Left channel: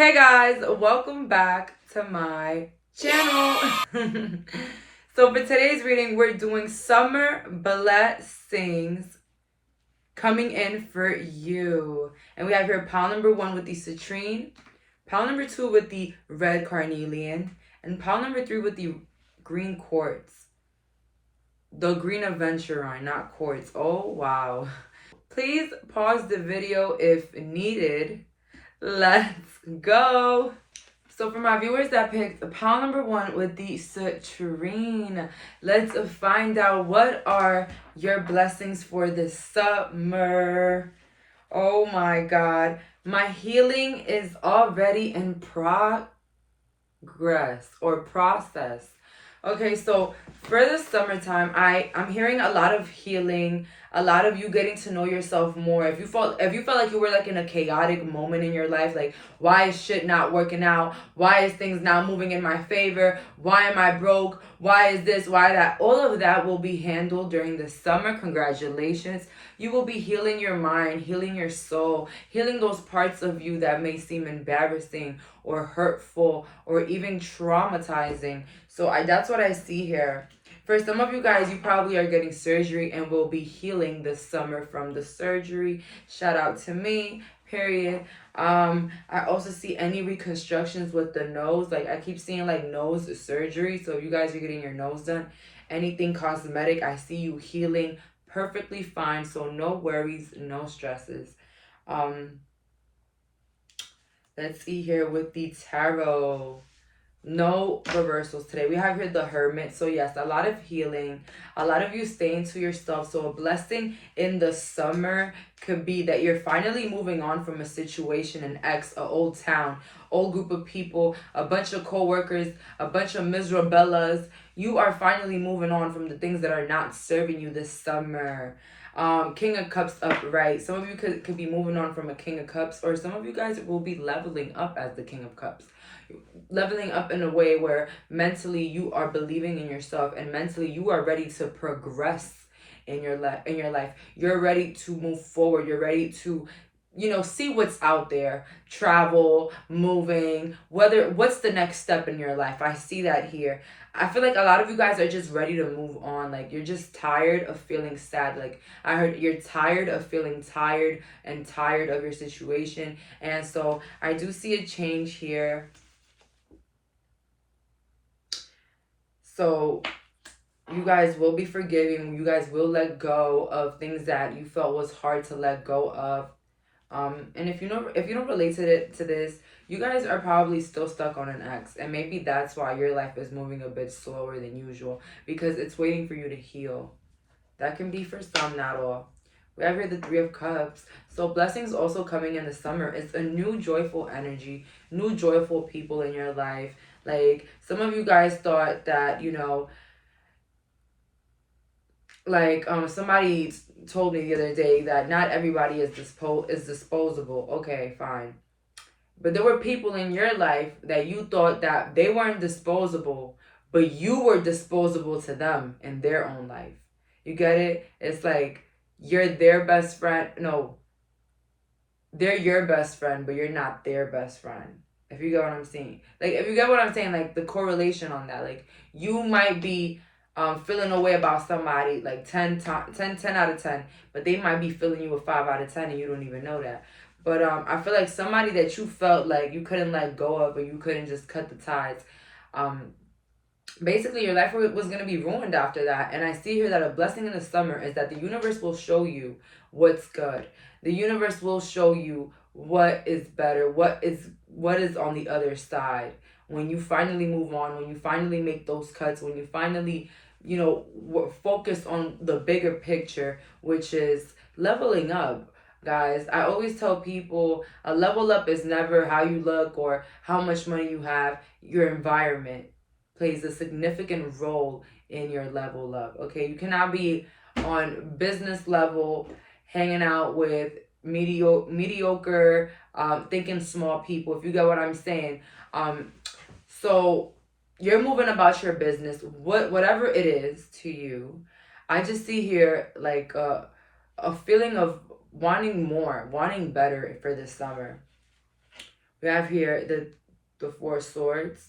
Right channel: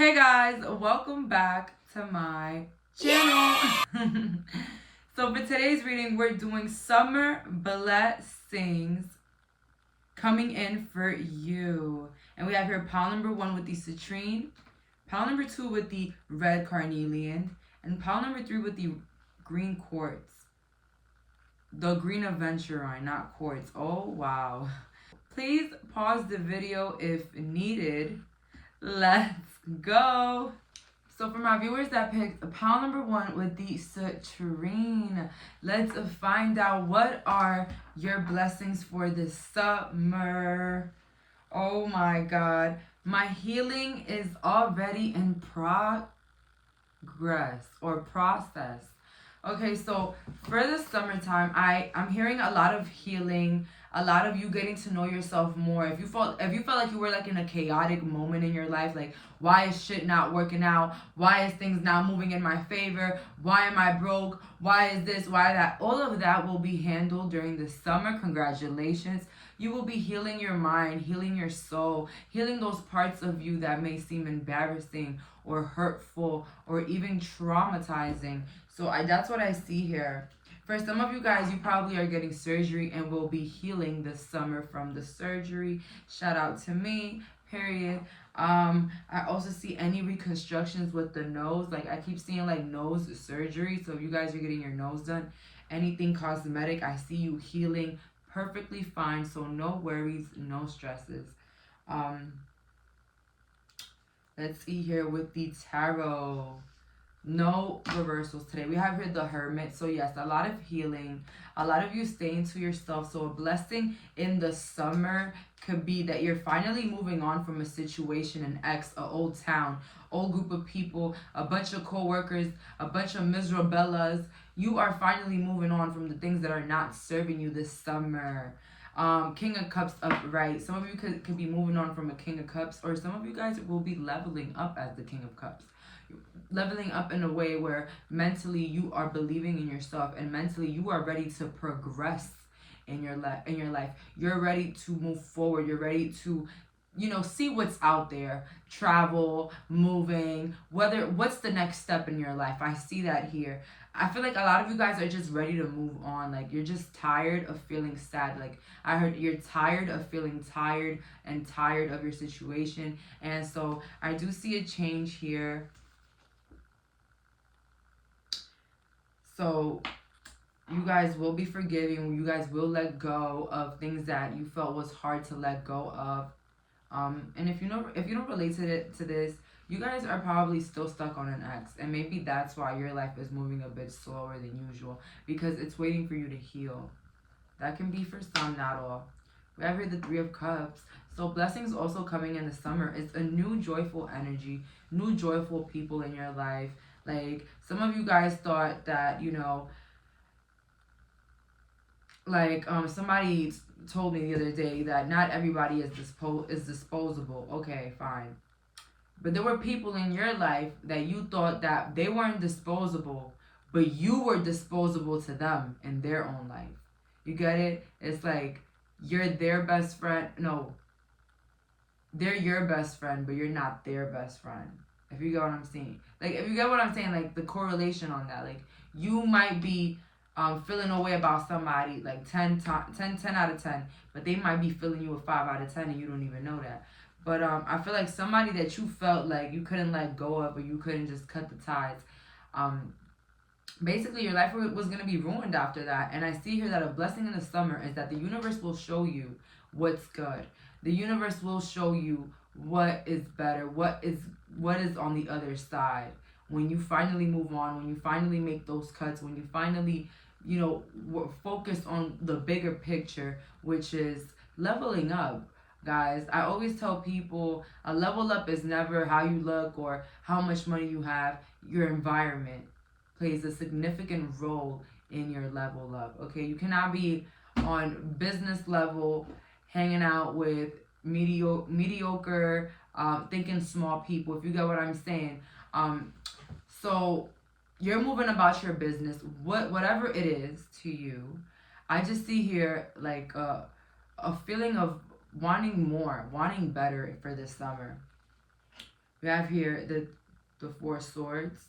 Hey guys, welcome back to my channel. So for today's reading, we're doing summer blessings coming in for you. And we have here pile number 1 with the citrine, pile number 2 with the red carnelian, and pile number 3 with the green quartz. The green aventurine, not quartz. Oh, wow. Please pause the video if needed. Let's go. So for my viewers that picked pile number 1 with the citrine, let's find out what are your blessings for this summer. Oh my God. My healing is already in progress or process. Okay, so for the summertime, I'm hearing a lot of healing, a lot of you getting to know yourself more. If you felt like you were like in a chaotic moment in your life, like why is shit not working out? Why is things not moving in my favor? Why am I broke? Why is this? Why that? All of that will be handled during the summer. Congratulations. You will be healing your mind, healing your soul, healing those parts of you that may seem embarrassing or hurtful or even traumatizing. So that's what I see here. For some of you guys, you probably are getting surgery and will be healing this summer from the surgery. Shout out to me, period. I also see any reconstructions with the nose. Like I keep seeing like nose surgery. So if you guys are getting your nose done, anything cosmetic, I see you healing perfectly fine. So no worries, no stresses. Let's see here with the tarot. No reversals today. We have here the Hermit. So yes, a lot of healing, a lot of you staying to yourself. So a blessing in the summer could be that you're finally moving on from a situation, an ex, an old town, old group of people, a bunch of co-workers, a bunch of miserabellas. You are finally moving on from the things that are not serving you this summer. King of Cups upright. Some of you could be moving on from a King of Cups, or some of you guys will be leveling up as the King of Cups. Leveling up in a way where mentally you are believing in yourself, and mentally you are ready to progress in your life. You're ready to move forward. You're ready to see what's out there, travel, moving, what's the next step in your life. I see that here. I feel like a lot of you guys are just ready to move on. Like you're just tired of feeling sad. Like I heard you're tired of feeling tired and tired of your situation. And so I do see a change here. So you guys will be forgiving. You guys will let go of things that you felt was hard to let go of. And if you don't relate to this, you guys are probably still stuck on an ex, and maybe that's why your life is moving a bit slower than usual, because it's waiting for you to heal. That can be for some, not all. We have here the Three of Cups. So blessings also coming in the summer. It's a new joyful energy, new joyful people in your life. Like some of you guys thought that, like somebody told me the other day that not everybody is disposable. Okay, fine. But there were people in your life that you thought that they weren't disposable, but you were disposable to them in their own life. You get it? It's like you're their best friend. No, they're your best friend, but you're not their best friend. If you get what I'm saying. Like, if you get what I'm saying, like the correlation on that. Like, you might be feeling a way about somebody like 10 out of 10, but they might be feeling you a 5 out of 10 and you don't even know that. But I feel like somebody that you felt like you couldn't let go of, or you couldn't just cut the ties, basically your life was going to be ruined after that. And I see here that a blessing in the summer is that the universe will show you what's good. The universe will show you what is better, what is on the other side. When you finally move on, when you finally make those cuts, when you finally focus on the bigger picture, which is leveling up. Guys, I always tell people a level up is never how you look or how much money you have. Your environment plays a significant role in your level up. Okay, you cannot be on business level hanging out with mediocre thinking small people, if you get what I'm saying. So you're moving about your business, whatever it is to you. I just see here like a feeling of wanting more, wanting better for this summer. We have here the Four of Swords.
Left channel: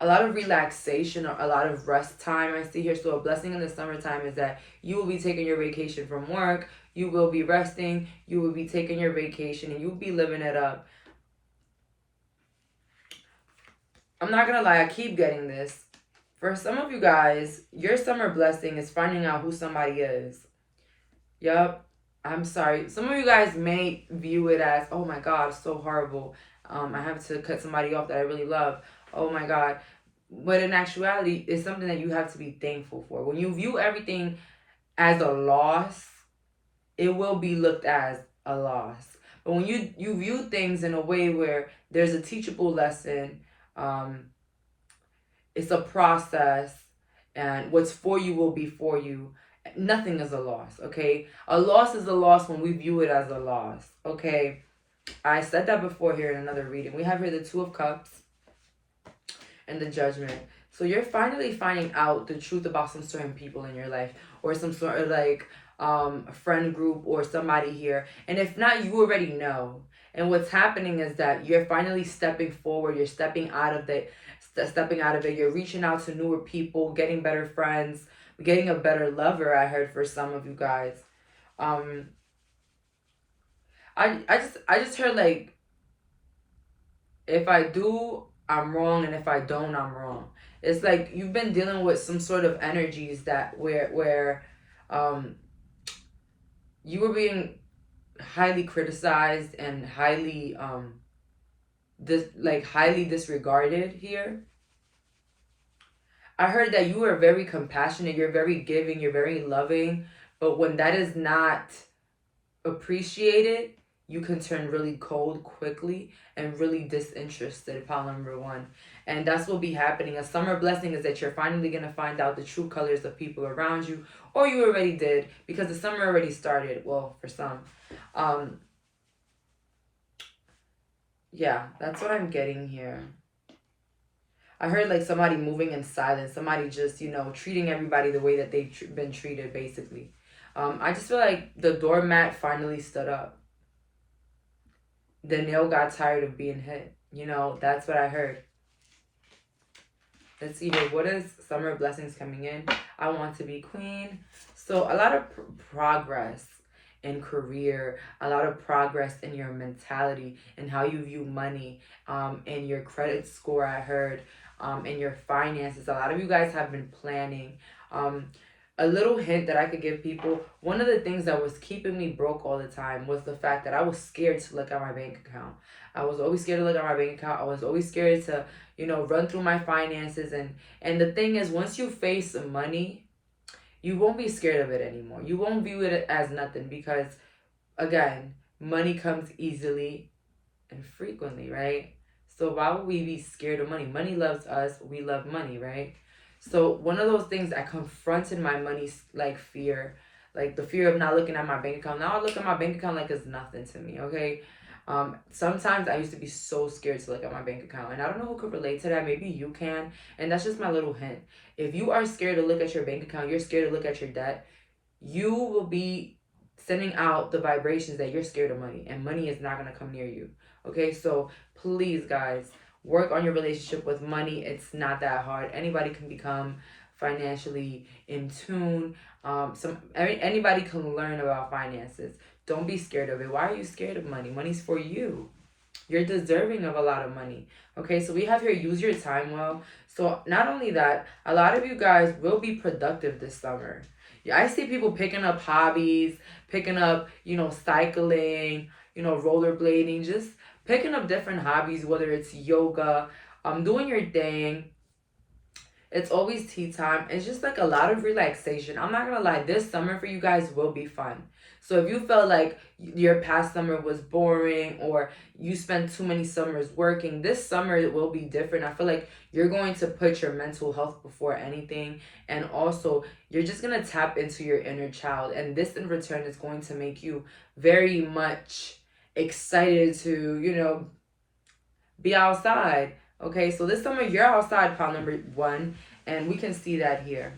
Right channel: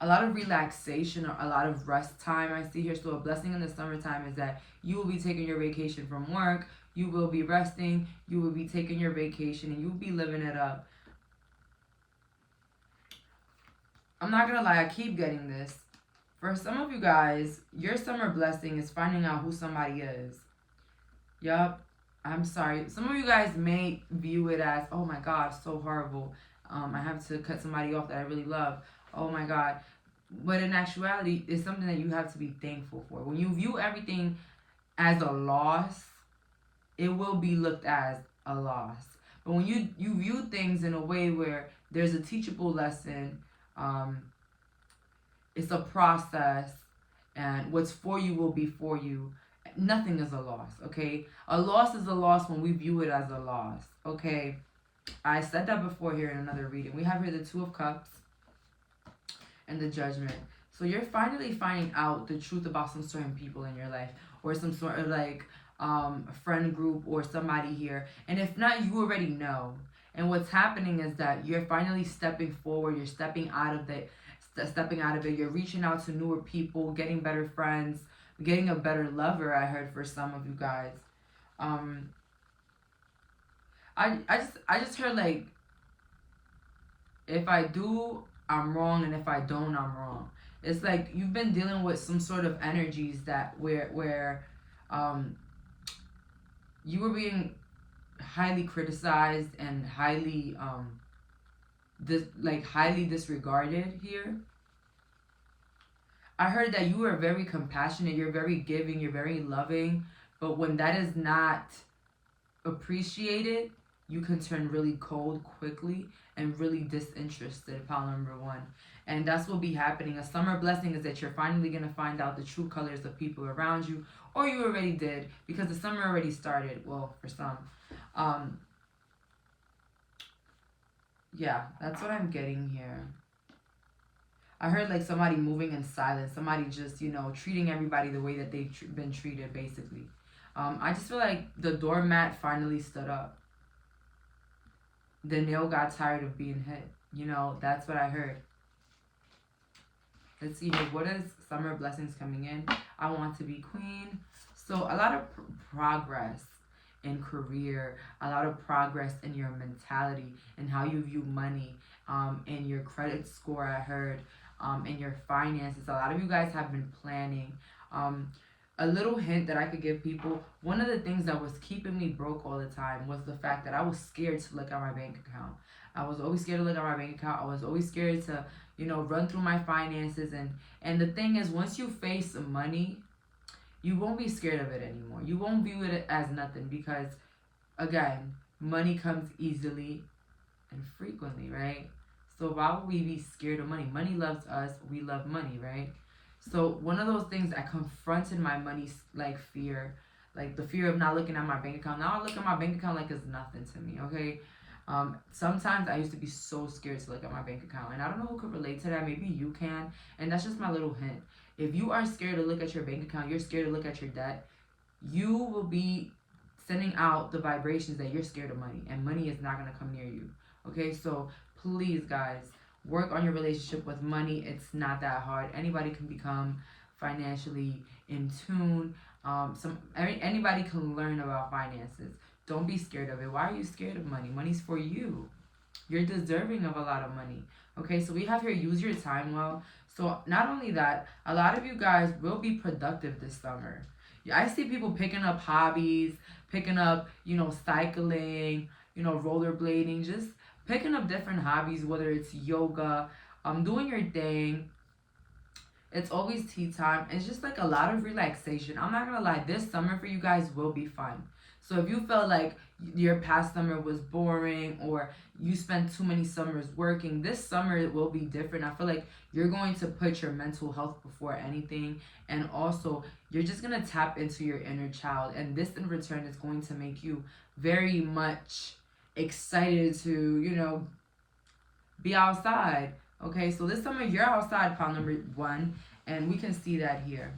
A lot of relaxation or a lot of rest time I see here. So a blessing in the summertime is that you will be taking your vacation from work. You will be resting. You will be taking your vacation and you'll be living it up. I'm not going to lie. I keep getting this. For some of you guys, your summer blessing is finding out who somebody is. Yup. I'm sorry. Some of you guys may view it as, oh my God, it's so horrible. I have to cut somebody off that I really love. Oh my God. But in actuality, it's something that you have to be thankful for. When you view everything as a loss, it will be looked as a loss. But when you view things in a way where there's a teachable lesson, it's a process, and what's for you will be for you. Nothing is a loss, okay? A loss is a loss when we view it as a loss, okay? I said that before here in another reading. We have here the Two of Cups and the Judgment. So you're finally finding out the truth about some certain people in your life, or some sort of like friend group or somebody here. And if not, you already know. And what's happening is that you're finally stepping forward. You're stepping out of it. You're reaching out to newer people, getting better friends, getting a better lover. I heard for some of you guys. I just heard like, if I do, I'm wrong, and if I don't, I'm wrong. It's like you've been dealing with some sort of energies that where you were being highly criticized and highly highly disregarded here. I heard that you are very compassionate, you're very giving, you're very loving, but when that is not appreciated, you can turn really cold quickly and really disinterested, pile number one. And that's what will be happening. A summer blessing is that you're finally going to find out the true colors of people around you, or you already did, because the summer already started. Well, for some. Yeah, that's what I'm getting here. I heard like somebody moving in silence, somebody just, treating everybody the way that they've been treated, basically. I just feel like the doormat finally stood up. The nail got tired of being hit. That's what I heard. Let's see here. What is summer blessings coming in? I want to be queen. So a lot of progress in career, a lot of progress in your mentality and how you view money, in your credit score, I heard, in your finances. A lot of you guys have been planning. A little hint that I could give people, one of the things that was keeping me broke all the time was the fact that I was scared to look at my bank account. I was always scared to look at my bank account. I was always scared to, run through my finances. And the thing is, once you face money, you won't be scared of it anymore. You won't view it as nothing because, again, money comes easily and frequently, right? So why would we be scared of money? Money loves us. We love money, right? So one of those things, I confronted my money like fear, like the fear of not looking at my bank account. Now I look at my bank account like it's nothing to me, okay? Sometimes I used to be so scared to look at my bank account, and I don't know who could relate to that. Maybe you can, and that's just my little hint. If you are scared to look at your bank account, you're scared to look at your debt, you will be sending out the vibrations that you're scared of money, and money is not going to come near you, okay? So please, guys, work on your relationship with money. It's not that hard. Anybody can become financially in tune. Anybody can learn about finances. Don't be scared of it. Why are you scared of money? Money's for you. You're deserving of a lot of money. Okay, so we have here, use your time well. So not only that, a lot of you guys will be productive this summer. I see people picking up hobbies, picking up, cycling, rollerblading, just picking up different hobbies, whether it's yoga, doing your thing. It's always tea time. It's just like a lot of relaxation. I'm not going to lie, this summer for you guys will be fun. So if you felt like your past summer was boring or you spent too many summers working, this summer it will be different. I feel like you're going to put your mental health before anything. And also, you're just going to tap into your inner child. And this in return is going to make you very much excited to, be outside. Okay, so this summer you're outside, pile number one. And we can see that here.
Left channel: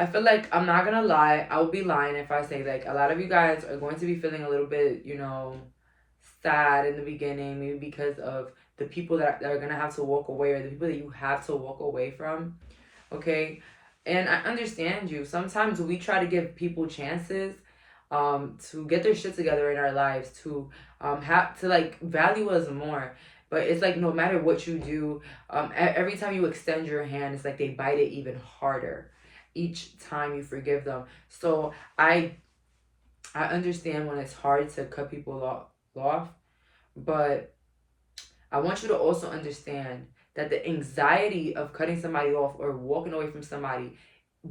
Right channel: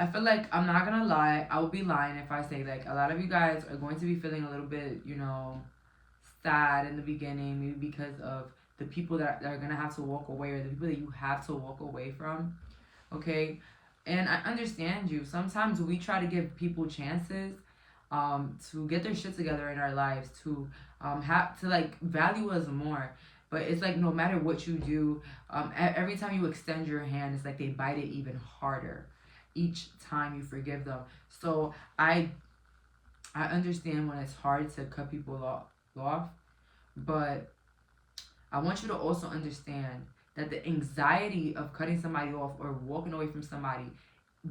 I feel like, I'm not gonna lie, I would be lying if I say, like, a lot of you guys are going to be feeling a little bit, you know, sad in the beginning, maybe because of the people that are gonna have to walk away, or the people that you have to walk away from. Okay, and I understand you. Sometimes we try to give people chances to get their shit together in our lives, to have to, like, value us more. But it's like, no matter what you do, every time you extend your hand, it's like they bite it even harder each time you forgive them. So I understand when it's hard to cut people off, but I want you to also understand that the anxiety of cutting somebody off or walking away from somebody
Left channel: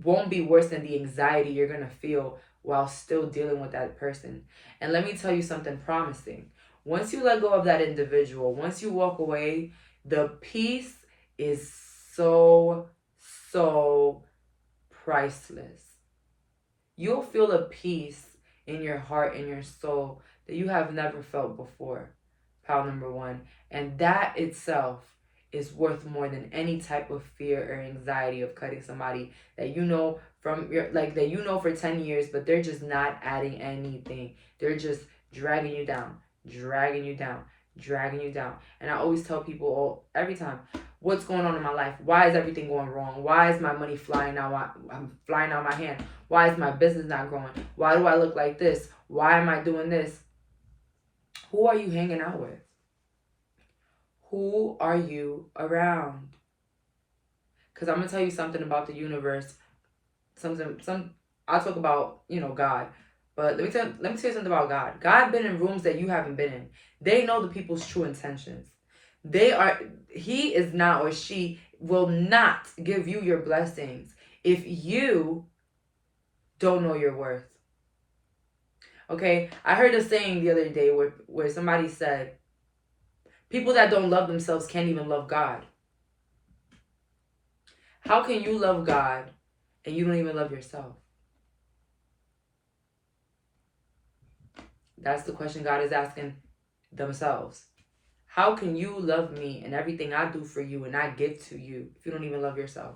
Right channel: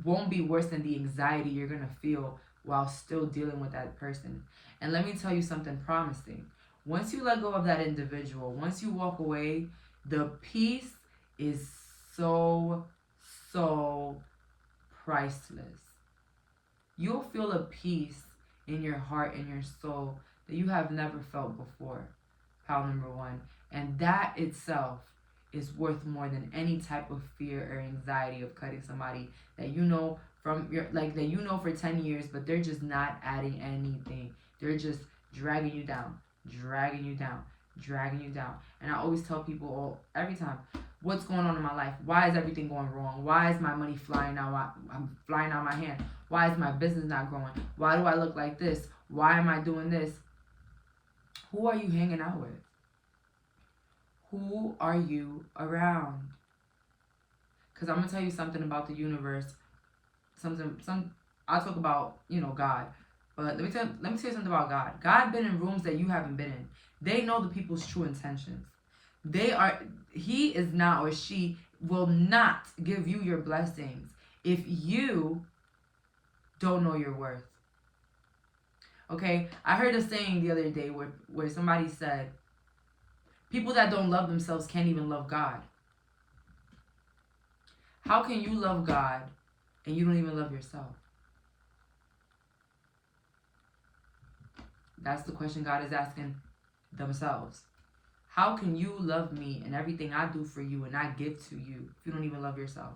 won't be worse than the anxiety you're going to feel while still dealing with that person. And let me tell you something promising. Once you let go of that individual, once you walk away, the peace is so, so priceless. You'll feel a peace in your heart and your soul that you have never felt before, pal number one. And that itself is worth more than any type of fear or anxiety of cutting somebody that you know from your, like, that you know for 10 years, but they're just not adding anything. They're just dragging you down, dragging you down, dragging you down. And I always tell people every time, what's going on in my life? Why is everything going wrong? Why is my money flying out? I'm flying out my hand. Why is my business not growing? Why do I look like this? Why am I doing this? Who are you hanging out with? Who are you around? Because I'm going to tell you something about the universe. I'll talk about, you know, God. But let me tell you something about God. God been in rooms that you haven't been in. They know the people's true intentions. He is not, or she will not give you your blessings if you don't know your worth. Okay? I heard a saying the other day where somebody said, people that don't love themselves can't even love God. How can you love God and you don't even love yourself? That's the question God is asking themselves. How can you love me and everything I do for you and I give to you if you don't even love yourself?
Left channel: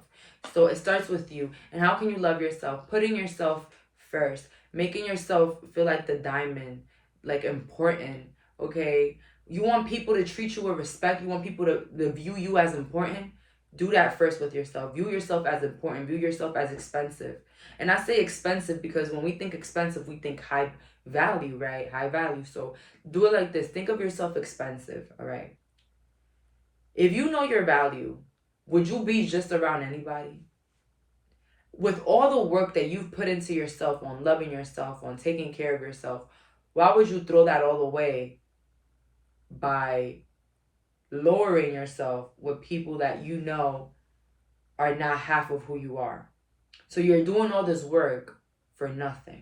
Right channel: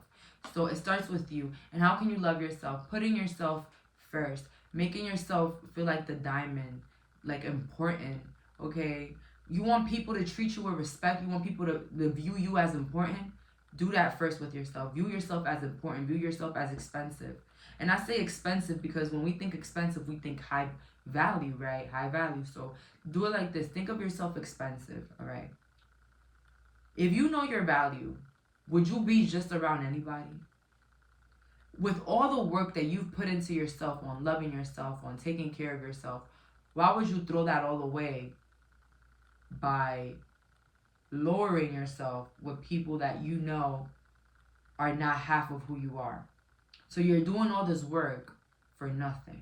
So it starts with you. And how can you love yourself? Putting yourself first. Making yourself feel like the diamond, like important, okay? You want people to treat you with respect. You want people to view you as important. Do that first with yourself. View yourself as important. View yourself as expensive. And I say expensive because when we think expensive, we think high value, right? High value. So do it like this. Think of yourself expensive, all right? If you know your value, would you be just around anybody? With all the work that you've put into yourself on loving yourself, on taking care of yourself, why would you throw that all away by lowering yourself with people that you know are not half of who you are? So you're doing all this work for nothing.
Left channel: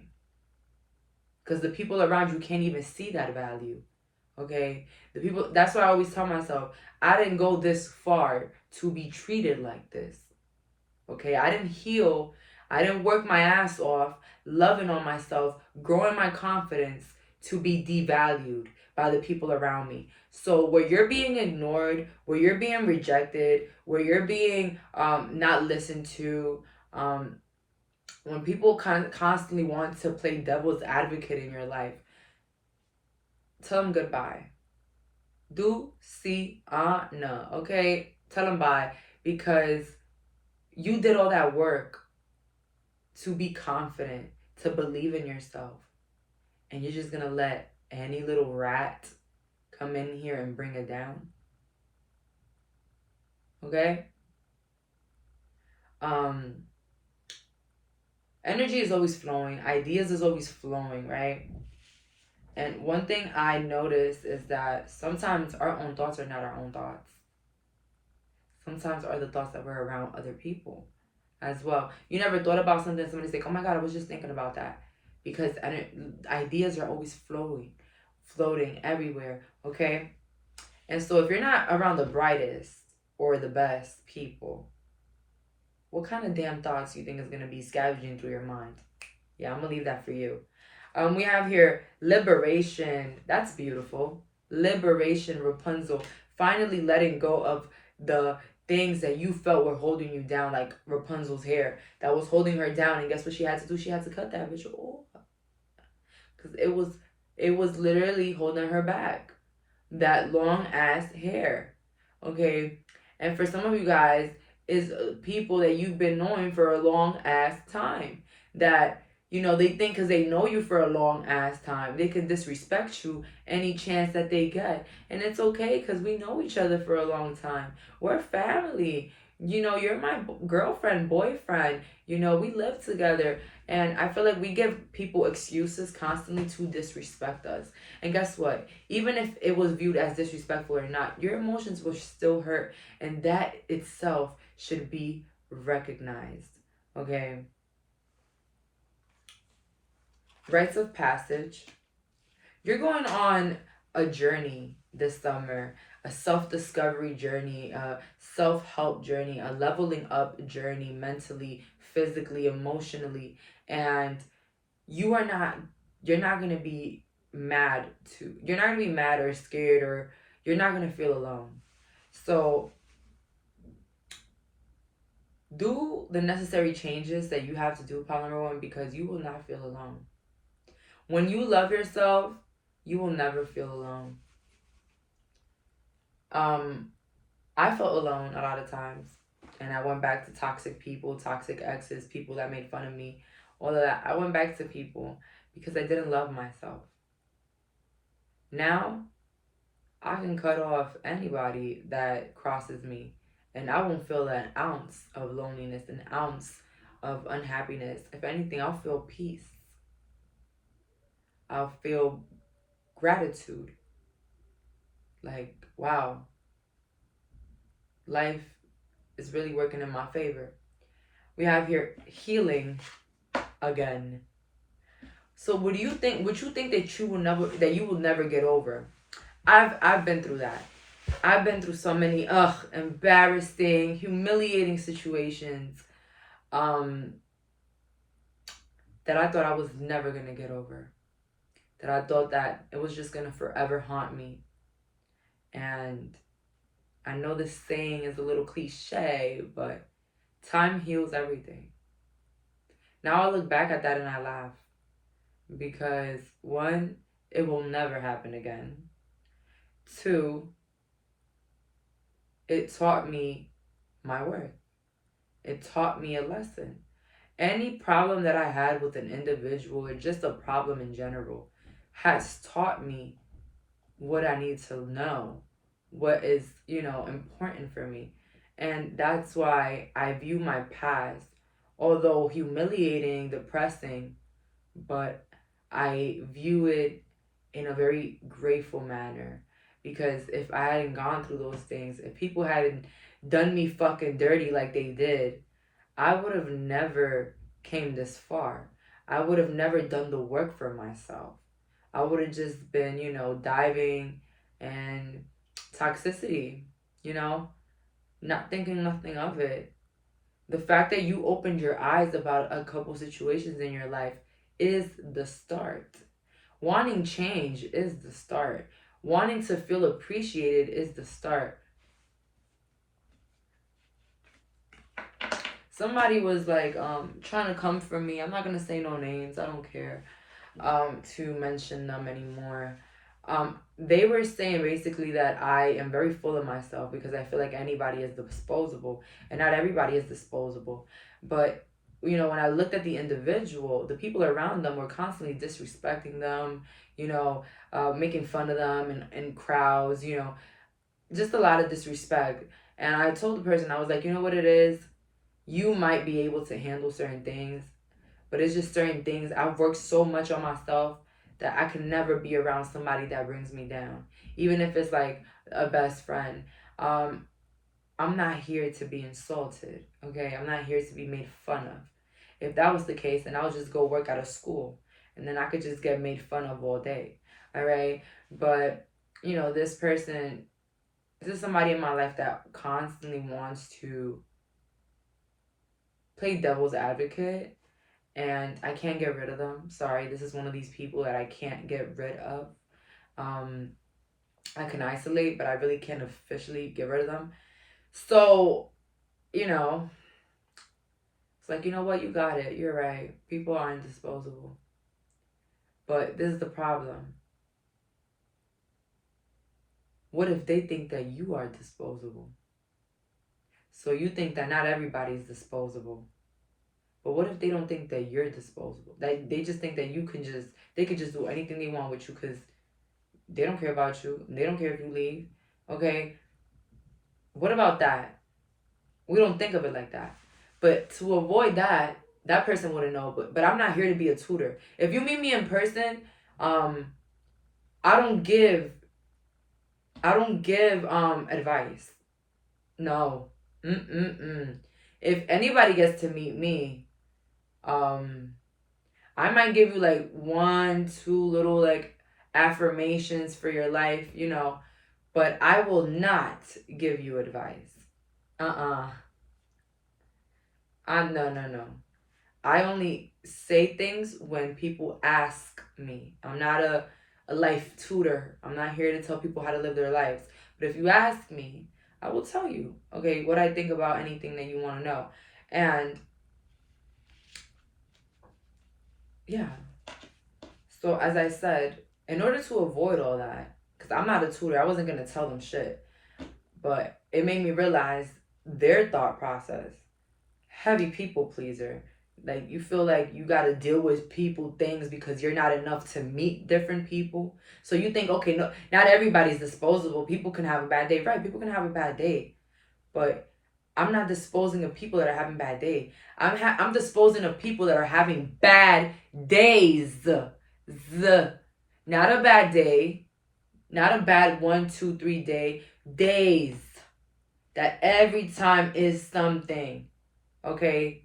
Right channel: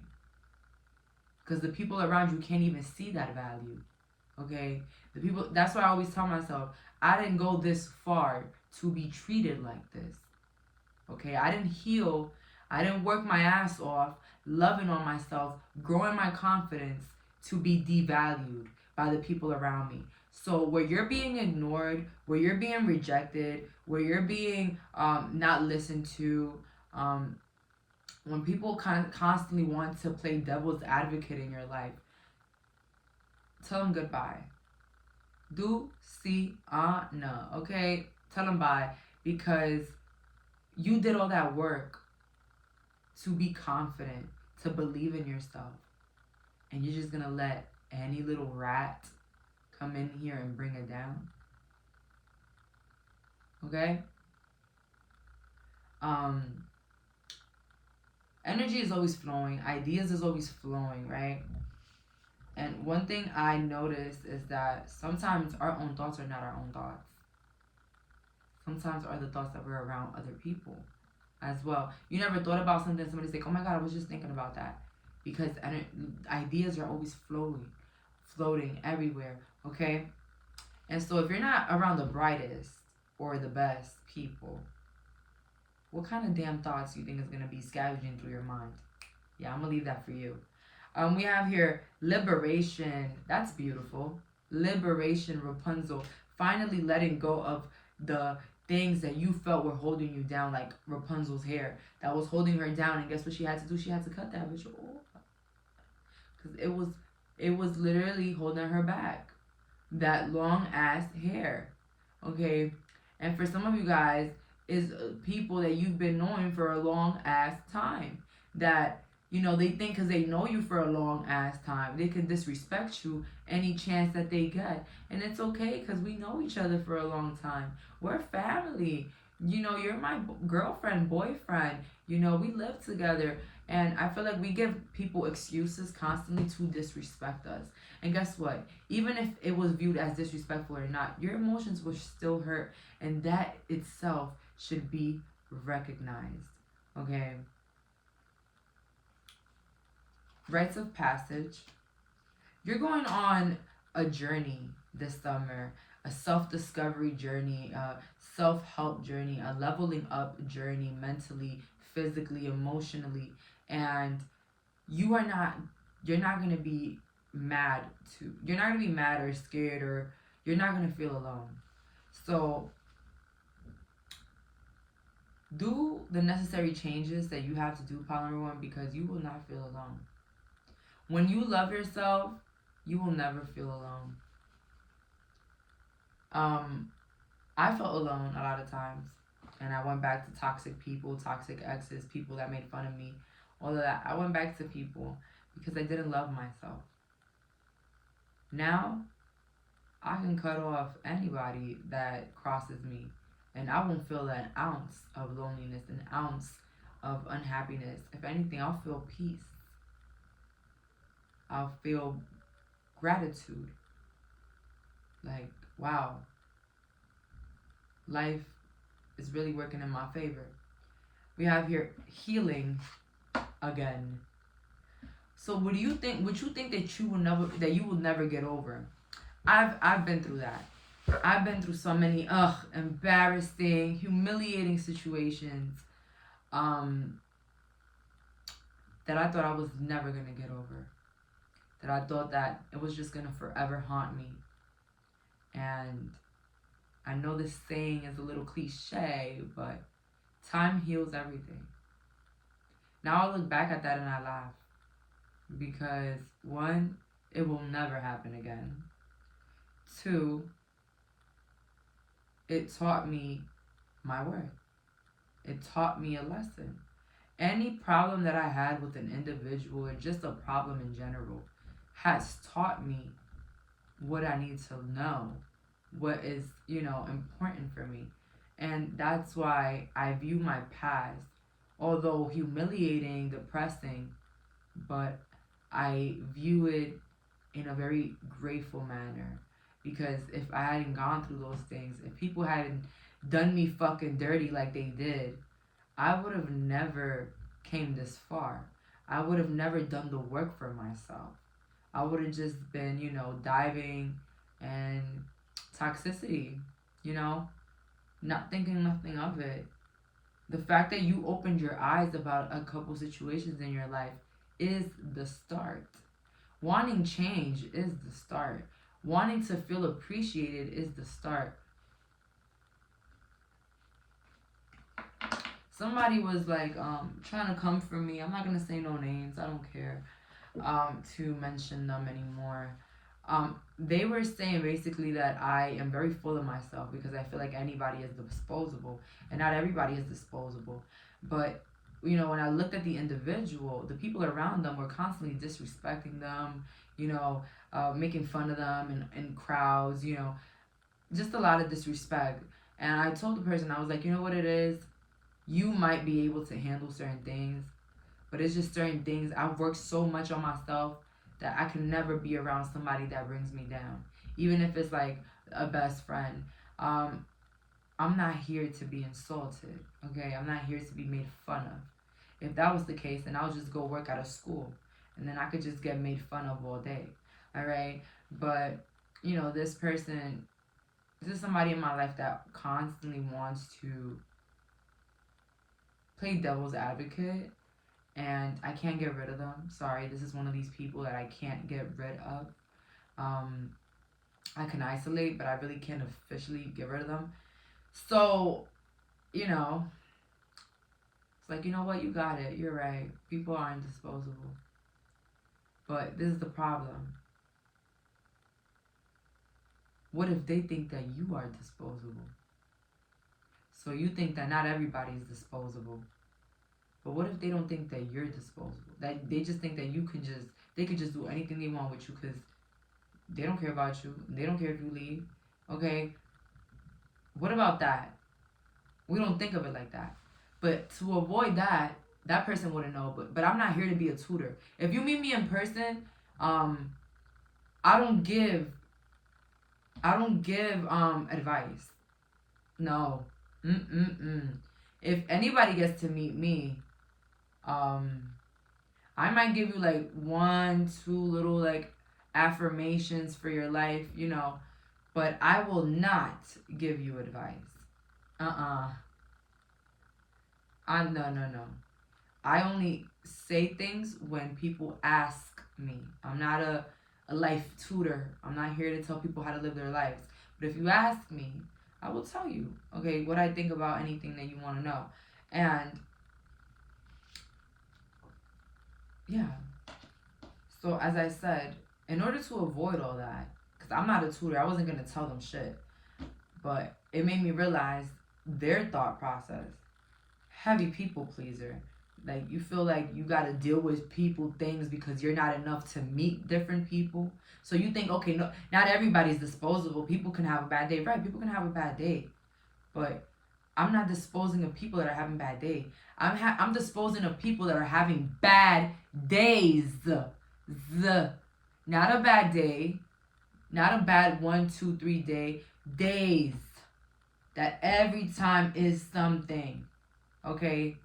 Because the people around you can't even see that value. Okay? That's why I always tell myself, I didn't go this far to be treated like this. Okay? I didn't heal. I didn't work my ass off, loving on myself, growing my confidence to be devalued by the people around me. So where you're being ignored, where you're being rejected, where you're being not listened to, when people constantly want to play devil's advocate in your life, tell them goodbye. No, okay? Tell them bye, because you did all that work to be confident, to believe in yourself. And you're just going to let any little rat come in here and bring it down. Okay? Energy is always flowing. Ideas is always flowing, right? And one thing I noticed is that sometimes our own thoughts are not our own thoughts. Sometimes are the thoughts that we're around other people as well. You never thought about something, somebody's like, oh my God, I was just thinking about that. Because ideas are always floating everywhere, okay? And so if you're not around the brightest or the best people, what kind of damn thoughts do you think is going to be scavenging through your mind? Yeah, I'm going to leave that for you. We have here liberation. That's beautiful. Liberation, Rapunzel. Finally letting go of the things that you felt were holding you down, like Rapunzel's hair that was holding her down. And guess what she had to do? She had to cut that bitch off. Because it was literally holding her back. That long ass hair. Okay? And for some of you guys, is people that you've been knowing for a long ass time. That, you know, they think because they know you for a long ass time, they can disrespect you any chance that they get. And it's okay because we know each other for a long time. We're family. You know, you're my girlfriend, boyfriend. You know, we live together. And I feel like we give people excuses constantly to disrespect us. And guess what? Even if it was viewed as disrespectful or not, your emotions will still hurt. And that itself should be recognized. Okay? Rites of passage. You're going on a journey this summer, a self-discovery journey, a self-help journey, a leveling up journey mentally, physically, emotionally. And you're not going to be you're not going to be mad or scared, or you're not going to feel alone. So do the necessary changes that you have to do, pile number one, because you will not feel alone. When you love yourself, you will never feel alone. I felt alone a lot of times, and I went back to toxic people, toxic exes, people that made fun of me, all of that. I went back to people because I didn't love myself. Now, I can cut off anybody that crosses me, and I won't feel an ounce of loneliness, an ounce of unhappiness. If anything, I'll feel peace. I'll feel gratitude. Like, wow, life is really working in my favor. We have here healing again. So what do you think? What you think that you will never get over? I've been through that. I've been through so many embarrassing, humiliating situations that I thought I was never gonna get over. That I thought that it was just gonna forever haunt me. And I know this saying is a little cliche, but time heals everything. Now I look back at that and I laugh. Because one, it will never happen again. Two, it taught me my worth. It taught me a lesson. Any problem that I had with an individual, or just a problem in general, has taught me what I need to know, what is, important for me. And that's why I view my past, although humiliating, depressing, but I view it in a very grateful manner. Because if I hadn't gone through those things, if people hadn't done me fucking dirty like they did, I would have never came this far. I would have never done the work for myself. I would have just been, diving and toxicity, not thinking nothing of it. The fact that you opened your eyes about a couple situations in your life is the start. Wanting change is the start. Wanting to feel appreciated is the start. Somebody was like trying to come for me. I'm not gonna say no names. I don't care to mention them anymore. They were saying basically that I am very full of myself because I feel like anybody is disposable, and not everybody is disposable. But when I looked at the individual, the people around them were constantly disrespecting them, making fun of them in crowds, just a lot of disrespect. And I told the person, I was like, you know what it is? You might be able to handle certain things, but it's just certain things. I've worked so much on myself that I can never be around somebody that brings me down. Even if it's like a best friend. I'm not here to be insulted, okay? I'm not here to be made fun of. If that was the case, then I would just go work out of school, and then I could just get made fun of all day, all right? But, this is somebody in my life that constantly wants to play devil's advocate, and I can't get rid of them. Sorry, this is one of these people that I can't get rid of. I can isolate, but I really can't officially get rid of them. So, you know, it's like, you know what? You got it. You're right. People are indisposable. But this is the problem. What if they think that you are disposable? So you think that not everybody is disposable. But what if they don't think that you're disposable? That they just think that they could just do anything they want with you because they don't care about you. They don't care if you leave. Okay? What about that? We don't think of it like that. But to avoid that, that person wouldn't know. But I'm not here to be a tutor. If you meet me in person, I don't give advice. No. If anybody gets to meet me, I might give you like 1, 2 little like affirmations for your life, but I will not give you advice. No. I only say things when people ask me. I'm not a life tutor. I'm not here to tell people how to live their lives. But if you ask me, I will tell you, okay, what I think about anything that you want to know. And yeah. So as I said, in order to avoid all that, because I'm not a tutor, I wasn't going to tell them shit. But it made me realize their thought process. Heavy people pleaser. Like, you feel like you got to deal with people, things, because you're not enough to meet different people. So you think, okay, no, not everybody's disposable. People can have a bad day. Right, people can have a bad day. But I'm not disposing of people that are having bad day. I'm disposing of people that are having bad days. Not a bad day. Not a bad 1, 2, 3 day. Days. That every time is something. Okay?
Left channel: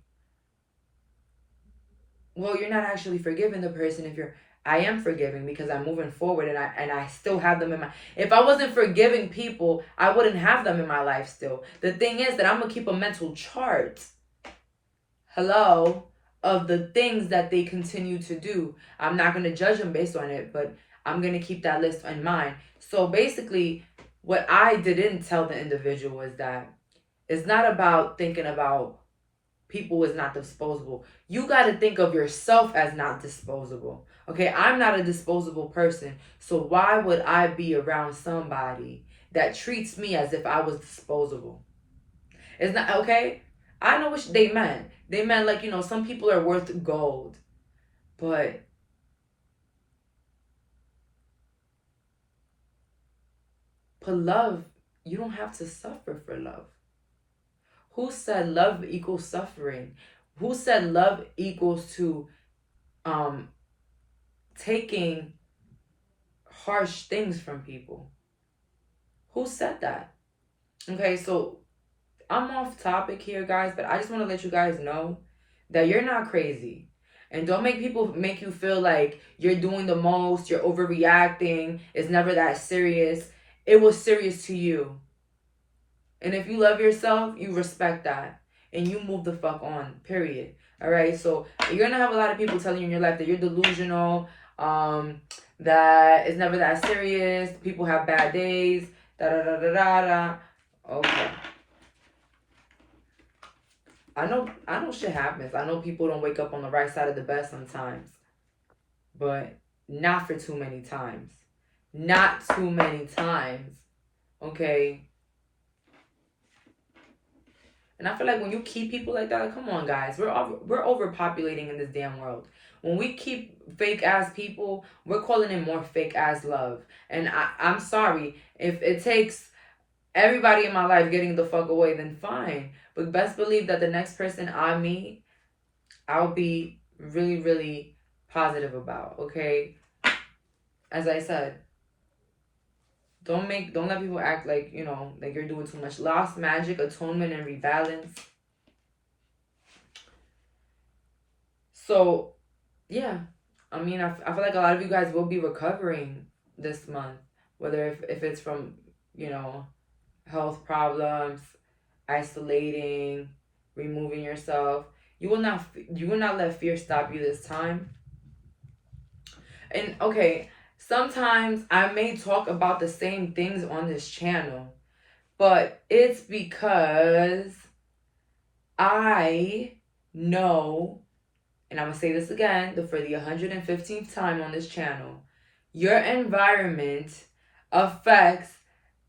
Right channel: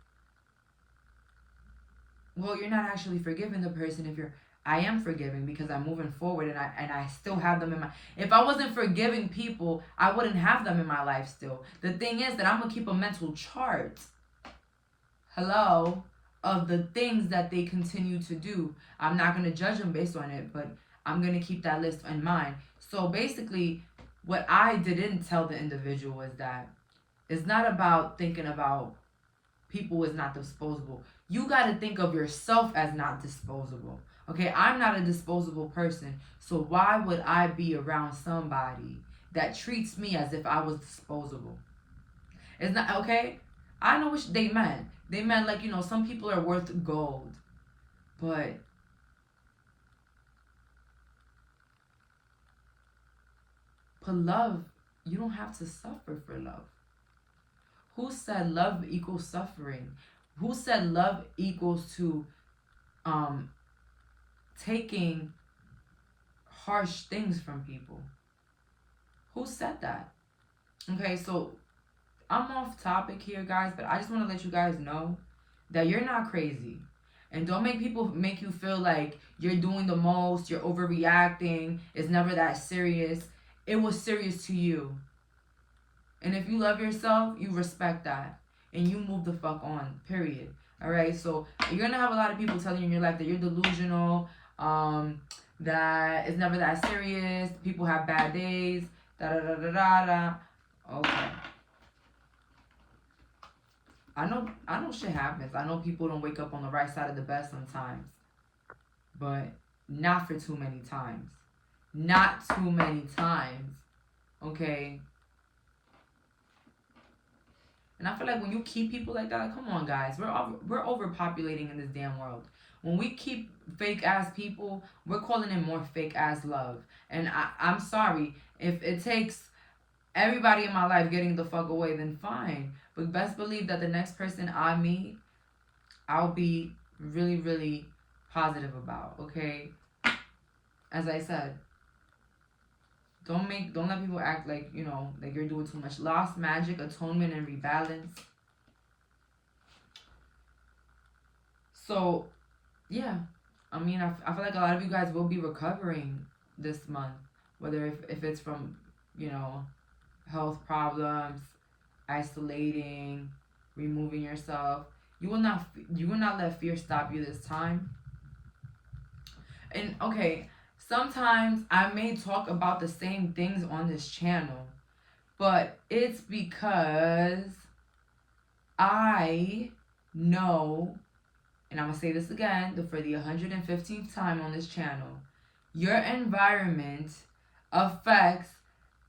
Well, you're not actually forgiving the person if you're... I am forgiving because I'm moving forward and I still have them in my... If I wasn't forgiving people, I wouldn't have them in my life still. The thing is that I'm going to keep a mental chart. Hello? Of the things that they continue to do. I'm not going to judge them based on it, but I'm going to keep that list in mind. So basically, what I didn't tell the individual is that it's not about thinking about people is not disposable. You got to think of yourself as not disposable. Okay, I'm not a disposable person. So why would I be around somebody that treats me as if I was disposable? It's not, okay? I know what they meant. They meant like, some people are worth gold. But love, you don't have to suffer for love. Who said love equals suffering? Who said love equals to taking harsh things from people? Who said that? Okay, so I'm off topic here, guys, but I just want to let you guys know that you're not crazy. And don't make people make you feel like you're doing the most, you're overreacting, it's never that serious. It was serious to you. And if you love yourself, you respect that. And you move the fuck on, period. All right? So you're going to have a lot of people telling you in your life that you're delusional, that it's never that serious, people have bad days, da-da-da-da-da-da. Okay. I know shit happens. I know people don't wake up on the right side of the bed sometimes. But not for too many times. Not too many times. Okay? And I feel like when you keep people like that, come on, guys, we're overpopulating in this damn world. When we keep fake ass people, we're calling in more fake ass love. And I'm sorry, if it takes everybody in my life getting the fuck away, then fine. But best believe that the next person I meet, I'll be really, really positive about. Okay, as I said. Don't let people act like, like you're doing too much. Lost magic, atonement, and rebalance. So, yeah. I mean, I feel like a lot of you guys will be recovering this month. Whether if it's from, health problems, isolating, removing yourself. You will not let fear stop you this time. And, okay... Sometimes I may talk about the same things on this channel, But it's because I know, and I'm going to say this again for the 115th time on this channel, your environment affects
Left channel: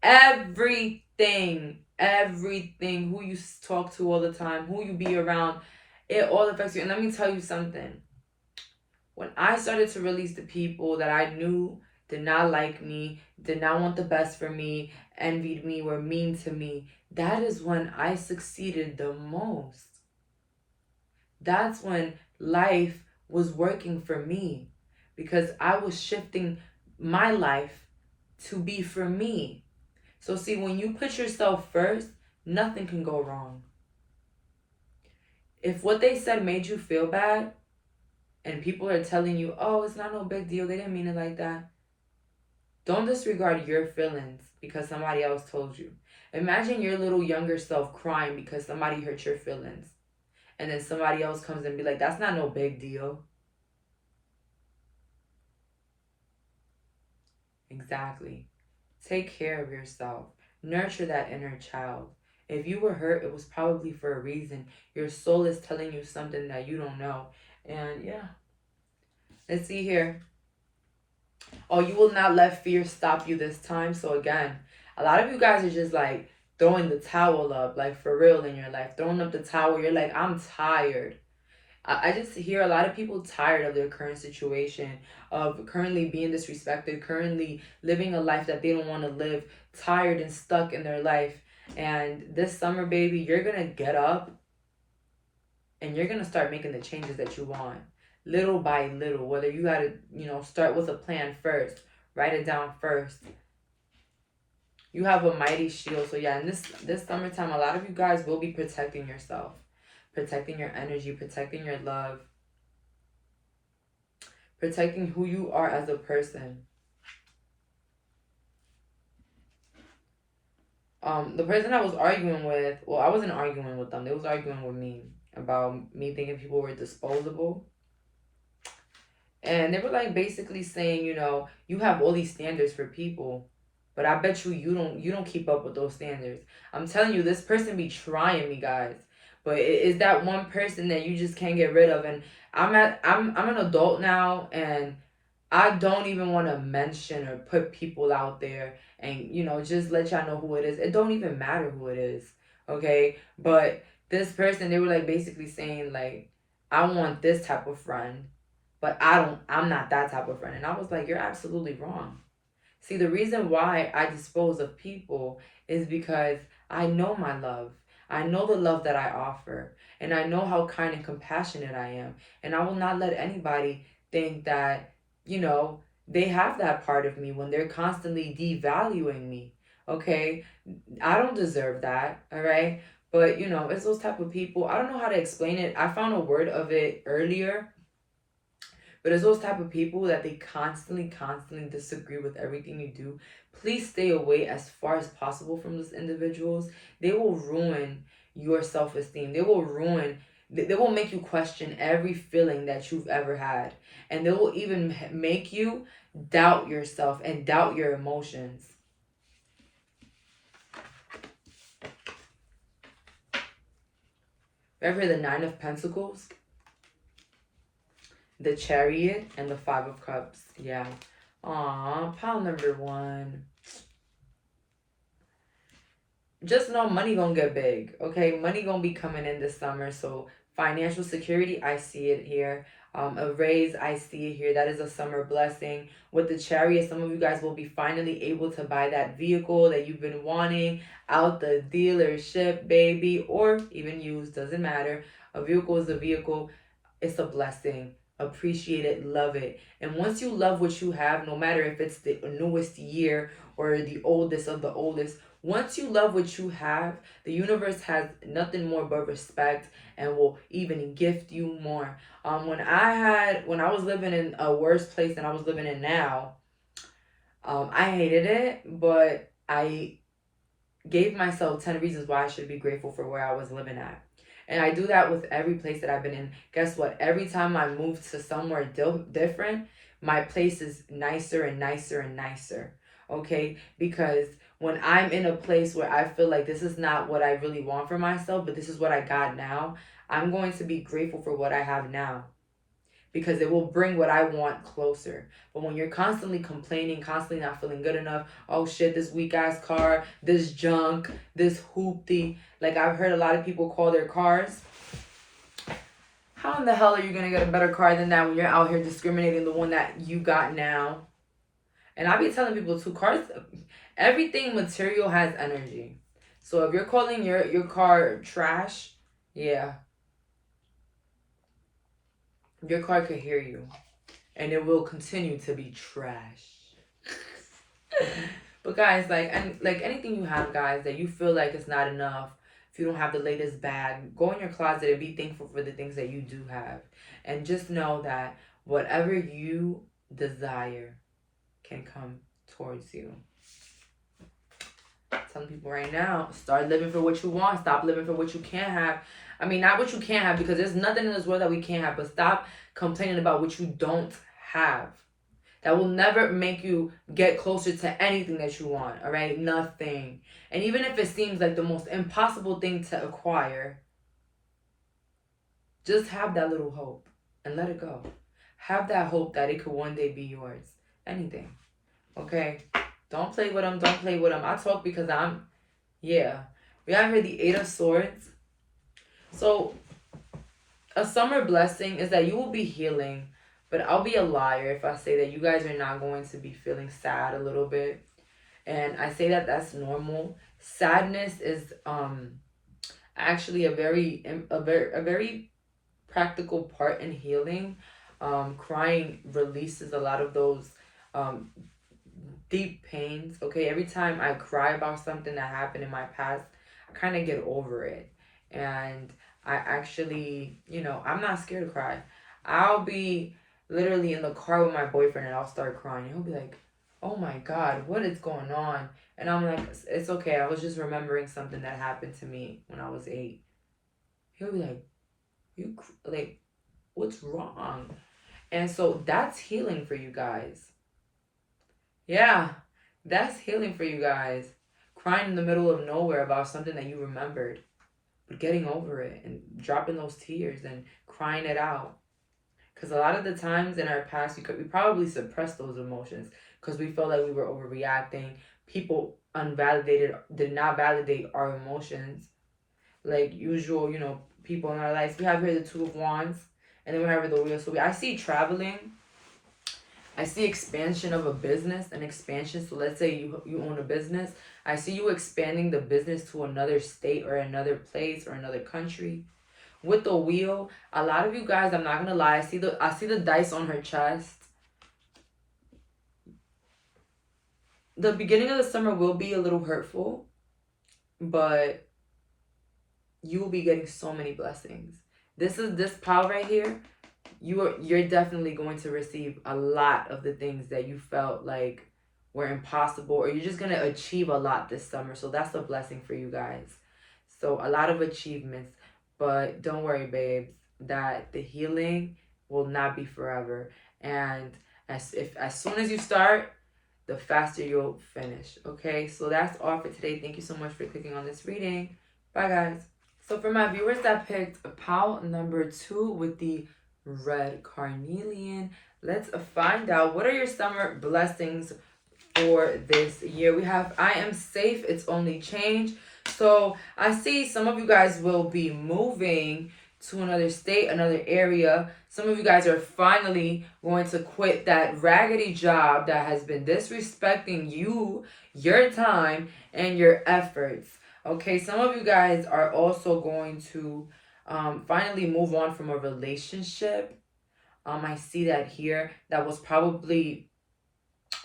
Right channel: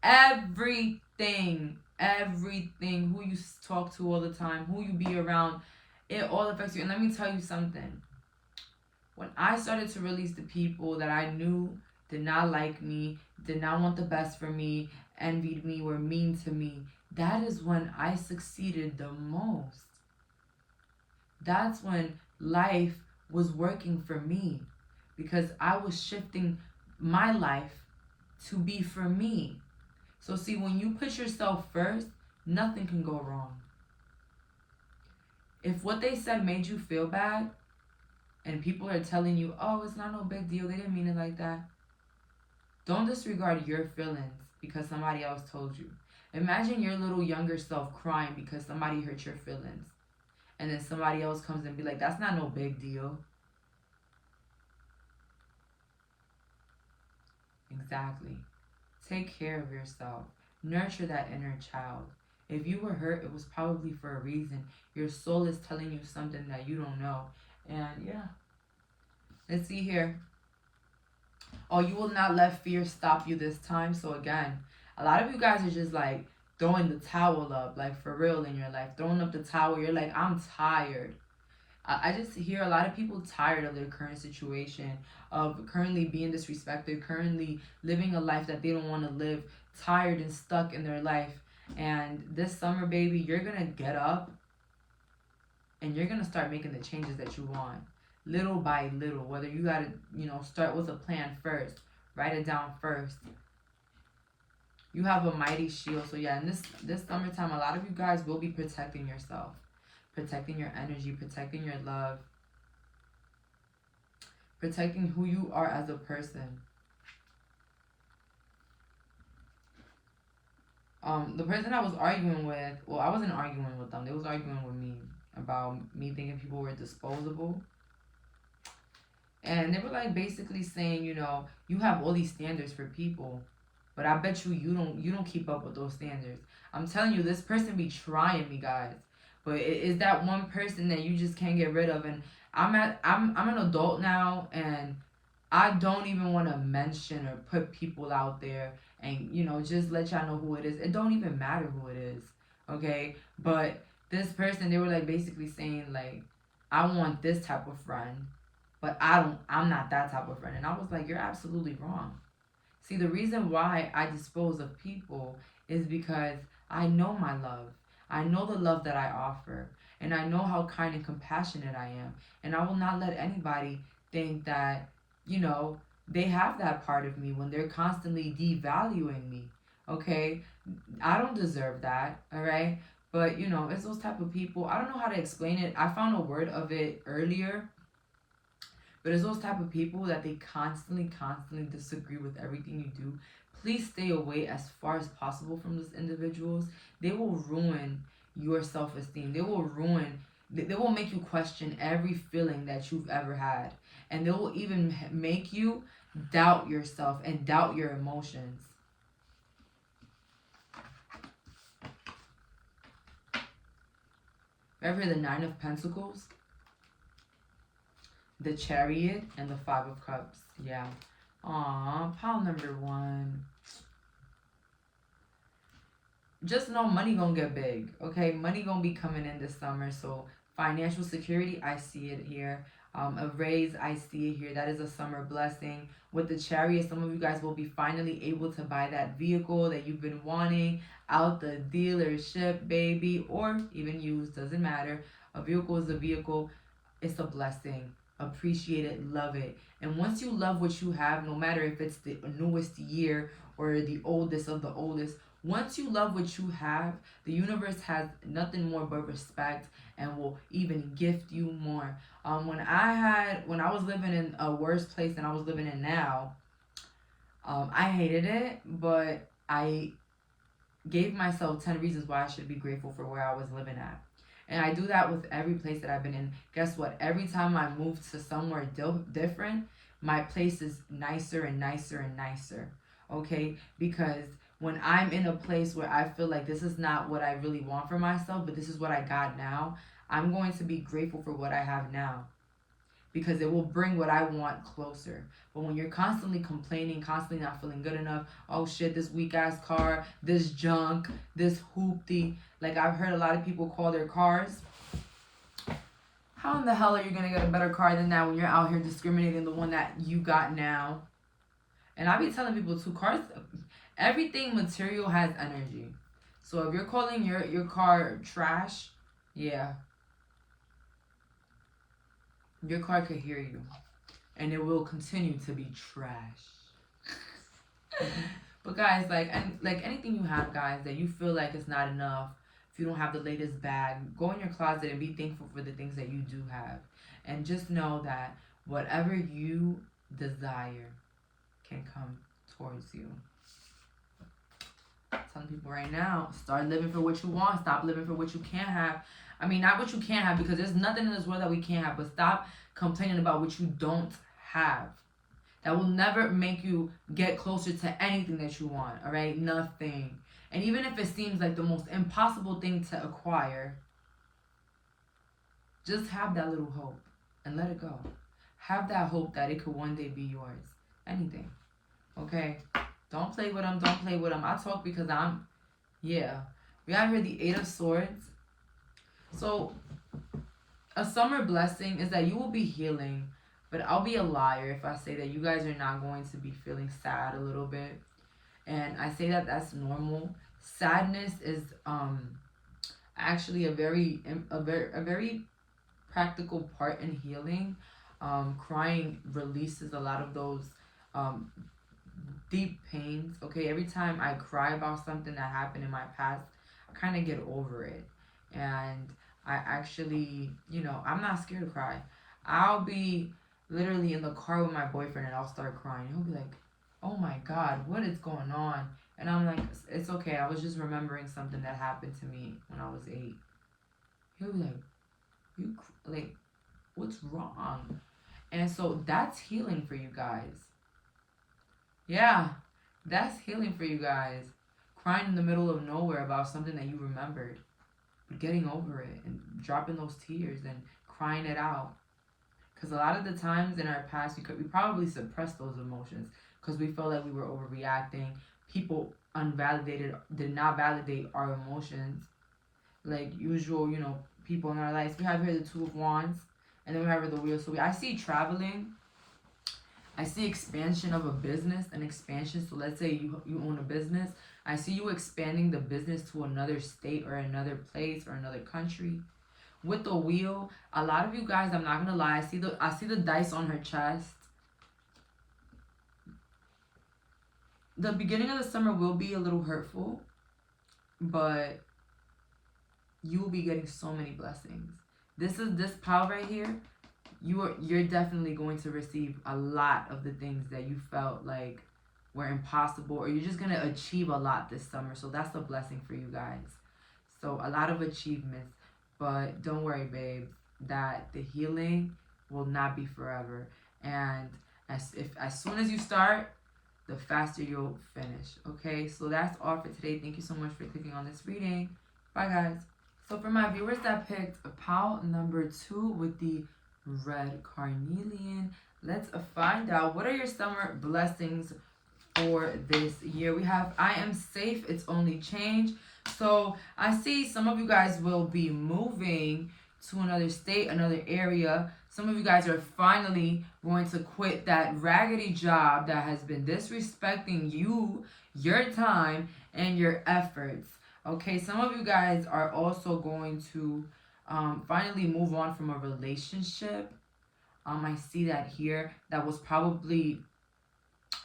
everything. Everything. Who you talk to all the time, who you be around, it all affects you. And let me tell you something. When I started to release the people that I knew did not like me, did not want the best for me, envied me, were mean to me, that is when I succeeded the most. That's when life was working for me, because I was shifting my life to be for me. So see, when you put yourself first, nothing can go wrong. If what they said made you feel bad, and people are telling you, oh, it's not no big deal, they didn't mean it like that, don't disregard your feelings because somebody else told you. Imagine your little younger self crying because somebody hurt your feelings. And then somebody else comes and be like, that's not no big deal. Exactly. Take care of yourself. Nurture that inner child. If you were hurt, it was probably for a reason. Your soul is telling you something that you don't know. And yeah. Let's see here. Oh, you will not let fear stop you this time. So again, a lot of you guys are just like throwing the towel up, like for real in your life. Throwing up the towel. You're like, I'm tired. I just hear a lot of people tired of their current situation, of currently being disrespected, currently living a life that they don't want to live, tired and stuck in their life. And this summer, baby, you're going to get up and you're going to start making the changes that you want. Little by little, whether you got to, start with a plan first, write it down first. You have a mighty shield. So yeah, in this summertime, a lot of you guys will be protecting yourself, protecting your energy, protecting your love, protecting who you are as a person. The person I was arguing with, well, I wasn't arguing with them. They was arguing with me about me thinking people were disposable. And they were like basically saying, you have all these standards for people, but I bet you don't keep up with those standards. I'm telling you, this person be trying me, guys. But it is that one person that you just can't get rid of. And I'm an adult now, and I don't even want to mention or put people out there and, just let y'all know who it is. It don't even matter who it is, okay? But this person, they were like basically saying like, I want this type of friend, but I'm not that type of friend. And I was like, you're absolutely wrong. See, the reason why I dispose of people is because I know my love. I know the love that I offer. And I know how kind and compassionate I am. And I will not let anybody think that, they have that part of me when they're constantly devaluing me. Okay? I don't deserve that. All right? But, it's those type of people. I don't know how to explain it. I found a word of it earlier. But it's those type of people that they constantly disagree with everything you do. Please stay away as far as possible from those individuals. They will ruin your self-esteem. They will make you question every feeling that you've ever had. And they will even make you doubt yourself and doubt your emotions. Ever the Nine of Pentacles? The Chariot and the Five of Cups. Yeah. Aw, pile number 1. Just know money gonna get big, okay? Money gonna be coming in this summer. So financial security, I see it here. A raise, I see it here. That is a summer blessing. With the Chariot, some of you guys will be finally able to buy that vehicle that you've been wanting out the dealership, baby, or even used, doesn't matter. A vehicle is a vehicle. It's a blessing. Appreciate it, love it. And once you love what you have, no matter if it's the newest year or the oldest of the oldest, once you love what you have, the universe has nothing more but respect and will even gift you more. When I was living in a worse place than I was living in now, I hated it, but I gave myself 10 reasons why I should be grateful for where I was living at. And I do that with every place that I've been in. Guess what? Every time I move to somewhere different, my place is nicer and nicer and nicer. Okay? Because when I'm in a place where I feel like this is not what I really want for myself, but this is what I got now, I'm going to be grateful for what I have now, because it will bring what I want closer. But when you're constantly complaining, constantly not feeling good enough, oh shit, this weak ass car, this junk, this hoopty. Like I've heard a lot of people call their cars. How in the hell are you gonna get a better car than that when you're out here discriminating the one that you got now? And I be telling people too, cars, everything material has energy. So if you're calling your car trash, yeah, your car could hear you, and it will continue to be trash. But guys, like, and like anything you have, guys, that you feel like it's not enough, if you don't have the latest bag, go in your closet and be thankful for the things that you do have, and just know that whatever you desire can come towards you. I'm telling people right now, start living for what you want. Stop living for what you can't have. I mean, not what you can't have, because there's nothing in this world that we can't have, but stop complaining about what you don't have. That will never make you get closer to anything that you want, all right? Nothing. And even if it seems like the most impossible thing to acquire, just have that little hope and let it go. Have that hope that it could one day be yours. Anything. Okay? Don't play with them. Don't play with them. I talk because yeah. We have here the 8 of Swords. So, a summer blessing is that you will be healing. But I'll be a liar if I say that you guys are not going to be feeling sad a little bit. And I say that that's normal. Sadness is actually a very practical part in healing. Crying releases a lot of those deep pains. Okay, every time I cry about something that happened in my past, I kind of get over it. And I actually, I'm not scared to cry. I'll be literally in the car with my boyfriend and I'll start crying. He'll be like, oh my God, what is going on? And I'm like, it's okay. I was just remembering something that happened to me when I was 8. He'll be like, what's wrong? And so that's healing for you guys. Yeah, that's healing for you guys. Crying in the middle of nowhere about something that you remembered, but getting over it and dropping those tears and crying it out. Because a lot of the times in our past, we probably suppressed those emotions because we felt like we were overreacting. People did not validate our emotions. Like usual, people in our lives. We have here the 2 of Wands, and then we have here the Wheel. So I see traveling. I see expansion of a business, an expansion. So let's say you own a business. I see you expanding the business to another state or another place or another country. With the Wheel, a lot of you guys, I'm not gonna lie, I see the dice on her chest. The beginning of the summer will be a little hurtful, but you will be getting so many blessings. This pile right here, you're definitely going to receive a lot of the things that you felt like were impossible, or you're just gonna achieve a lot this summer. So that's a blessing for you guys. So a lot of achievements. But don't worry, babes, that the healing will not be forever. And as soon as you start, the faster you'll finish. Okay, so that's all for today. Thank you so much for clicking on this reading. Bye, guys. So for my viewers that picked pile number 2 with the red carnelian, let's find out what are your summer blessings for this year. We have I am safe, it's only change. So I see some of you guys will be moving to another state, another area. Some of you guys are finally going to quit that raggedy job that has been disrespecting you, your time, and your efforts. Okay, some of you guys are also going to finally move on from a relationship. I see that here. That was probably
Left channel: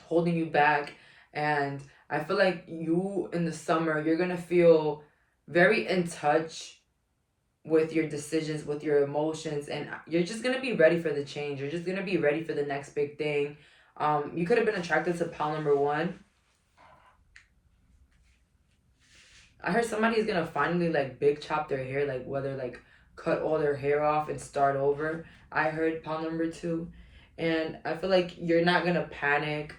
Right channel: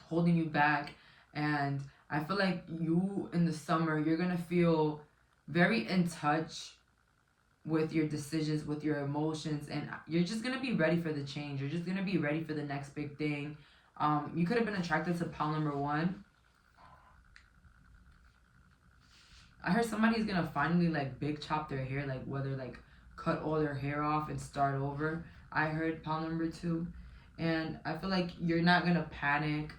holding you back, and I feel like you in the summer, you're going to feel very in touch with your decisions, with your emotions, and you're just going to be ready for the change. You're just going to be ready for the next big thing. You could have been attracted to pile number 1. I heard somebody is going to finally like big chop their hair, like whether like cut all their hair off and start over. I heard pile number 2. And I feel like you're not going to panic.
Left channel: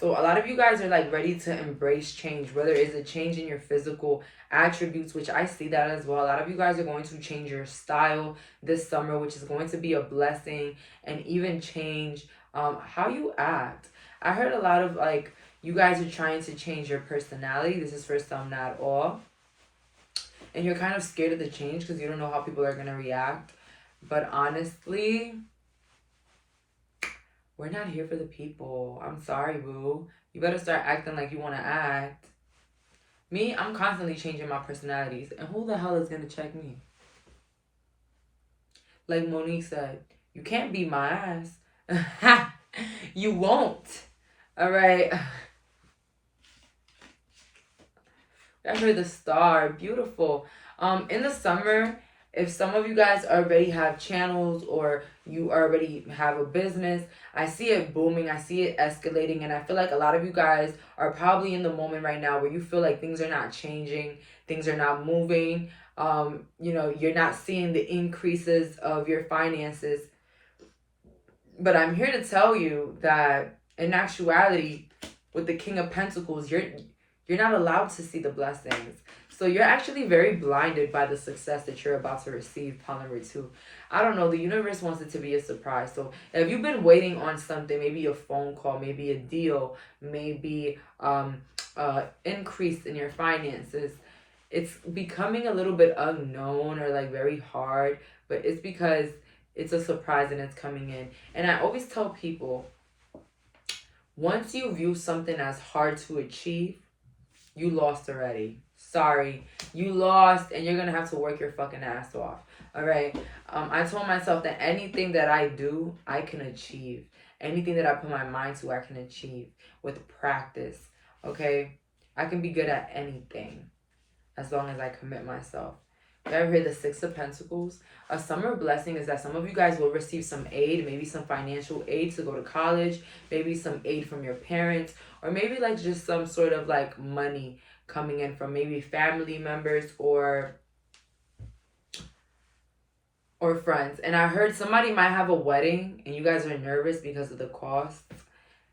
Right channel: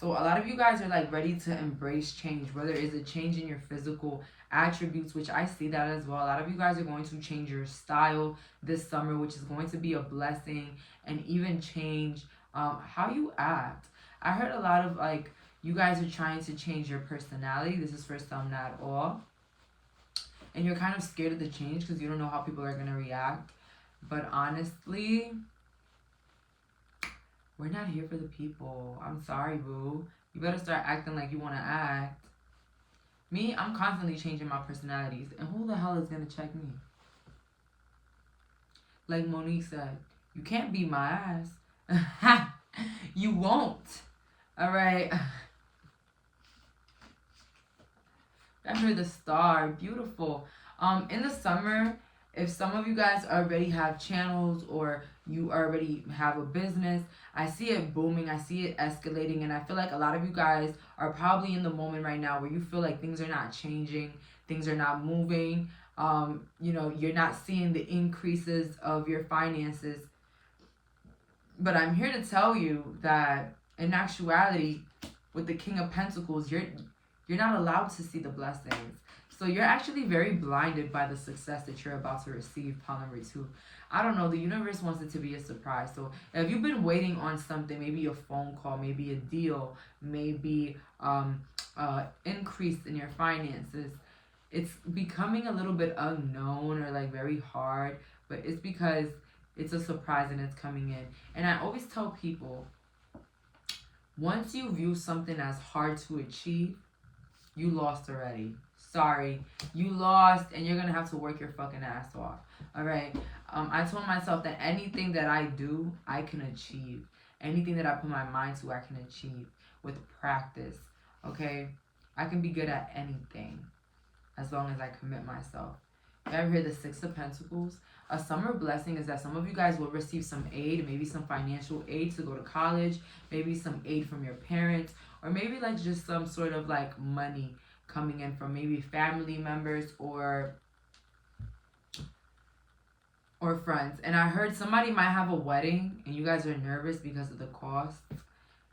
So a lot of you guys are like ready to embrace change, whether it's a change in your physical attributes, which I see that as well. A lot of you guys are going to change your style this summer, which is going to be a blessing, and even change how you act. I heard a lot of like you guys are trying to change your personality. This is for some, not all. And you're kind of scared of the change because you don't know how people are going to react. But honestly, we're not here for the people. I'm sorry, boo. You better start acting like you want to act. Me, I'm constantly changing my personalities. And who the hell is going to check me? Like Monique said, you can't beat my ass. You won't. All right. I heard the star. Beautiful. In the summer, if some of you guys already have channels or you already have a business, I see it booming. I see it escalating. And I feel like a lot of you guys are probably in the moment right now where you feel like things are not changing. Things are not moving. You know, you're not seeing the increases of your finances. But I'm here to tell you that in actuality, with the King of Pentacles, you're not allowed to see the blessings. So you're actually very blinded by the success that you're about to receive, pile number 2. I don't know. The universe wants it to be a surprise. So if you've been waiting on something, maybe a phone call, maybe a deal, maybe increase in your finances, it's becoming a little bit unknown or like very hard. But it's because it's a surprise and it's coming in. And I always tell people, once you view something as hard to achieve, you lost already. Sorry, you lost, and you're gonna have to work your fucking ass off. All right. I told myself that anything that I do, I can achieve. Anything that I put my mind to, I can achieve with practice. Okay, I can be good at anything as long as I commit myself. You ever hear the 6 of Pentacles? A summer blessing is that some of you guys will receive some aid, maybe some financial aid to go to college, maybe some aid from your parents, or maybe like just some sort of like money coming in from maybe family members or friends. And I heard somebody might have a wedding and you guys are nervous because of the cost.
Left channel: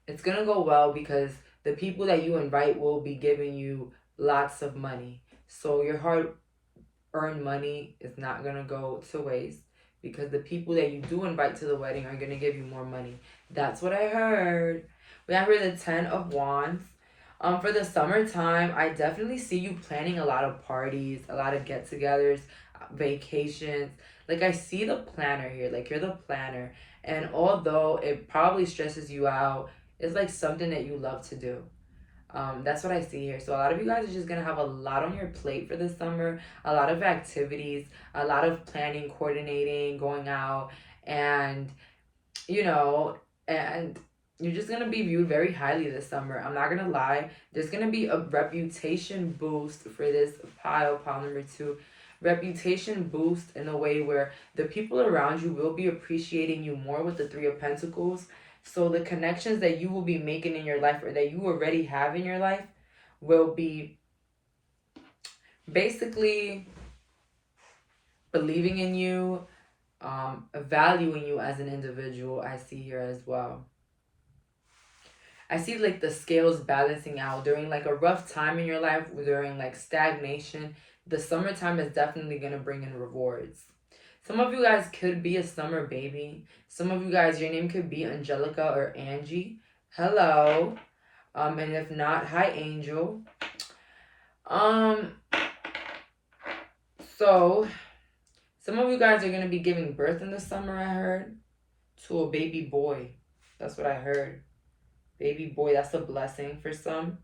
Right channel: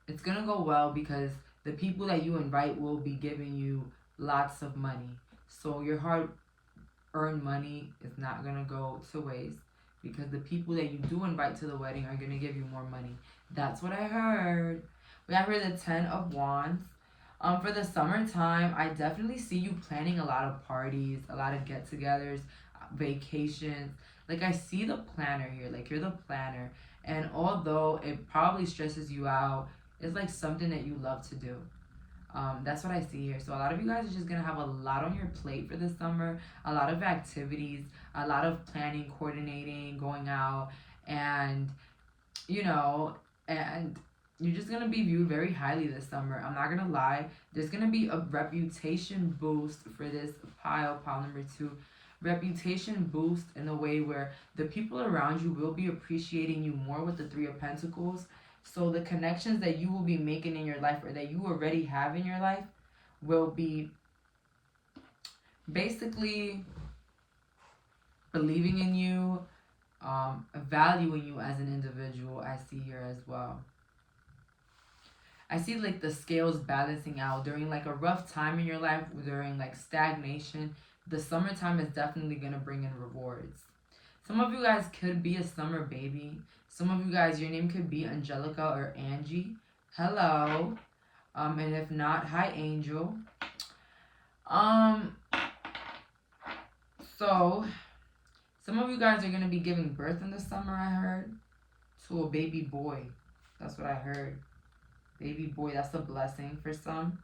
It's gonna go well because the people that you invite will be giving you lots of money. So your hard-earned money is not gonna go to waste because the people that you do invite to the wedding are gonna give you more money. That's what I heard. We have here the 10 of Wands. For the summertime, I definitely see you planning a lot of parties, a lot of get-togethers, vacations. Like, I see the planner here. Like, you're the planner. And although it probably stresses you out, it's like something that you love to do. That's what I see here. So a lot of you guys are just going to have a lot on your plate for the summer. A lot of activities, a lot of planning, coordinating, going out. And, you know, and you're just going to be viewed very highly this summer. I'm not going to lie. There's going to be a reputation boost for this pile number 2. Reputation boost in a way where the people around you will be appreciating you more with the 3 of Pentacles. So the connections that you will be making in your life or that you already have in your life will be basically believing in you, valuing you as an individual. I see here as well. I see like the scales balancing out during like a rough time in your life, during like stagnation. The summertime is definitely going to bring in rewards. Some of you guys could be a summer baby. Some of you guys, your name could be Angelica or Angie. Hello. And if not, hi, Angel. So, some of you guys are going to be giving birth in the summer, I heard, to a baby boy. That's what I heard. Baby boy, that's a blessing for some.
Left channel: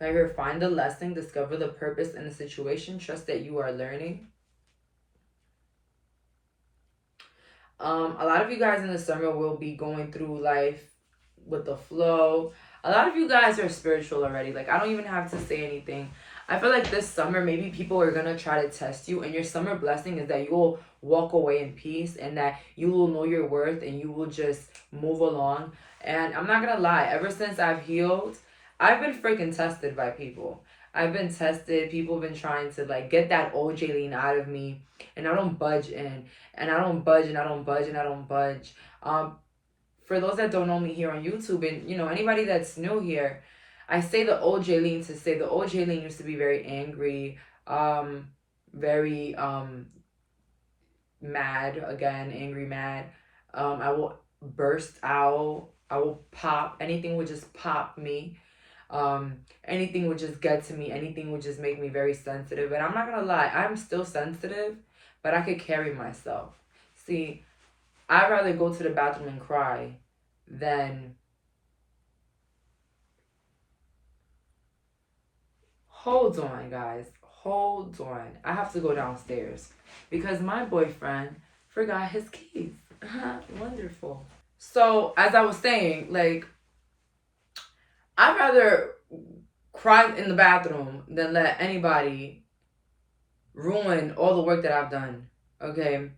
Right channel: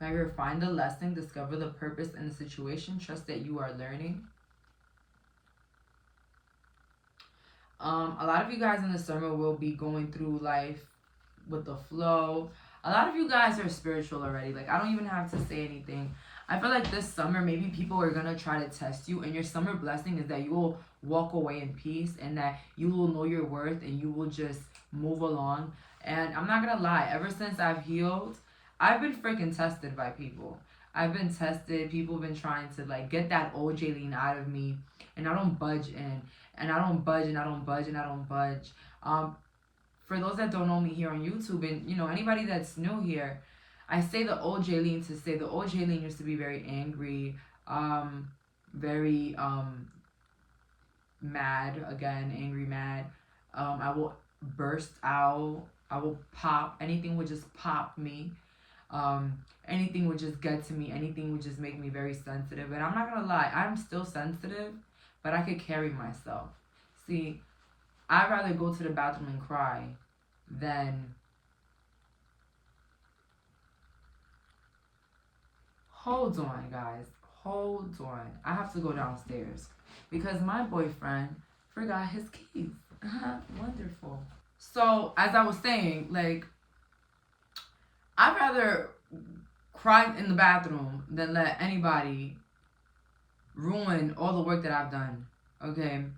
I heard find the lesson, discover the purpose in the situation, trust that you are learning. A lot of you guys in the summer will be going through life with the flow. A lot of you guys are spiritual already. Like, I don't even have to say anything. I feel like this summer, maybe people are going to try to test you. And your summer blessing is that you will walk away in peace and that you will know your worth and you will just move along. And I'm not going to lie. Ever since I've healed, I've been freaking tested by people. I've been tested. People have been trying to like get that old Jaylene out of me, and I don't budge in, and I don't budge, and I don't budge, and I don't budge. For those that don't know me here on YouTube, and you know anybody that's new here, I say the old Jaylene to say the old Jaylene used to be very angry, very mad, again, angry, mad. I will burst out. I will pop. Anything would just pop me. Anything would just get to me. Anything would just make me very sensitive. And I'm not gonna lie, I'm still sensitive, but I could carry myself. See, I'd rather go to the bathroom and cry than... Hold on, guys. Hold on. I have to go downstairs because my boyfriend forgot his keys. Wonderful. So, as I was saying, like, I'd rather cry in the bathroom than let anybody ruin all the work that I've done. Okay?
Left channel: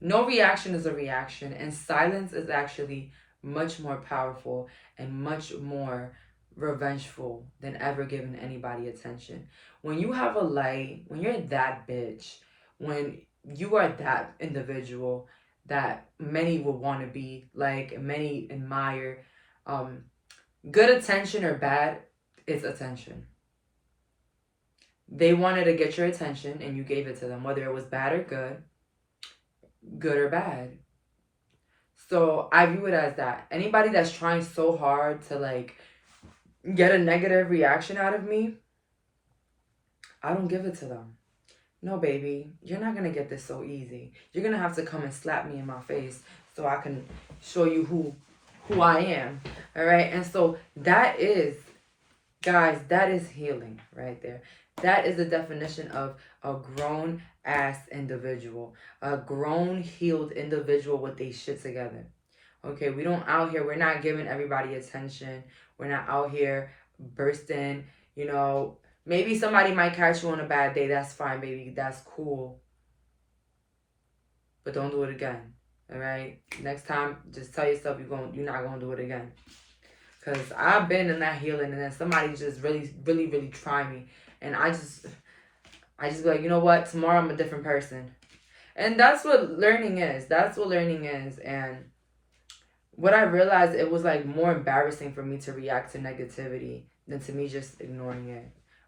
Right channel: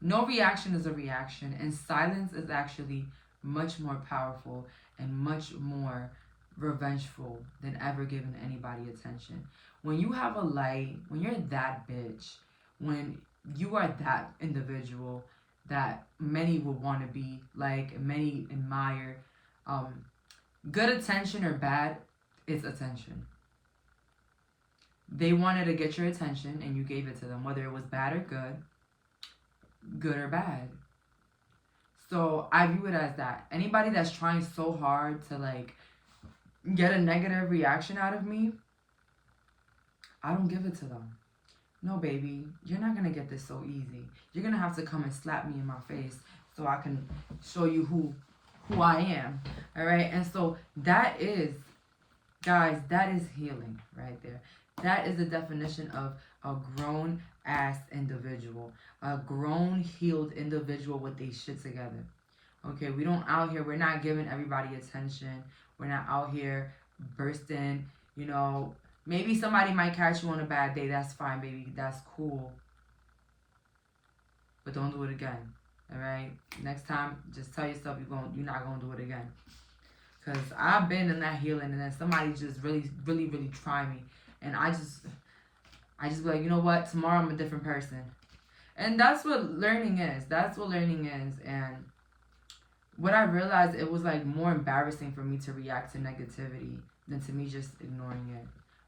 No reaction is a reaction, and silence is actually much more powerful and much more revengeful than ever giving anybody attention. When you have a light, when you're that bitch, when you are that individual that many would want to be, like many admire, good attention or bad, it's attention. They wanted to get your attention and you gave it to them, whether it was bad or good, good or bad. So I view it as that. Anybody that's trying so hard to like get a negative reaction out of me, I don't give it to them. No, baby, you're not going to get this so easy. You're going to have to come and slap me in my face so I can show you who I am. All right? And so that is, guys, that is healing right there. That is the definition of a grown-ass individual. A grown, healed individual with their shit together. Okay? We don't out here, we're not giving everybody attention. We're not out here bursting, you know. Maybe somebody might catch you on a bad day. That's fine, baby. That's cool. But don't do it again. All right? Next time, just tell yourself you're not going to do it again. Because I've been in that healing, and then somebody just really, really, really try me. And I just be like, you know what? Tomorrow I'm a different person. And that's what learning is. That's what learning is. And what I realized, it was like more embarrassing for me to react to negativity than to me just ignoring it.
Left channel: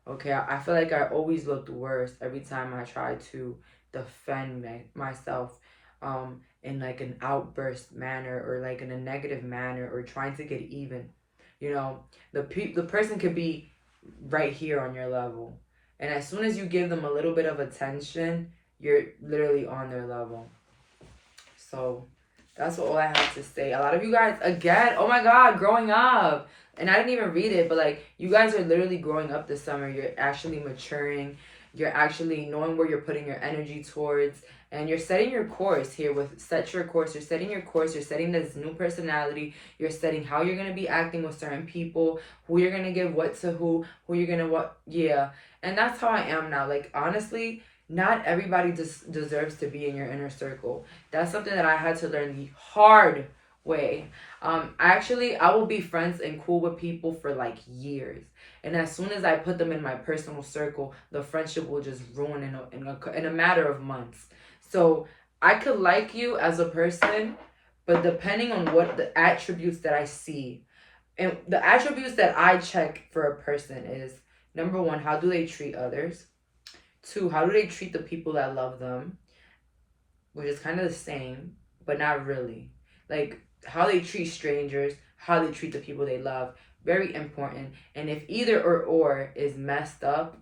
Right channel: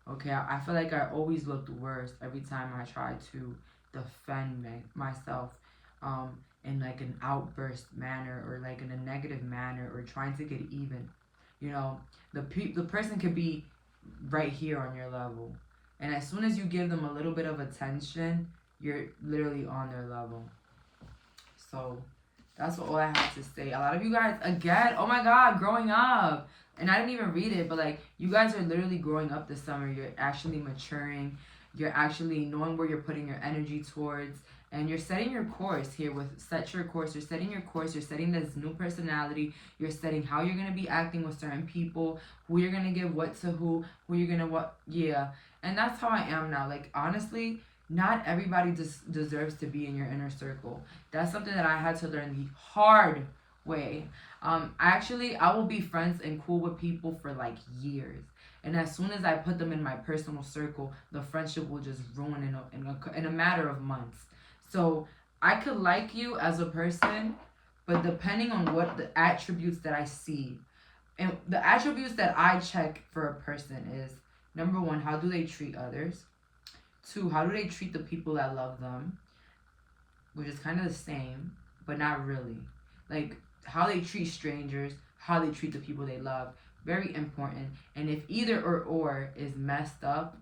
Okay, I feel like I always looked worse every time I tried to defend myself in like an outburst manner or like in a negative manner or trying to get even. You know, the person could be right here on your level. And as soon as you give them a little bit of attention, you're literally on their level. So that's all I have to say. A lot of you guys, again, oh my God, growing up. And I didn't even read it, but like, you guys are literally growing up this summer. You're actually maturing. You're actually knowing where you're putting your energy towards. And you're setting your course here with Set Your Course. You're setting your course. You're setting this new personality. You're setting how you're going to be acting with certain people, who you're going to give what to who you're going to what. Yeah. And that's how I am now. Like, honestly, not everybody deserves to be in your inner circle. That's something that I had to learn the hard way. I will be friends and cool with people for like years, and as soon as I put them in my personal circle, the friendship will just ruin in a matter of months. So I could like you as a person, but depending on what the attributes that I see, and the attributes that I check for a person is, number one, how do they treat others? Two, how do they treat the people that love them? Which is kind of the same, but not really. Like, how they treat strangers, how they treat the people they love. Very important. And if either or is messed up,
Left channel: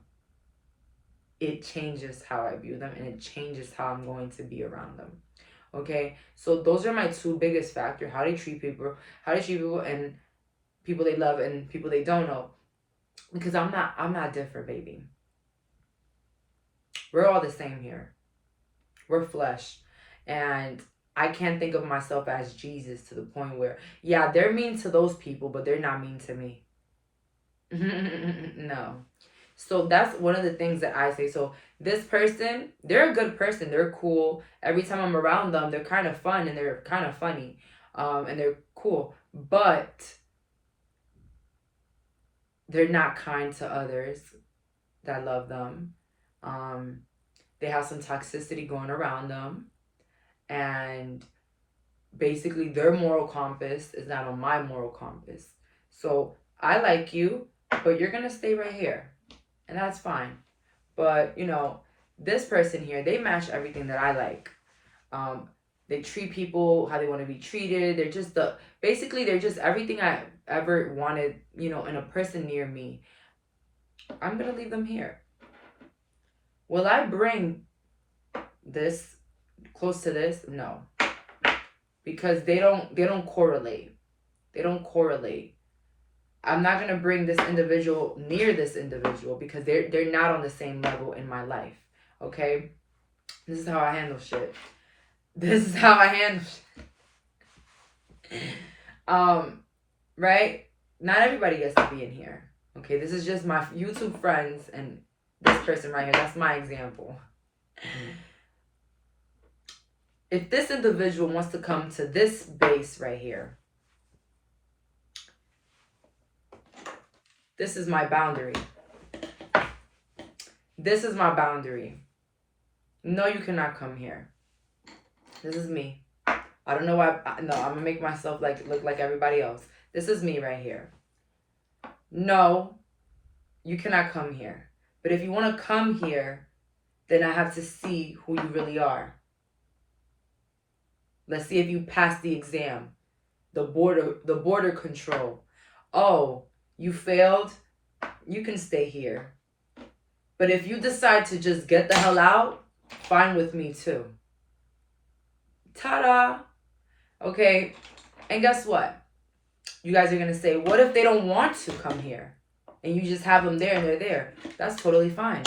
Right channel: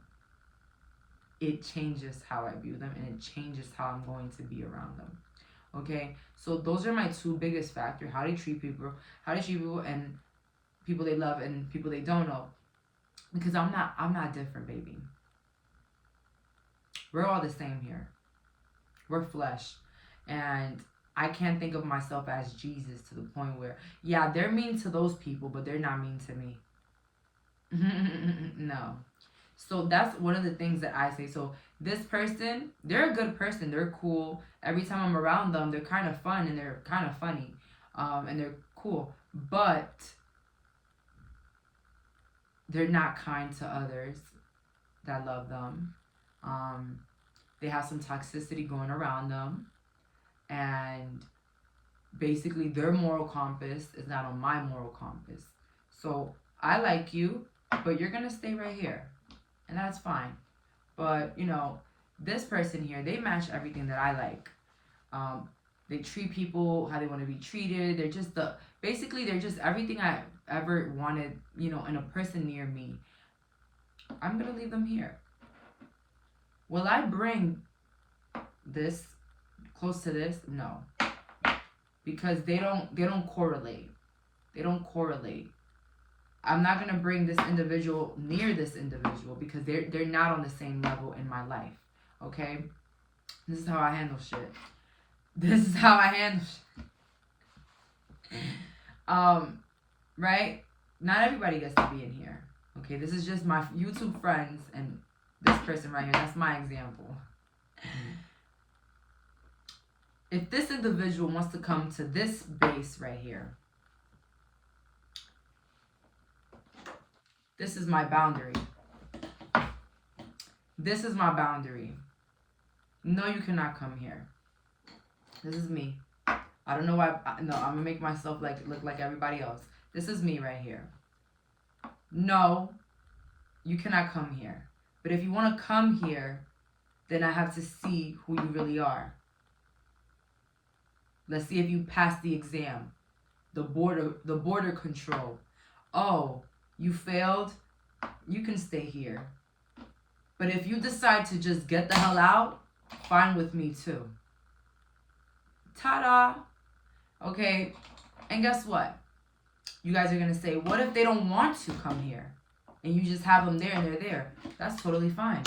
it changes how I view them, and it changes how I'm going to be around them. Okay? So those are my two biggest factors. How they treat people, and people they love and people they don't know. Because I'm not different, baby. We're all the same here. We're flesh. And I can't think of myself as Jesus to the point where, yeah, they're mean to those people, but they're not mean to me. No. So that's one of the things that I say. So this person, they're a good person. They're cool. Every time I'm around them, they're kind of fun and they're kind of funny. And they're cool. But they're not kind to others. that love them. They have some toxicity going around them. And basically their moral compass is not on my moral compass. So I like you, but you're going to stay right here. And that's fine. But, you know, this person here, they match everything that I like. They treat people how they want to be treated. They're just basically they're just everything I ever wanted, you know, in a person near me. I'm going to leave them here. Will I bring this close to this? No. Because they don't correlate. They don't correlate. I'm not going to bring this individual near this individual because they're not on the same level in my life. Okay? This is how I handle shit. This is how I handle shit. Right? Not everybody gets to be in here. Okay? This is just my YouTube friends and this person right here. That's my example. If this individual wants to come to this base right here, this is my boundary. This is my boundary. No, you cannot come here. This is me. I don't know why. No, I'm going to make myself look like everybody else. This is me right here. No, you cannot come here. But if you want to come here, then I have to see who you really are. Let's see if you pass the exam. The border control. Oh, you failed? You can stay here. But if you decide to just get the hell out, fine with me too. Ta-da! Okay, and guess what? You guys are going to say, what if they don't want to come here? And you just have them there and they're there. That's totally fine.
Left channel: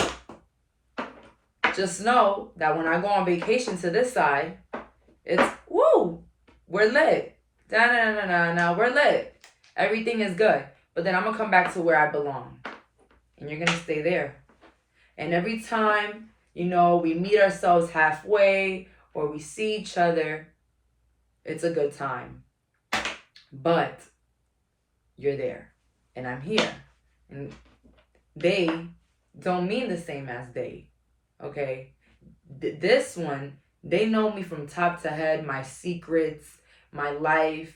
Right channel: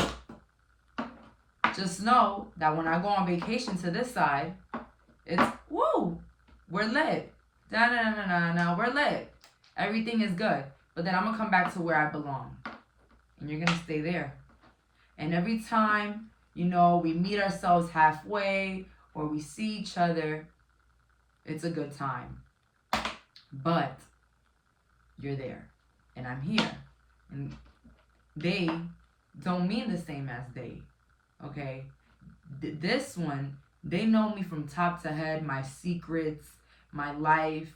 Just know that when I go on vacation to this side, it's, woo, we're lit. Da-na-na-na-na, we're lit. Everything is good. But then I'm going to come back to where I belong. And you're going to stay there. And every time, you know, we meet ourselves halfway or we see each other, it's a good time. But you're there. And I'm here. And they don't mean the same as they. Okay? This one, they know me from top to head, my secrets, my life,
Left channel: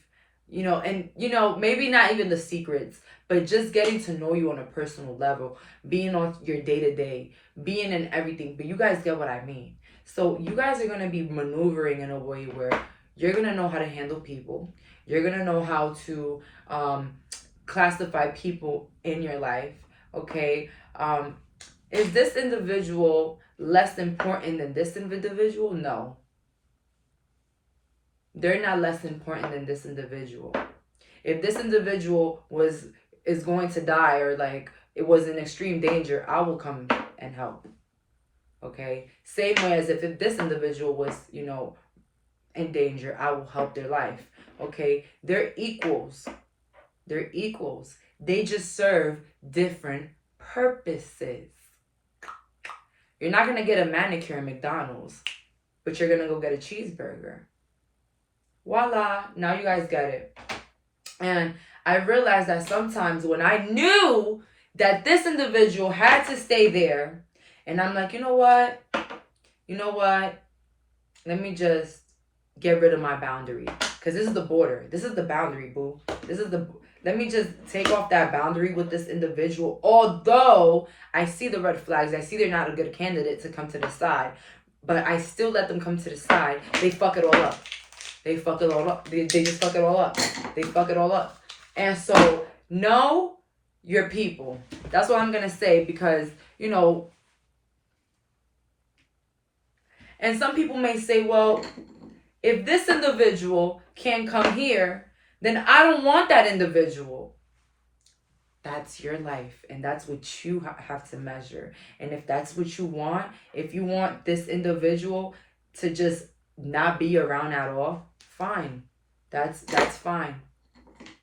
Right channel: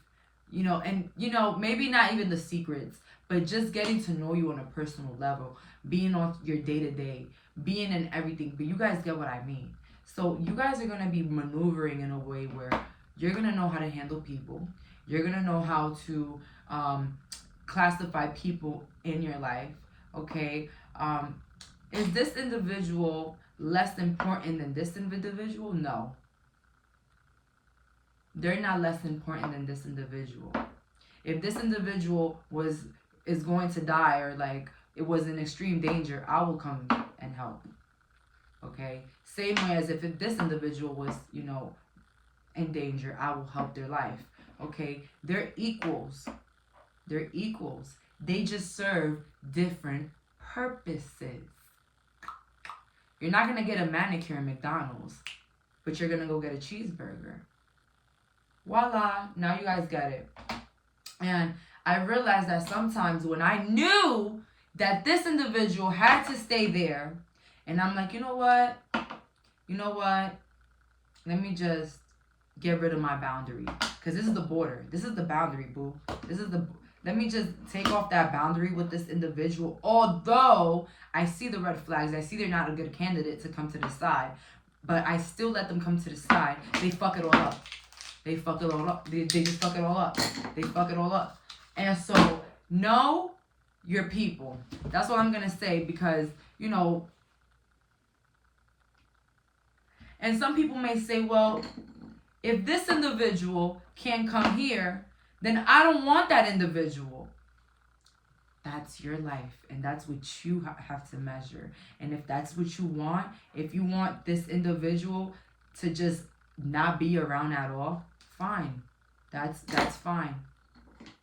you know, and, you know, maybe not even the secrets, but just getting to know you on a personal level, being on your day-to-day, being in everything. But you guys get what I mean. So you guys are going to be maneuvering in a way where you're going to know how to handle people. You're going to know how to classify people in your life. Okay? Is this individual less important than this individual? No. They're not less important than this individual. If this individual is going to die or like it was in extreme danger, I will come and help. Okay? Same way as if this individual was, you know, in danger, I will help their life. Okay? They're equals. They're equals. They just serve different purposes. You're not going to get a manicure in McDonald's, but you're going to go get a cheeseburger. Voila. Now you guys get it. And I realized that sometimes when I knew that this individual had to stay there, and I'm like, you know what? Let me just get rid of my boundary. Because this is the border. This is the boundary, boo. Let me just take off that boundary with this individual. Although I see the red flags. I see they're not a good candidate to come to the side. But I still let them come to the side. They fuck it all up. They fuck it all up. They just fuck it all up. They fuck it all up. And so, know your people. That's what I'm going to say because, you know, and some people may say, well, if this individual can't come here, then I don't want that individual. That's your life. And that's what you have to measure. And if that's what you want, if you want this individual to just not be around at all, fine. That's fine.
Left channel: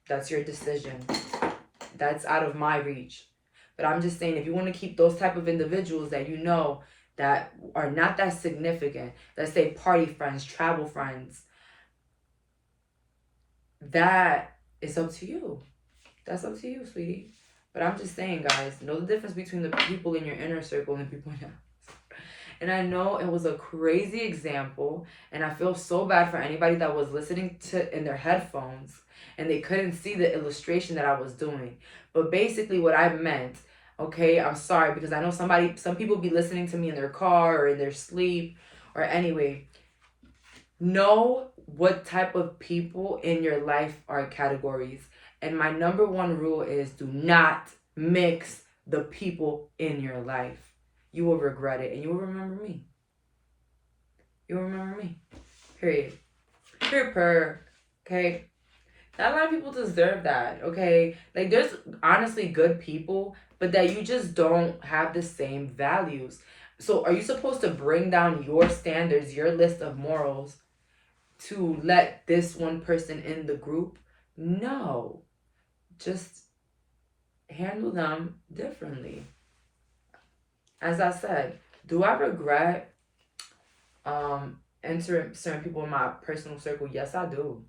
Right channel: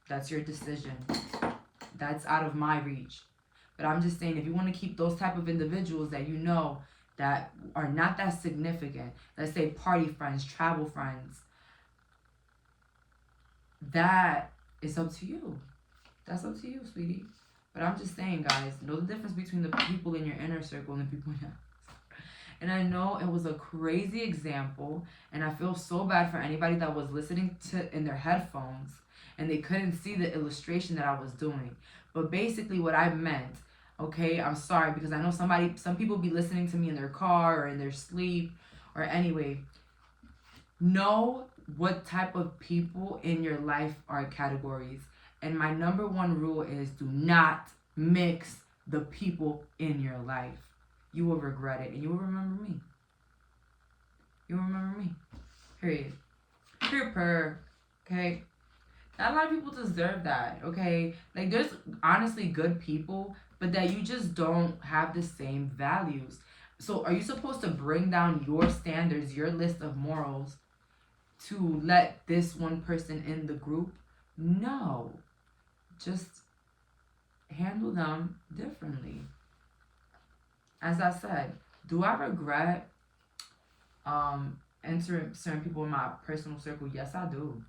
That's your decision. That's out of my reach. But I'm just saying, if you want to keep those type of individuals that you know that are not that significant, let's say party friends, travel friends, that is up to you. That's up to you, sweetie. But I'm just saying, guys, know the difference between the people in your inner circle and the people in your... And I know it was a crazy example, and I feel so bad for anybody that was listening to in their headphones and they couldn't see the illustration that I was doing. But basically what I meant, okay, I'm sorry, because I know some people be listening to me in their car or in their sleep, or anyway, know what type of people in your life are categories. And my number one rule is do not mix the people in your life. You will regret it, and you will remember me. You will remember me. Period. Okay? Not a lot of people deserve that, okay? Like, there's honestly good people, but that you just don't have the same values. So are you supposed to bring down your standards, your list of morals, to let this one person in the group? No. Just handle them differently. As I said, do I regret entering certain people in my personal circle? Yes, I do.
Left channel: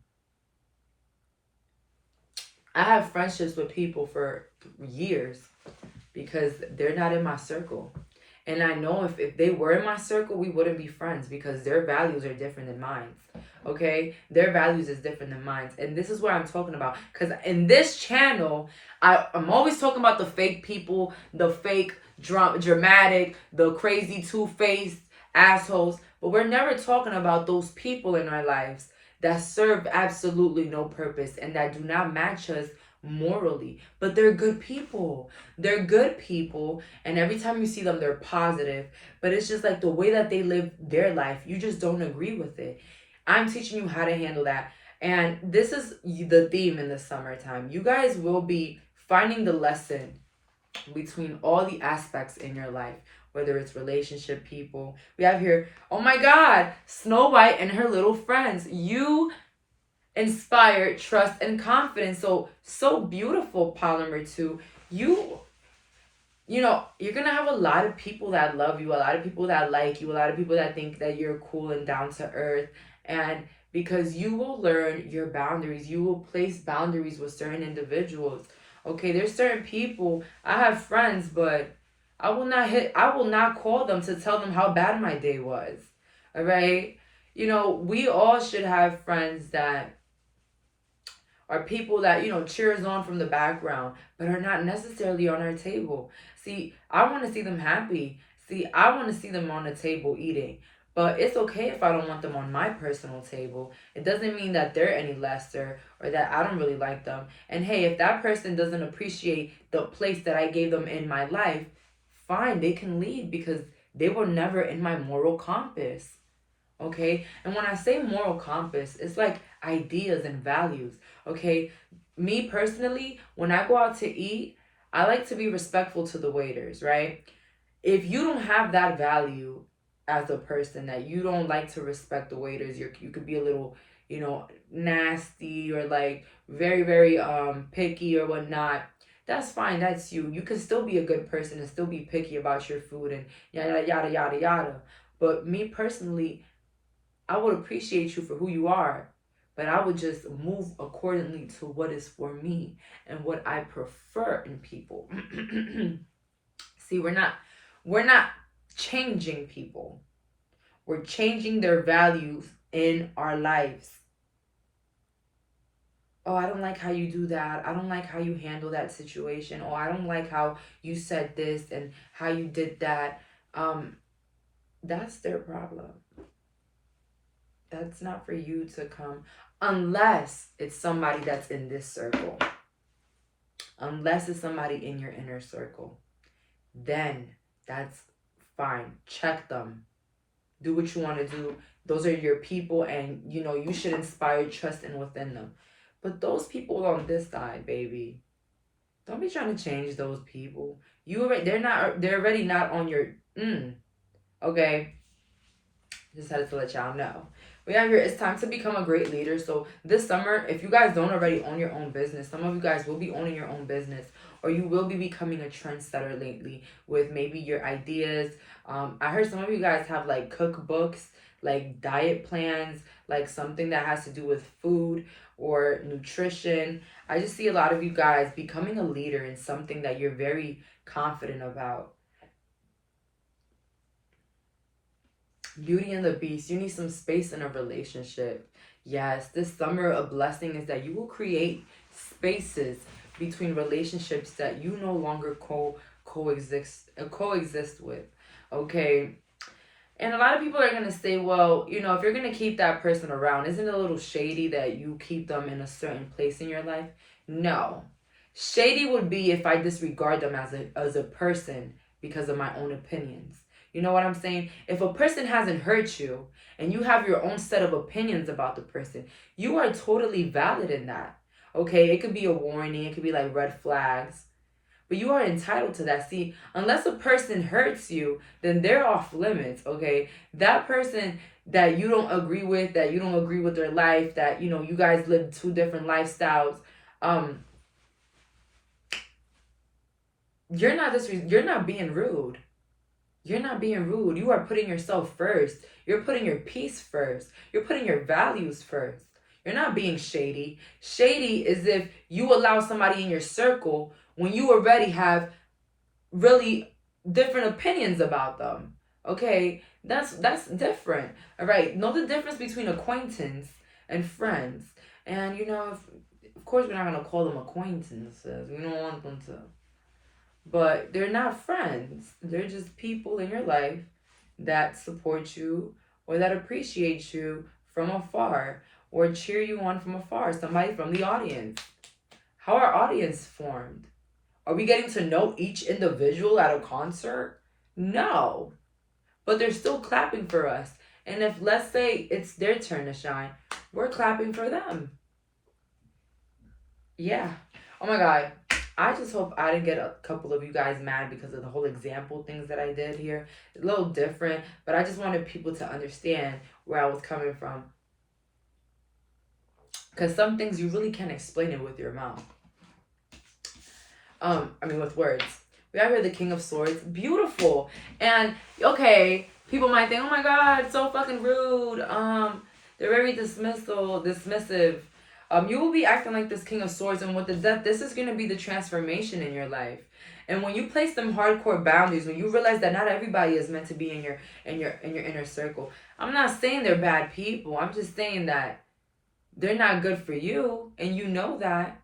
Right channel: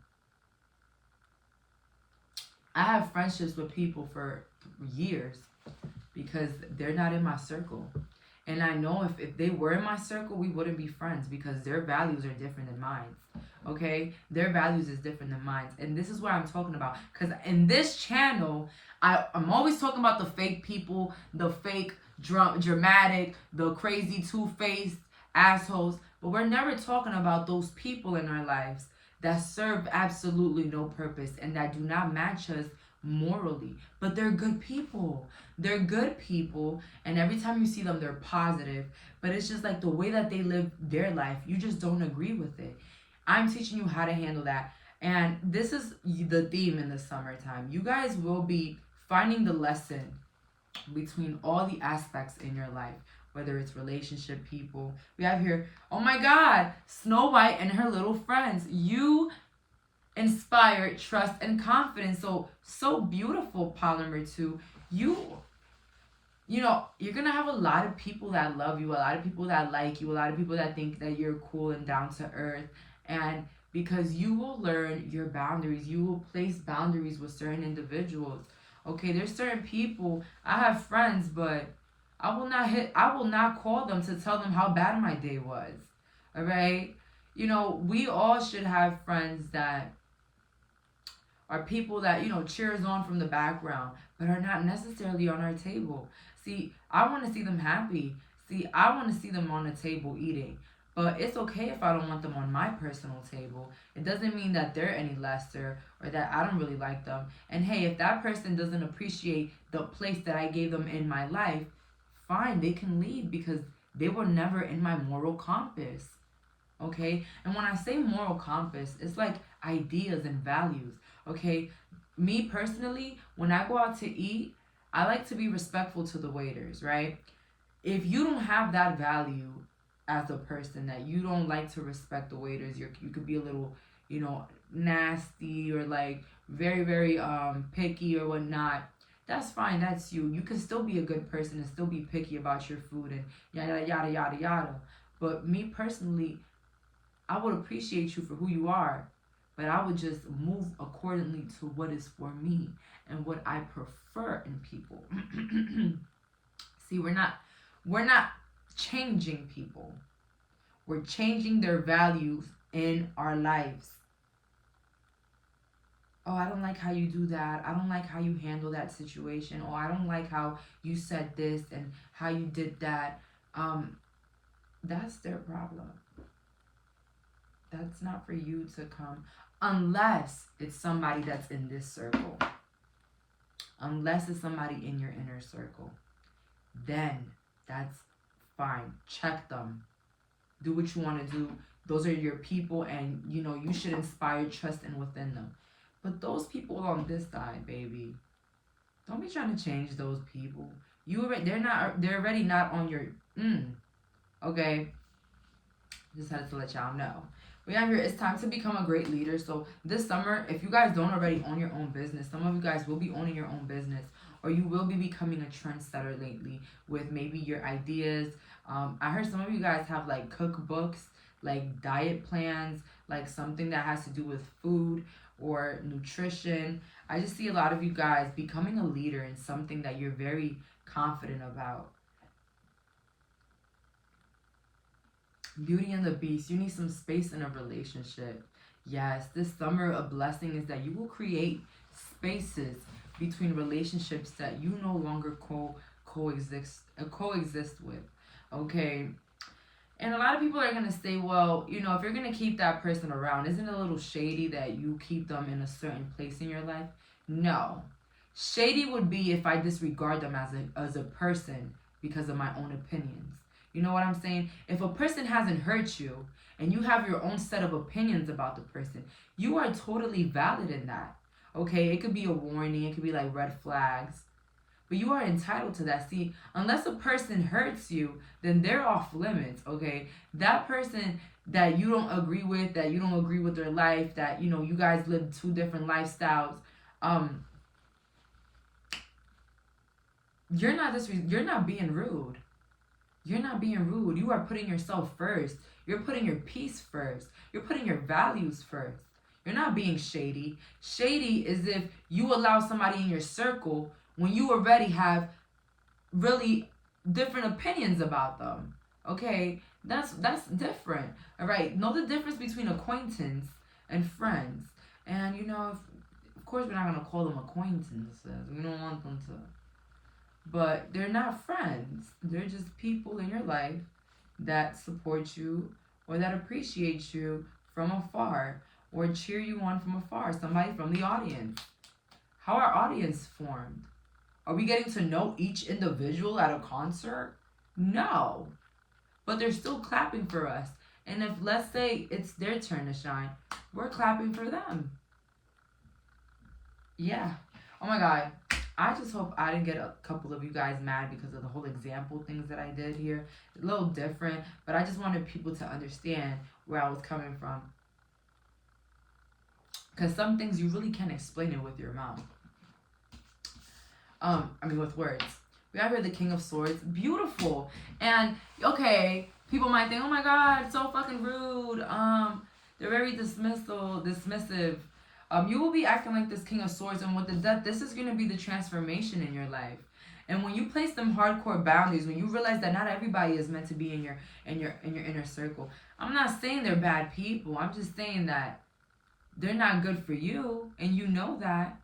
I have friendships with people for years because they're not in my circle. And I know if they were in my circle, we wouldn't be friends because their values are different than mine. Okay? Their values is different than mine. And this is what I'm talking about. Because in this channel, I'm always talking about the fake people, the fake dramatic, the crazy two-faced assholes. But we're never talking about those people in our lives that serve absolutely no purpose and that do not match us morally. But they're good people. They're good people, and every time you see them, they're positive. But it's just like the way that they live their life, you just don't agree with it. I'm teaching you how to handle that. And this is the theme in the summertime. You guys will be finding the lesson between all the aspects in your life, whether it's relationship, people. We have here, oh my God, Snow White and her little friends. You inspire trust and confidence. So beautiful, Polymer 2. You know, you're gonna have a lot of people that love you, a lot of people that like you, a lot of people that think that you're cool and down to earth. And because you will learn your boundaries, you will place boundaries with certain individuals. Okay, there's certain people, I have friends, but I will not call them to tell them how bad my day was. All right? You know, we all should have friends that are people that, you know, cheers on from the background, but are not necessarily on our table. See, I want to see them happy. See, I want to see them on the table eating. But it's okay if I don't want them on my personal table. It doesn't mean that they're any lesser or that I don't really like them. And hey, if that person doesn't appreciate the place that I gave them in my life, fine, they can leave because they were never in my moral compass. Okay? And when I say moral compass, it's like ideas and values. Okay? Me personally, when I go out to eat, I like to be respectful to the waiters, right? If you don't have that value as a person, that you don't like to respect the waiters, you could be a little, you know, nasty or like very, very picky or whatnot, that's fine. That's you. You can still be a good person and still be picky about your food and yada, yada, yada, yada. But me personally, I would appreciate you for who you are, but I would just move accordingly to what is for me and what I prefer in people. See, we're not changing people. We're changing their values in our lives. Oh, I don't like how you do that. I don't like how you handle that situation. Oh, I don't like how you said this and how you did that. That's their problem. That's not for you to come, unless it's somebody that's in this circle. Unless it's somebody in your inner circle. Then that's fine. Check them. Do what you want to do. Those are your people, and you know you should inspire trust in within them. But those people on this side, baby, don't be trying to change those people. They're already not on your okay. Just had to let y'all know. We have here, it's time to become a great leader. So this summer, if you guys don't already own your own business, some of you guys will be owning your own business, or you will be becoming a trendsetter lately with maybe your ideas. I heard some of you guys have like cookbooks like diet plans, like something that has to do with food or nutrition. I just see a lot of you guys becoming a leader in something that you're very confident about. Beauty and the Beast, you need some space in a relationship. Yes, this summer, a blessing is that you will create spaces between relationships that you no longer coexist with. Okay. And a lot of people are going to say, well, you know, if you're going to keep that person around, isn't it a little shady that you keep them in a certain place in your life? No. Shady would be if I disregard them as a person because of my own opinions. You know what I'm saying? If a person hasn't hurt you and you have your own set of opinions about the person, you are totally valid in that. Okay? It could be a warning. It could be like red flags. But you are entitled to that. See, unless a person hurts you, then they're off limits, okay? That person that you don't agree with, that you don't agree with their life, that, you know, you guys live two different lifestyles, you're not being rude. You're not being rude. You are putting yourself first. You're putting your peace first. You're putting your values first. You're not being shady. Shady is if you allow somebody in your circle when you already have really different opinions about them. Okay? That's different. All right? Know the difference between acquaintance and friends. And you know, of course we're not going to call them acquaintances. We don't want them to. But they're not friends. They're just people in your life that support you or that appreciate you from afar or cheer you on from afar. Somebody from the audience. How are audience formed? Are we getting to know each individual at a concert? No. But they're still clapping for us. And if, let's say, it's their turn to shine, we're clapping for them. Yeah. Oh my God. I just hope I didn't get a couple of you guys mad because of the whole example things that I did here. It's a little different, but I just wanted people to understand where I was coming from. Because some things you really can't explain it with your mouth. With words. We have here the King of Swords. Beautiful. And, okay, people might think, oh my God, so fucking rude. They're very dismissive. You will be acting like this King of Swords, and with the Death, this is going to be the transformation in your life. And when you place them hardcore boundaries, when you realize that not everybody is meant to be in your inner circle, I'm not saying they're bad people. I'm just saying that they're not good for you, and you know that,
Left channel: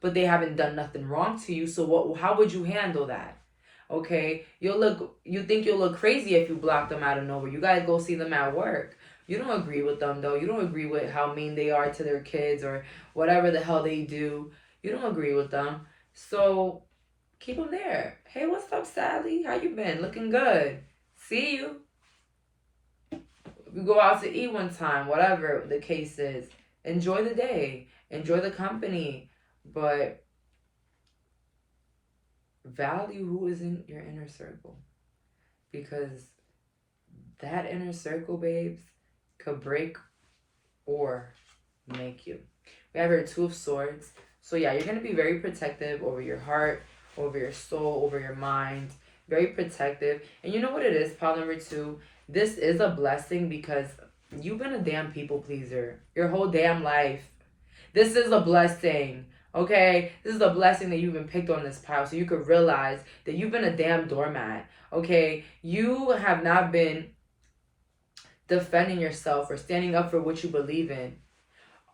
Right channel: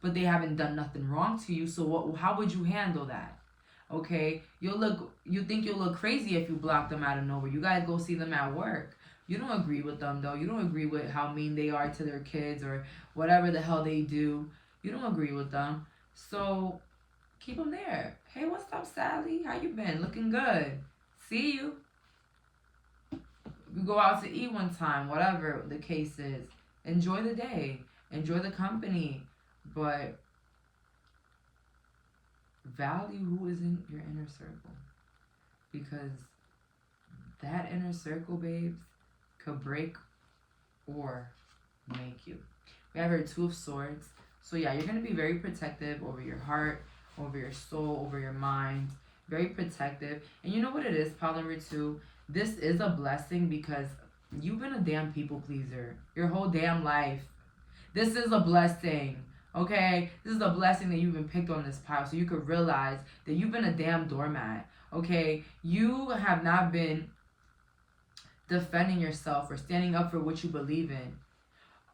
but they haven't done nothing wrong to you. So how would you handle that? Okay, you think you'll look crazy if you block them out of nowhere. You gotta go see them at work. You don't agree with them, though. You don't agree with how mean they are to their kids or whatever the hell they do. You don't agree with them. So keep them there. Hey, what's up, Sally? How you been? Looking good. See you. We go out to eat one time, whatever the case is. Enjoy the day. Enjoy the company. But value who is in your inner circle. Because that inner circle, babes, could break or make you. We have our Two of Swords. So yeah, you're going to be very protective over your heart, over your soul, over your mind. Very protective. And you know what it is, pile number 2? This is a blessing because you've been a damn people pleaser your whole damn life. This is a blessing. Okay? This is a blessing that you've been picked on this pile so you could realize that you've been a damn doormat. Okay? You have not been defending yourself or standing up for what you believe in.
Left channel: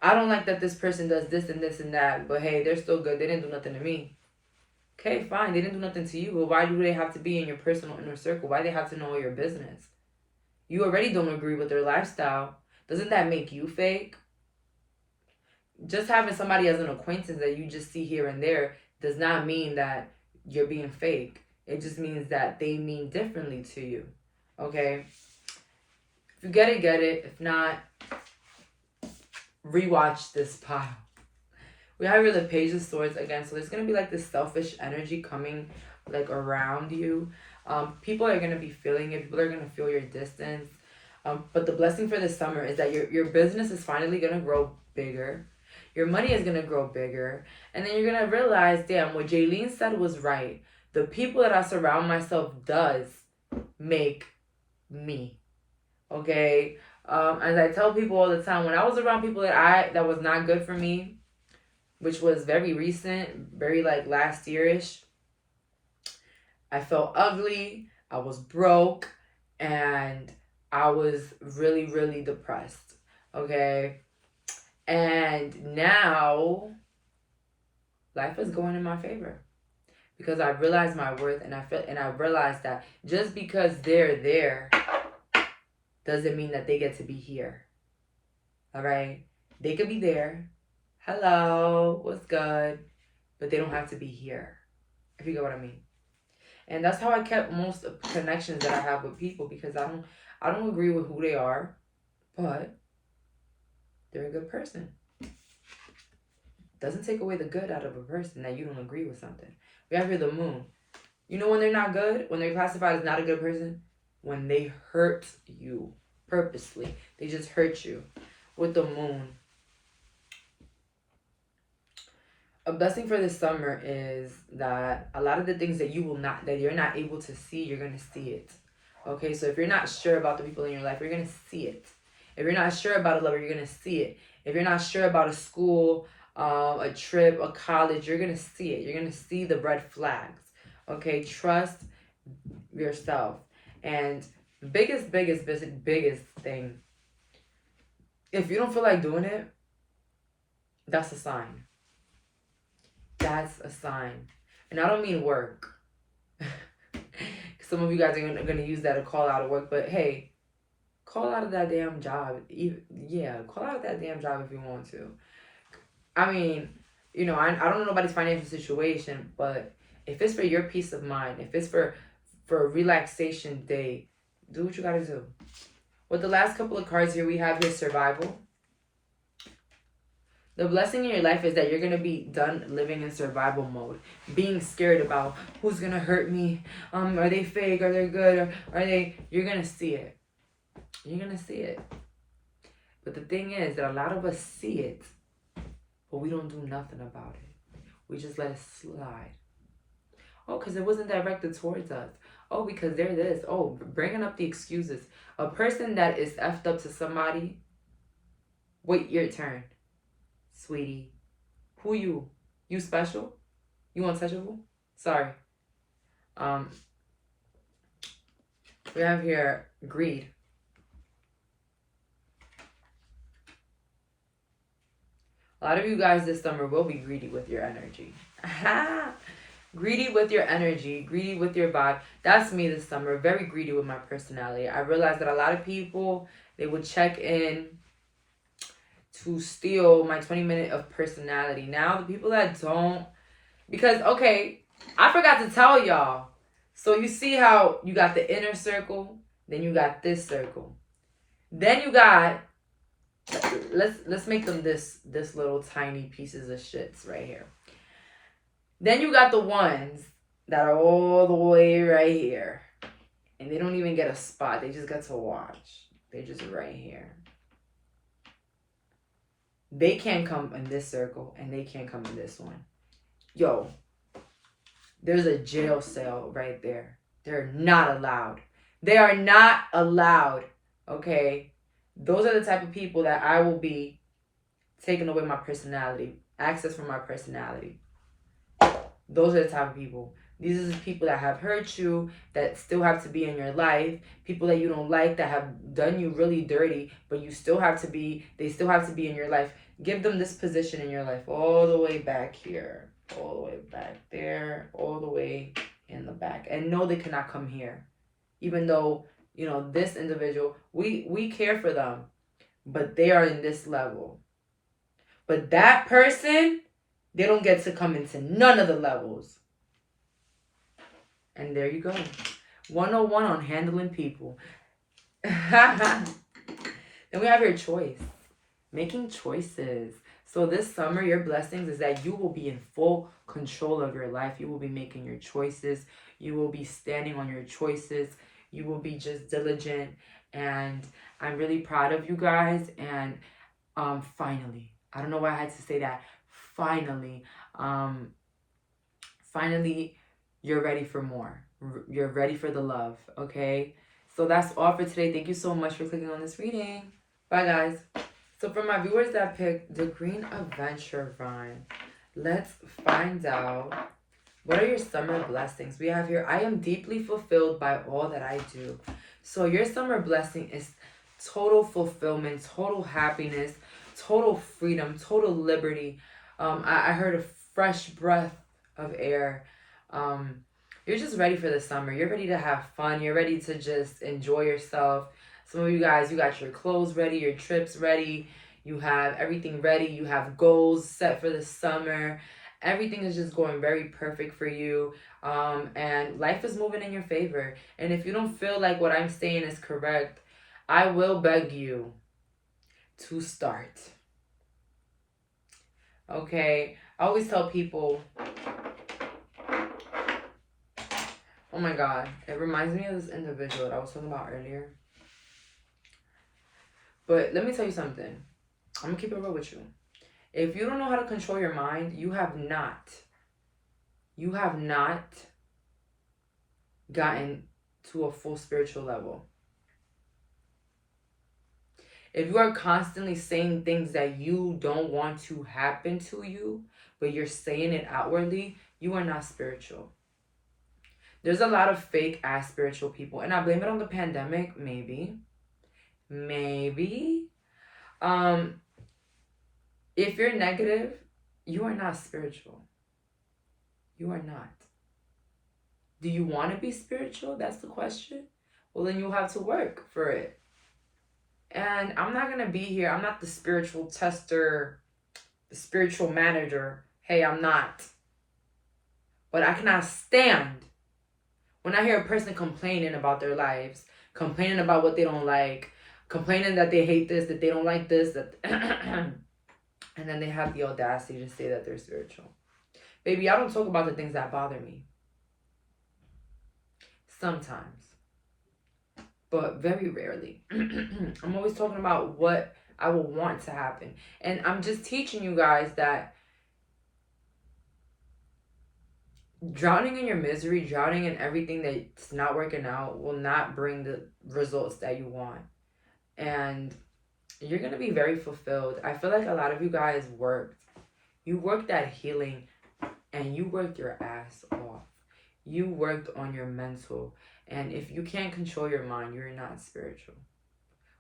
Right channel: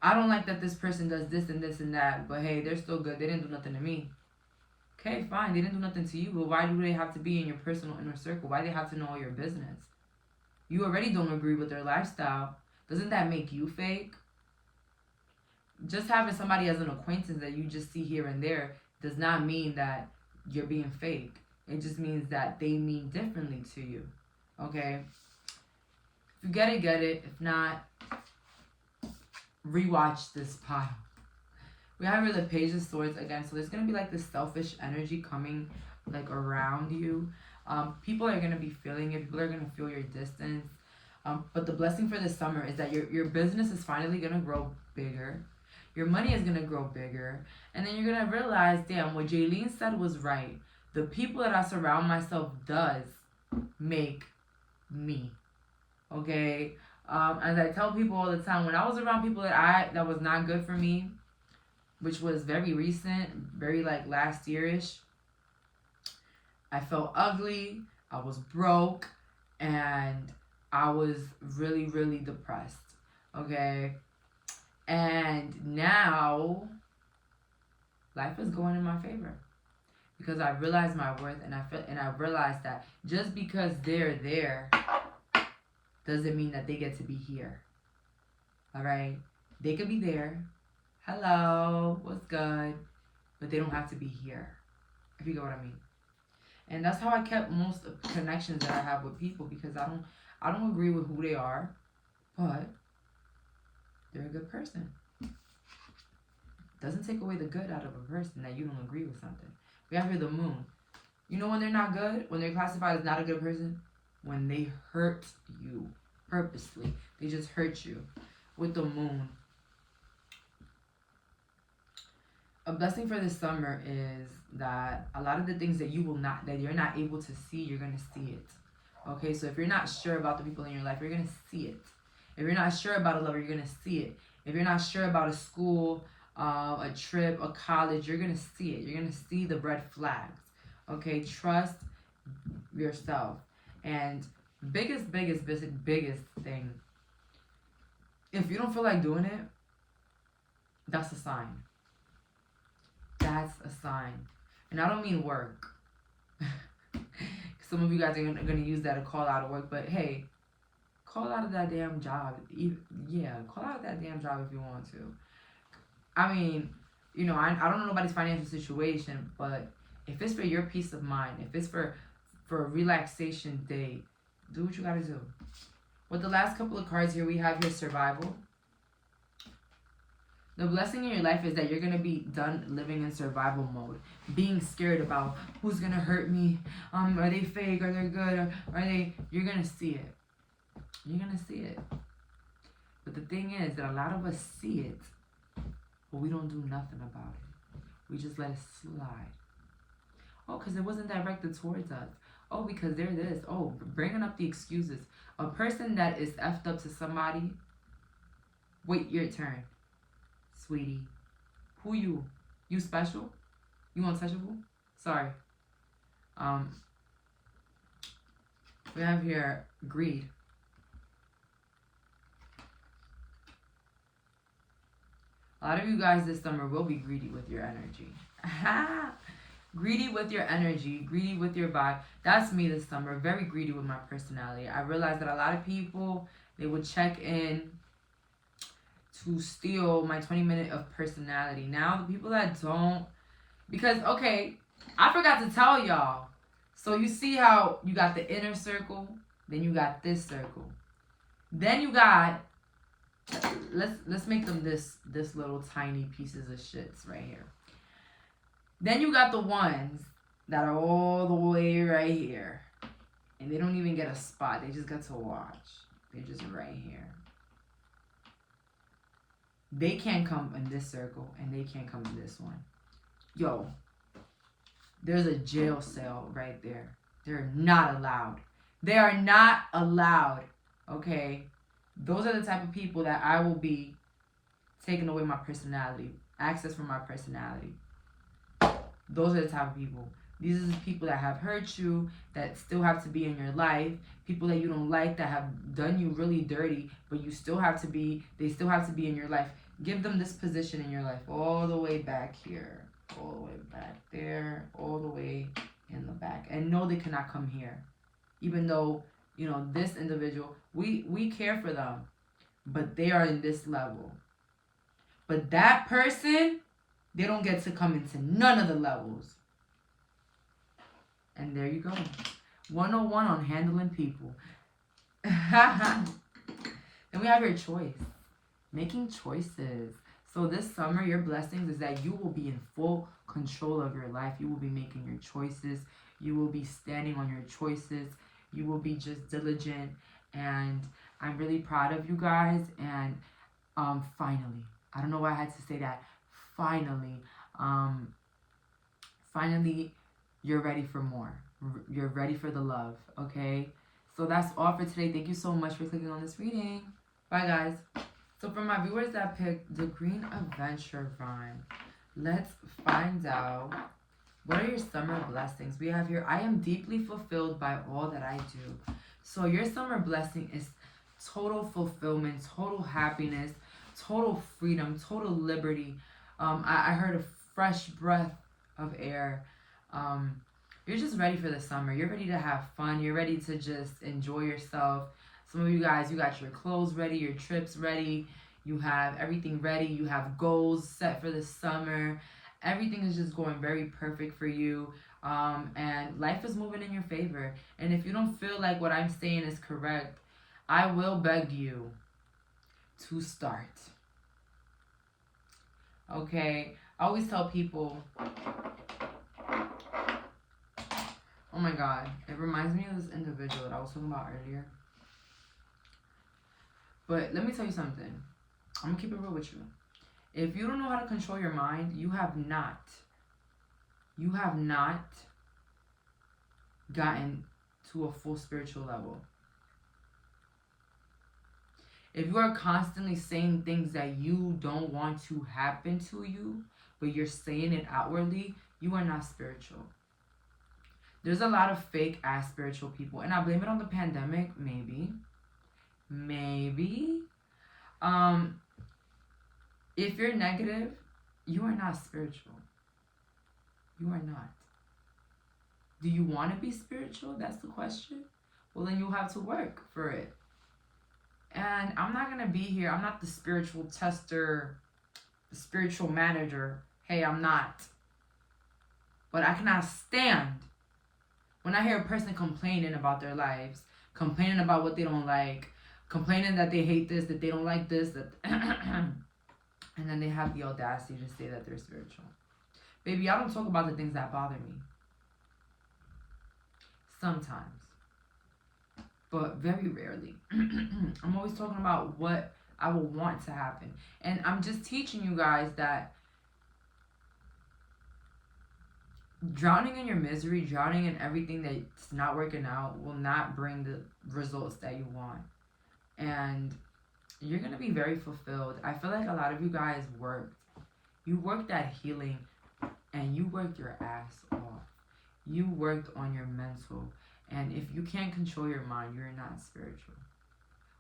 I don't like that this person does this and this and that, but hey, they're still good. They didn't do nothing to me. Okay, fine. They didn't do nothing to you, but why do they have to be in your personal inner circle? Why do they have to know your business? You already don't agree with their lifestyle. Doesn't that make you fake? Just having somebody as an acquaintance that you just see here and there does not mean that you're being fake. It just means that they mean differently to you. Okay? If you get it, get it. If not, rewatch this pile. We have here the Page of Swords again. So there's going to be like this selfish energy coming like around you. People are going to be feeling it. People are going to feel your distance. But the blessing for this summer is that your business is finally going to grow bigger. Your money is going to grow bigger. And then you're going to realize, damn, what Jaylene said was right. The people that I surround myself does make me. Okay? As I tell people all the time, when I was around people that was not good for me, which was very recent, very like last yearish, I felt ugly, I was broke, and I was really, really depressed. Okay? And now life is going in my favor because I realized my worth, and I realized that just because they're there doesn't mean that they get to be here. All right? They could be there. Hello, what's good? But they don't have to be here. If you get what I mean. And that's how I kept most of the connections that I have with people, because I don't agree with who they are, but they're a good person. Doesn't take away the good out of a person that you don't agree with something. We have here the moon. You know when they're not good? When they're classified as not a good person? When they hurt you purposely. They just hurt you. With the moon. A blessing for this summer is that a lot of the things that you're not able to see, you're going to see it. Okay, so if you're not sure about the people in your life, you're going to see it. If you're not sure about a lover, you're going to see it. If you're not sure about a school, a trip, a college, you're going to see it. You're going to see the red flags. Okay, trust yourself. And biggest thing, if you don't feel like doing it, that's a sign. That's a sign. And I don't mean work. Some of you guys are going to use that to call out of work. But hey, call out of that damn job. Yeah, call out of that damn job if you want to. I mean, you know, I don't know nobody's financial situation. But if it's for your peace of mind, if it's for a relaxation day, do what you got to do. With the last couple of cards here, we have here survival. The blessing in your life is that you're going to be done living in survival mode. Being scared about who's going to hurt me. Are they fake? Are they good? Are they... You're going to see it. You're going to see it. But the thing is that a lot of us see it, but we don't do nothing about it. We just let it slide. Oh, because it wasn't directed towards us. Oh, because they're this. Oh, bringing up the excuses. A person that is effed up to somebody, wait your turn. Sweetie, who you? You special? You untouchable? Sorry. We have here greed. A lot of you guys this summer will be greedy with your energy. Greedy with your energy, greedy with your vibe. That's me this summer. Very greedy with my personality. I realized that a lot of people, they would check in to steal my 20 minute of personality. Now the people that don't, because okay, I forgot to tell y'all. So you see how you got the inner circle, then you got this circle, then you got, let's make them this little tiny pieces of shits right here. Then you got the ones that are all the way right here, and they don't even get a spot. They just get to watch. They're just right here. They can't come in this circle, and they can't come in this one. Yo, there's a jail cell right there. They're not allowed. They are not allowed, okay? Those are the type of people that I will be taking away my personality, access from my personality. Those are the type of people. These are the people that have hurt you, that still have to be in your life. People that you don't like, that have done you really dirty, but you still have to be, they still have to be in your life. Give them this position in your life, all the way back here, all the way back there, all the way in the back. And no, they cannot come here. Even though, you know, this individual, we care for them, but they are in this level. But that person, they don't get to come into none of the levels. And there you go. 101 on handling people. Then we have your choice. Making choices. So this summer, your blessings is that you will be in full control of your life. You will be making your choices. You will be standing on your choices. You will be just diligent. And I'm really proud of you guys. And finally, I don't know why I had to say that. Finally, you're ready for more. You're ready for the love, okay? So that's all for today. Thank you so much for clicking on this reading. Bye, guys. So for my viewers that picked the Green Adventure Vine, let's find out, what are your summer blessings? We have here, I am deeply fulfilled by all that I do. So your summer blessing is total fulfillment, total happiness, total freedom, total liberty. I heard a fresh breath of air. You're just ready for the summer. You're ready to have fun. You're ready to just enjoy yourself. Some of you guys, you got your clothes ready, your trips ready. You have everything ready. You have goals set for the summer. Everything is just going very perfect for you. And life is moving in your favor. And if you don't feel like what I'm saying is correct, I will beg you to start. Okay? I always tell people, oh my God, it reminds me of this individual that I was talking about earlier. But let me tell you something. I'm going to keep it real with you. If you don't know how to control your mind, you have not gotten to a full spiritual level. If you are constantly saying things that you don't want to happen to you, but you're saying it outwardly, you are not spiritual. There's a lot of fake ass spiritual people, and I blame it on the pandemic, maybe. If you're negative, you are not spiritual. You are not. Do you want to be spiritual? That's the question. Well, then you'll have to work for it. And I'm not going to be here. I'm not the spiritual tester, the spiritual manager. Hey, I'm not. But I cannot stand when I hear a person complaining about their lives, complaining about what they don't like, complaining that they hate this, that they don't like this, that and then they have the audacity to say that they're spiritual. Baby, I don't talk about the things that bother me. Sometimes. But very rarely. I'm always talking about what I will want to happen. And I'm just teaching you guys that drowning in your misery, drowning in everything that's not working out will not bring the results that you want. And you're going to be very fulfilled. I feel like a lot of you guys worked. You worked at healing and you worked your ass off. You worked on your mental. And if you can't control your mind, you're not spiritual.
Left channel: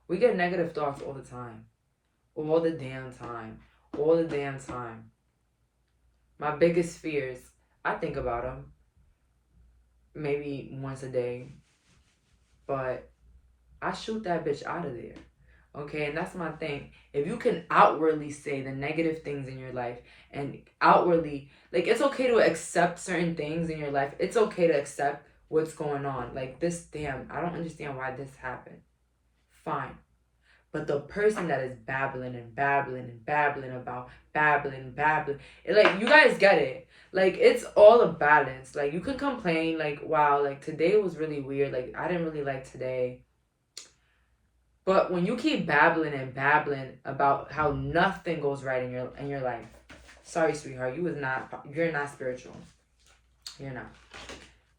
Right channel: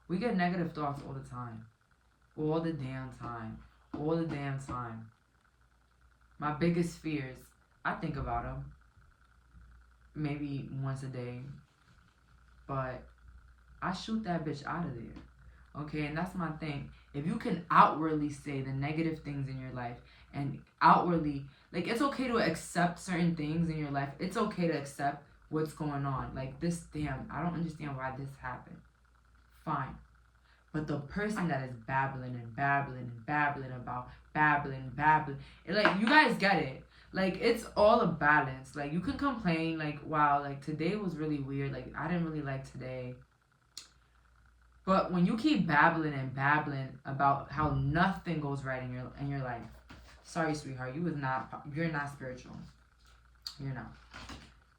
We get negative thoughts all the time. All the damn time. All the damn time. My biggest fears, I think about them maybe once a day. But I shoot that bitch out of there. Okay, and that's my thing. If you can outwardly say the negative things in your life and outwardly, like, it's okay to accept certain things in your life. It's okay to accept what's going on. Like, this, damn, I don't understand why this happened. Fine. But the person that is babbling about babbling, like, you guys get it. Like, it's all a balance. Like, you can complain, like, wow, like, today was really weird. Like, I didn't really like today. But when you keep babbling about how nothing goes right in your life, sorry, sweetheart, you're not spiritual. You're not.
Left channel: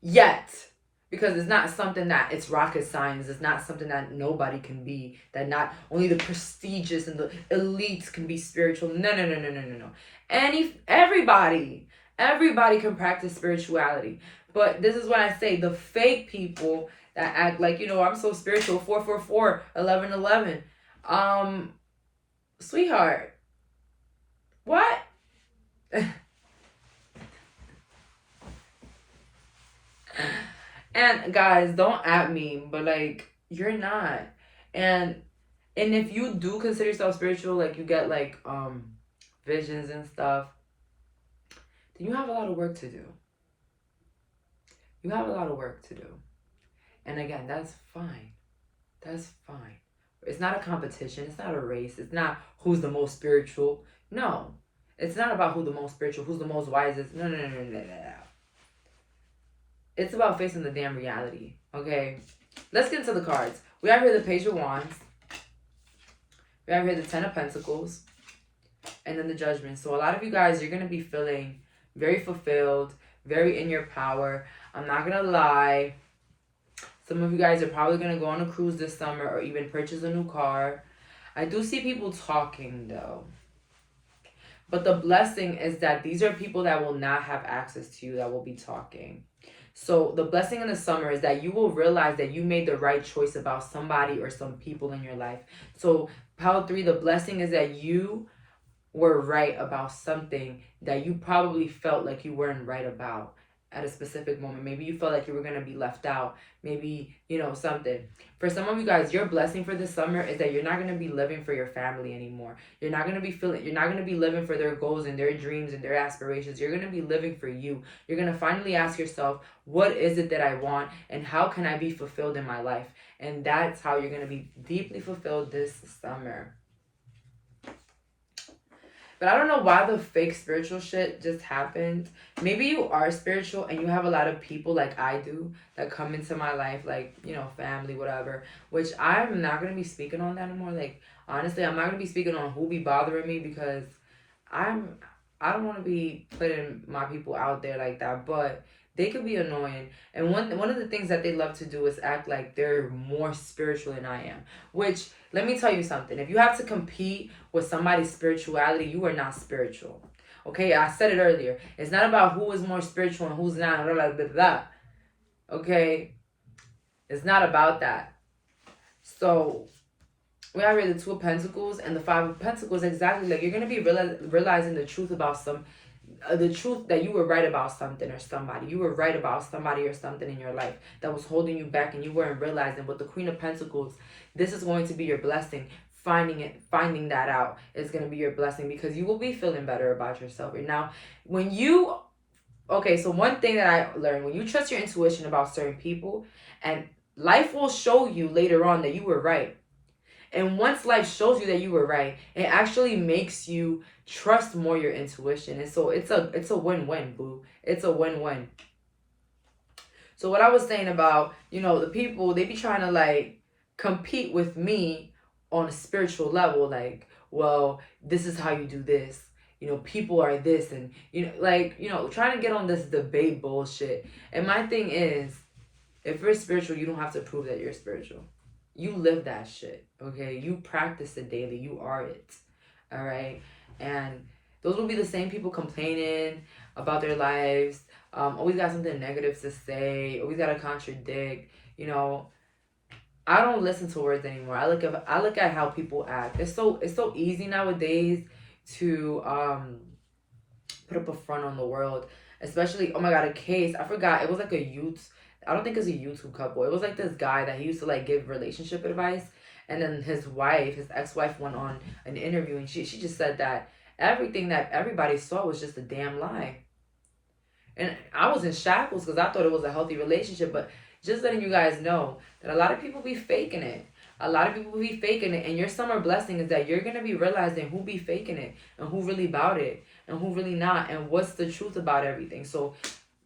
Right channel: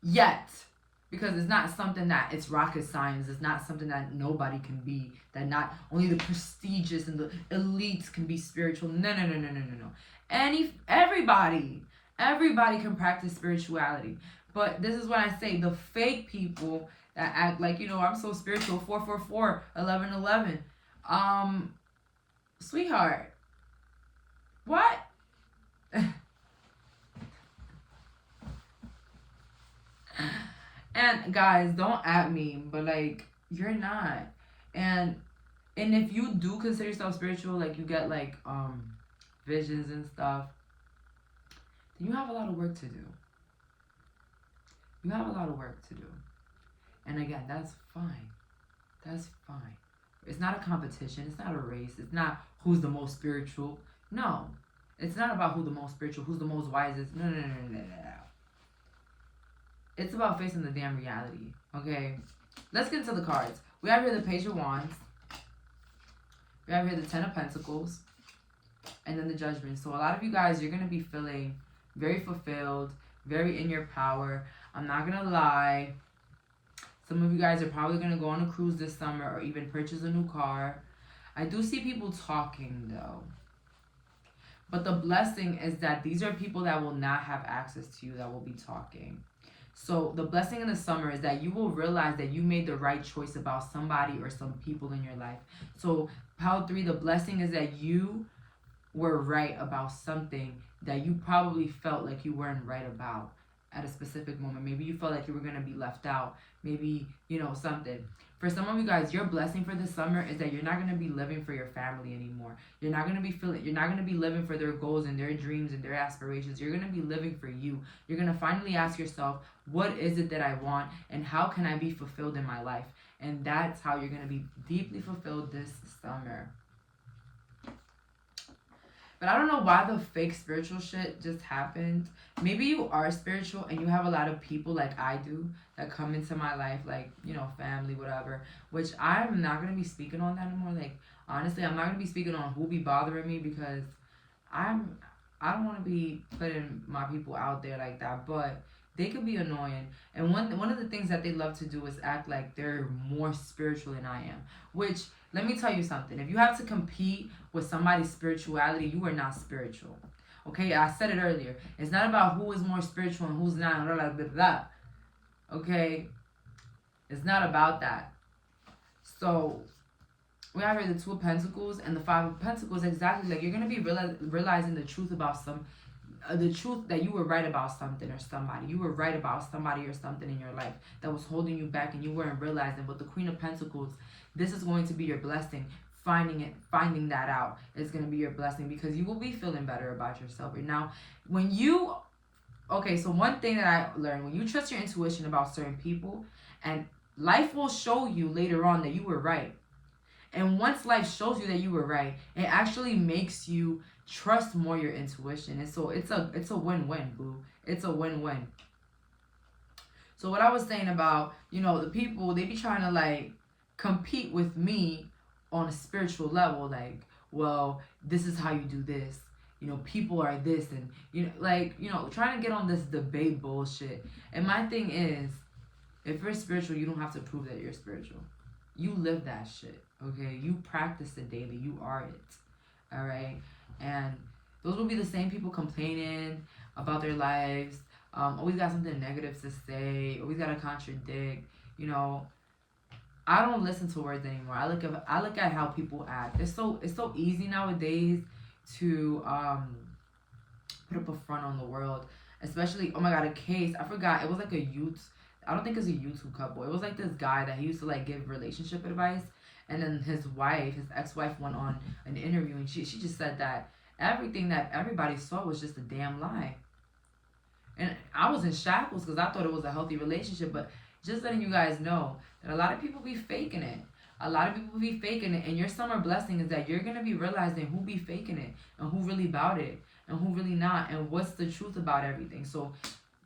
Yet. Because it's not something that it's rocket science. It's not something that nobody can be. That not only the prestigious and the elites can be spiritual. No. Everybody can practice spirituality. But this is what I say. The fake people that act like, I'm so spiritual, 444, 1111. Sweetheart, what? And guys, don't at me, but like, you're not. And if you do consider yourself spiritual, like you get like visions and stuff, then you have a lot of work to do. You have a lot of work to do. And again, that's fine. That's fine. It's not a competition. It's not a race. It's not who's the most spiritual. No. It's not about who's the most spiritual, who's the most wisest. No. It's about facing the damn reality. Okay? Let's get into the cards. We have here the Page of Wands. We have here the Ten of Pentacles. And then the Judgment. So a lot of you guys, you're going to be feeling very fulfilled, very in your power. I'm not going to lie. Some of you guys are probably going to go on a cruise this summer or even purchase a new car. I do see people talking though. But the blessing is that these are people that will not have access to you that will be talking. So the blessing in the summer is that you will realize that you made the right choice about somebody or some people in your life. So pile 3, the blessing is that you were right about something that you probably felt like you weren't right about at a specific moment. Maybe you felt like you were going to be left out. Maybe, you know, something. For some of you guys, your blessing for this summer is that you're not going to be living for your family anymore. You're not going to be living for their goals and their dreams and their aspirations. You're going to be living for you. You're going to finally ask yourself, what is it that I want and how can I be fulfilled in my life? And that's how you're going to be deeply fulfilled this summer. But I don't know why the fake spiritual shit just happened. Maybe you are spiritual and you have a lot of people like I do that come into my life, like, you know, family, whatever. Which I'm not going to be speaking on that anymore. Like, honestly, I'm not going to be speaking on who be bothering me because I don't want to be putting my people out there like that. But they could be annoying. And one of the things that they love to do is act like they're more spiritual than I am. Which, let me tell you something. If you have to compete with somebody's spirituality, you are not spiritual. Okay, I said it earlier. It's not about who is more spiritual and who's not. Blah, blah, blah, blah. Okay? It's not about that. So, we have here the 2 of Pentacles and the 5 of Pentacles. Exactly. Like, you're going to be realizing the truth about the truth that you were right about something or somebody. You were right about somebody or something in your life that was holding you back and you weren't realizing. With the Queen of Pentacles, this is going to be your blessing. Finding that out is going to be your blessing because you will be feeling better about yourself. And now, so one thing that I learned, when you trust your intuition about certain people, and life will show you later on that you were right. And once life shows you that you were right, it actually makes you trust more your intuition. And so it's a win-win, boo. It's a win-win. So what I was saying about, you know, the people, they be trying to like compete with me on a spiritual level. Like, well, this is how you do this. You know, people are this and, you know, like, you know, trying to get on this debate bullshit. And my thing is, if you're spiritual, you don't have to prove that you're spiritual. You live that shit, okay? You practice it daily. You are it, all right? And those will be the same people complaining about their lives, always got something negative to say, always got to contradict, you know. I don't listen to words anymore. I look at how people act. It's so easy nowadays to put up a front on the world, especially, oh my God, a case. I forgot. It was like I don't think it's a YouTube couple. It was like this guy that he used to like give relationship advice. And then his ex-wife went on an interview and she just said that everything that everybody saw was just a damn lie. And I was in shackles because I thought it was a healthy relationship. But just letting you guys know that a lot of people be faking it. A lot of people be faking it. And your summer blessing is that you're going to be realizing who be faking it and who really about it and who really not and what's the truth about everything. So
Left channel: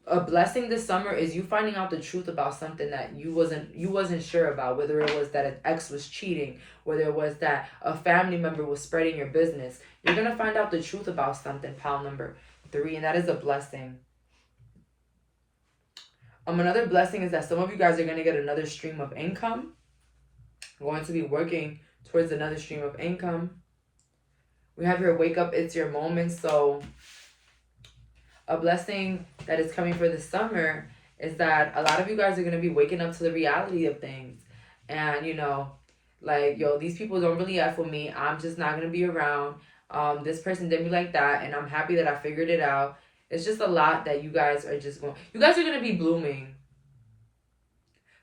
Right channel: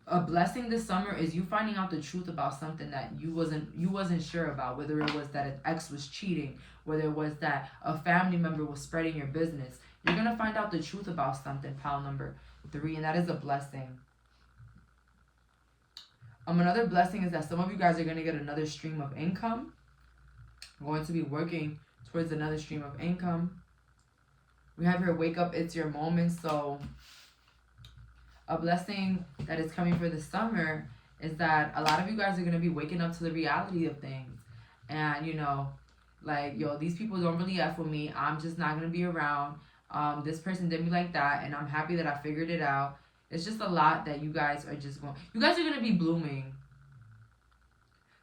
a blessing this summer is you finding out the truth about something that you wasn't sure about, whether it was that an ex was cheating, whether it was that a family member was spreading your business. You're going to find out the truth about something, pile number 3, and that is a blessing. Another blessing is that some of you guys are going to get another stream of income. You're going to be working towards another stream of income. We have here, wake up, it's your moment. So a blessing that is coming for the summer is that a lot of you guys are going to be waking up to the reality of things. And, you know, like, yo, these people don't really F with me. I'm just not going to be around. This person did me like that, and I'm happy that I figured it out. It's just a lot that you guys are you guys are going to be blooming.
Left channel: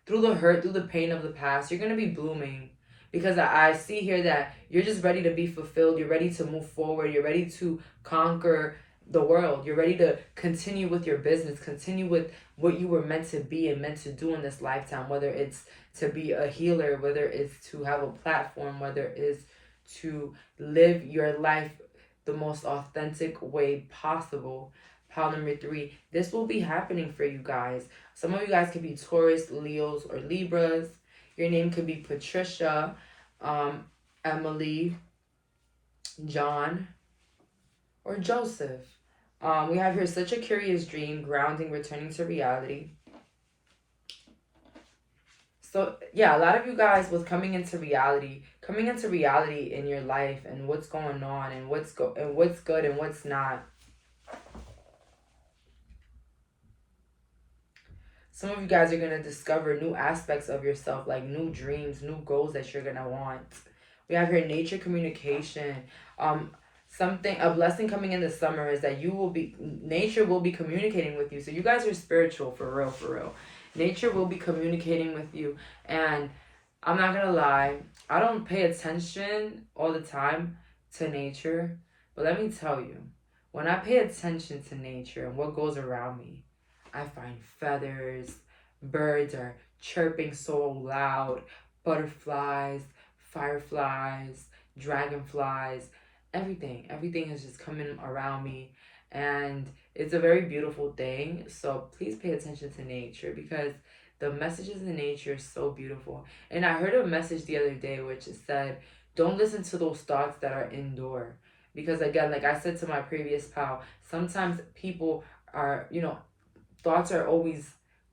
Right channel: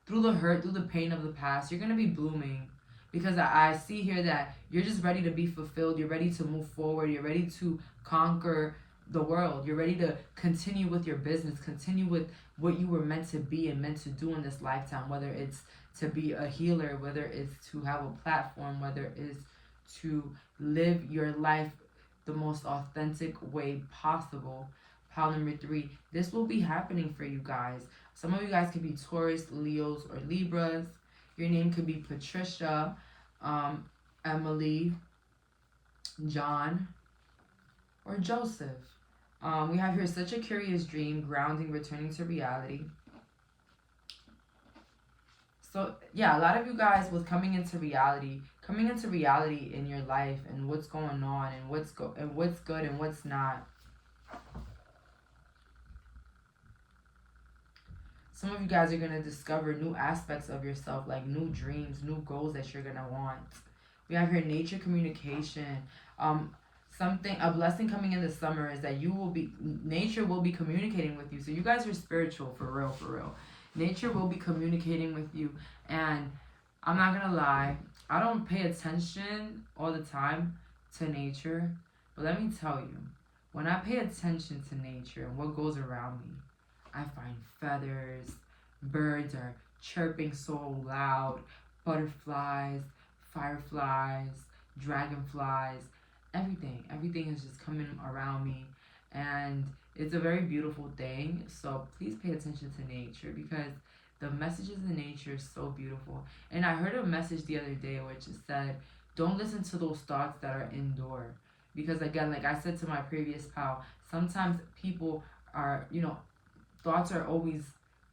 Through the hurt, through the pain of the past, you're going to be blooming. Because I see here that you're just ready to be fulfilled. You're ready to move forward. You're ready to conquer the world. You're ready to continue with your business, continue with what you were meant to be and meant to do in this lifetime, whether it's to be a healer, whether it's to have a platform, whether it's to live your life the most authentic way possible. Pile number 3, this will be happening for you guys. Some of you guys could be Taurus, Leos, or Libras. Your name could be Patricia, Emily, John, or Joseph. We have here such a curious dream, grounding, returning to reality. So yeah, a lot of you guys was coming into reality in your life and what's going on and what's good and what's not. Some of you guys are gonna discover new aspects of yourself, like new dreams, new goals that you're gonna want. We have here nature communication. A blessing coming in the summer is that nature will be communicating with you. So you guys are spiritual for real, for real. Nature will be communicating with you, and I'm not gonna lie, I don't pay attention all the time to nature, but let me tell you, when I pay attention to nature and what goes around me, I find feathers, birds are chirping so loud, butterflies, fireflies, dragonflies, everything is just coming around me, and it's a very beautiful thing. So please pay attention to nature, because the messages in nature are so beautiful. And I heard a message the other day which said, don't listen to those thoughts that are indoor, because again, like I said to my previous pal, sometimes people are, thoughts are always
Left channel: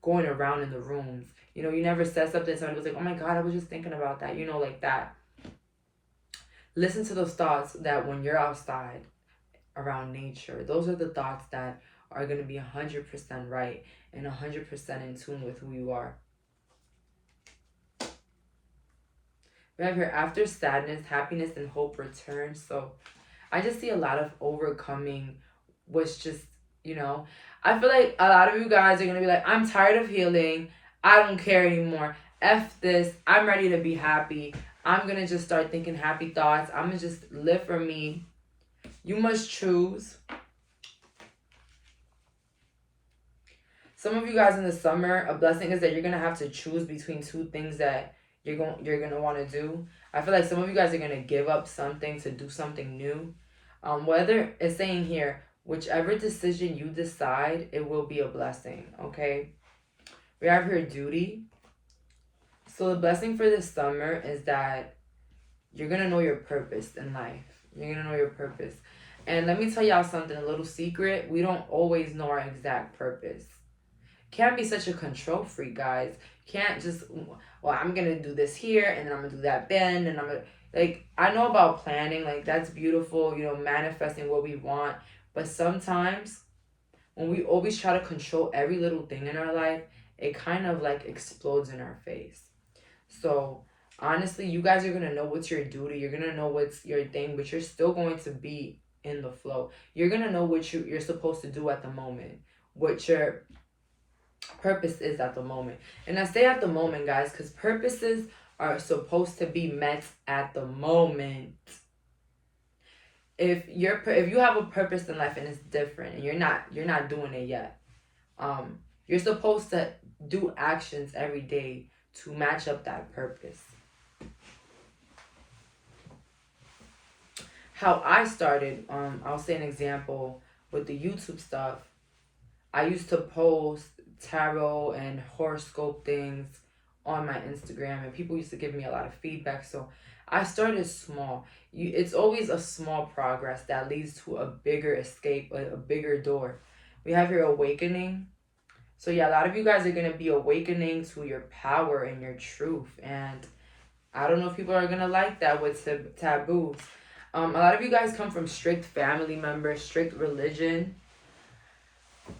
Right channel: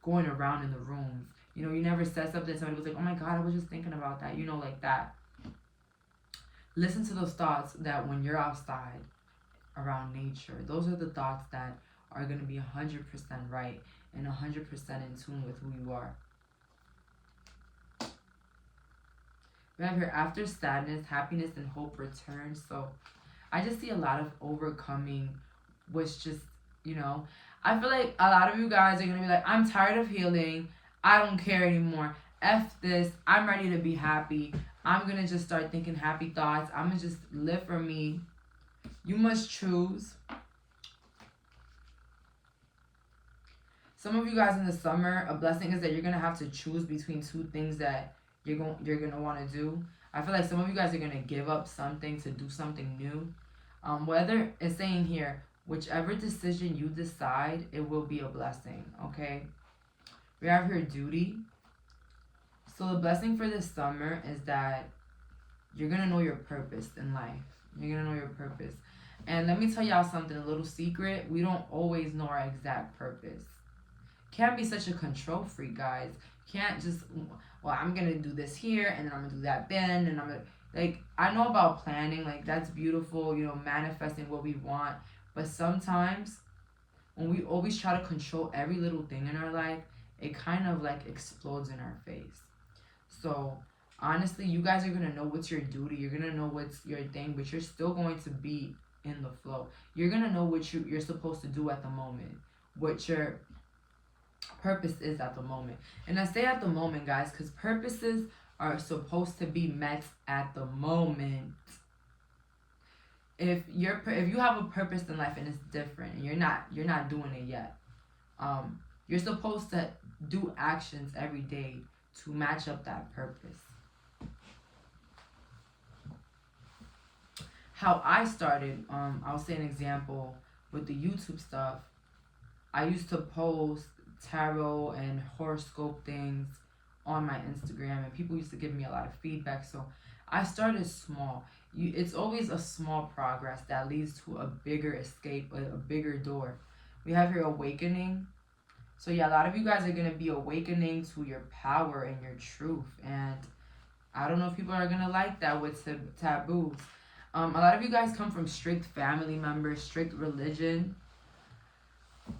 going around in the rooms. You never said something, somebody was like, oh my god, I was just thinking about that, like that. Listen to those thoughts that when you're outside around nature, those are the thoughts that are going to be 100% right and 100% in tune with who you are. We have here, after sadness, happiness and hope return. So I just see a lot of overcoming, which just, I feel like a lot of you guys are going to be like, I'm tired of healing. I don't care anymore. F this. I'm ready to be happy. I'm going to just start thinking happy thoughts. I'm going to just live for me. You must choose. Some of you guys in the summer, a blessing is that you're going to have to choose between two things that you're going to want to do. I feel like some of you guys are going to give up something to do something new. Whether it's saying here, whichever decision you decide, it will be a blessing, okay? We have here duty. So the blessing for this summer is that you're going to know your purpose in life. You're going to know your purpose. And let me tell y'all something, a little secret. We don't always know our exact purpose. Can't be such a control freak, guys. Can't just, well, I'm going to do this here, and then I'm going to do that then, and I'm going to, like, I know about planning. Like, that's beautiful, manifesting what we want. But sometimes, when we always try to control every little thing in our life, it kind of, like, explodes in our face. So, honestly, you guys are going to know what's your duty. You're going to know what's your thing, but you're still going to be in the flow. You're going to know what you're supposed to do at the moment, what your purpose is at the moment. And I say at the moment, guys, because purposes are supposed to be met at the moment. If you have a purpose in life and it's different and you're not doing it yet, you're supposed to do actions every day to match up that purpose. How I started, I'll say an example with the YouTube stuff. I used to post tarot and horoscope things on my Instagram, and people used to give me a lot of feedback. So I started small. It's always a small progress that leads to a bigger escape, a bigger door. We have your awakening. So yeah, a lot of you guys are going to be awakening to your power and your truth. And I don't know if people are going to like that with taboos. A lot of you guys come from strict family members, strict religion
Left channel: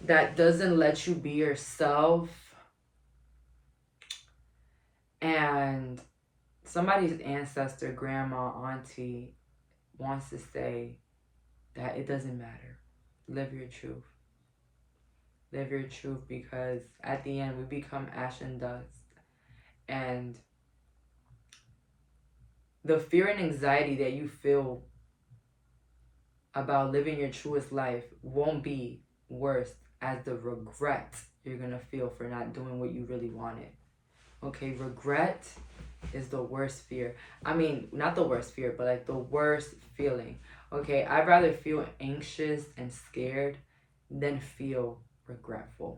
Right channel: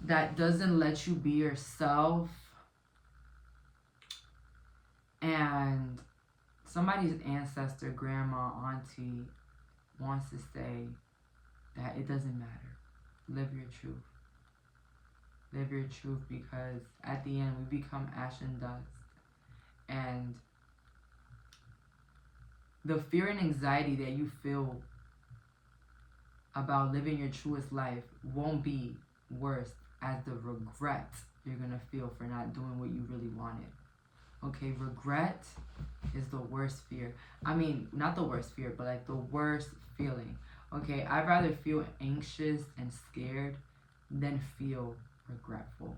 that doesn't let you be yourself. And somebody's ancestor, grandma, auntie wants to say that it doesn't matter. Live your truth. Live your truth, because at the end we become ash and dust. And the fear and anxiety that you feel about living your truest life won't be worse as the regret you're going to feel for not doing what you really wanted. Okay, regret is the worst fear. I mean, not the worst fear, but like the worst feeling. Okay, I'd rather feel anxious and scared than feel regretful.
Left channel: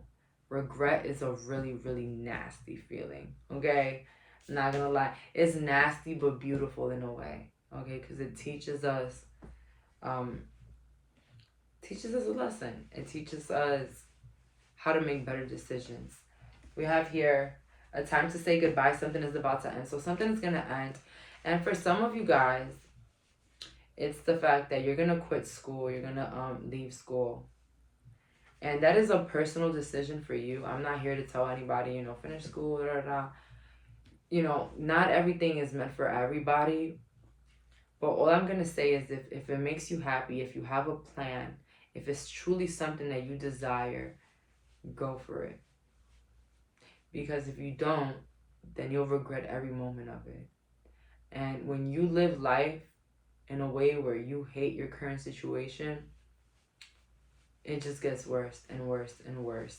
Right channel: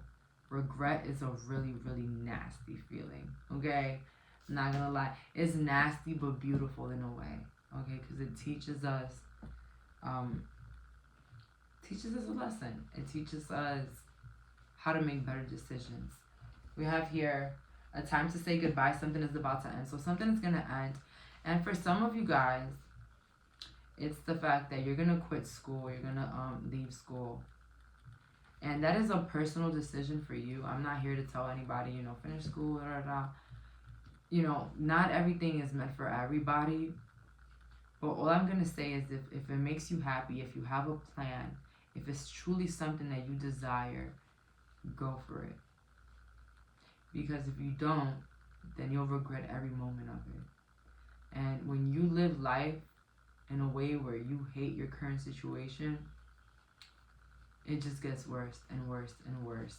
Regret is a really, really nasty feeling. Okay, I'm not gonna lie. It's nasty but beautiful in a way. Okay, because it teaches us a lesson. It teaches us how to make better decisions. We have here A time to say goodbye. Something is about to end. So something is going to end. And for some of you guys, it's the fact that you're going to quit school. You're going to leave school. And that is a personal decision for you. I'm not here to tell anybody, you know, finish school, da, da, da. You know, not everything is meant for everybody. But all I'm going to say is if it makes you happy, if you have a plan, if it's truly something that you desire, go for it. Because if you don't, then you'll regret every moment of it. And when you live life in a way where you hate your current situation, it just gets worse and worse and worse.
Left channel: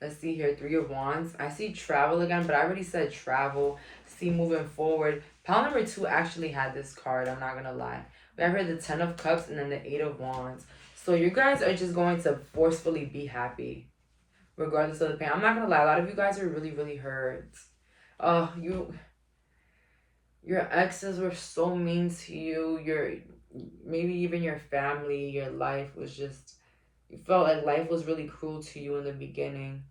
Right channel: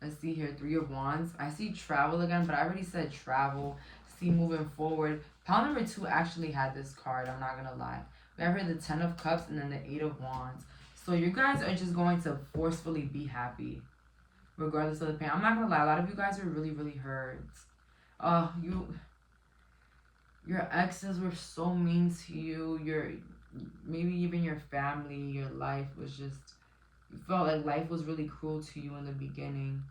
Let's see here, 3 of Wands. I see travel again, but I already said travel. See moving forward. Pile number 2 actually had this card, I'm not going to lie. We have here the 10 of Cups and then the 8 of Wands. So you guys are just going to forcefully be happy, regardless of the pain. I'm not going to lie, a lot of you guys are really, really hurt. Your exes were so mean to you. Maybe even your family, your life was just, you felt like life was really cruel to you in the beginning.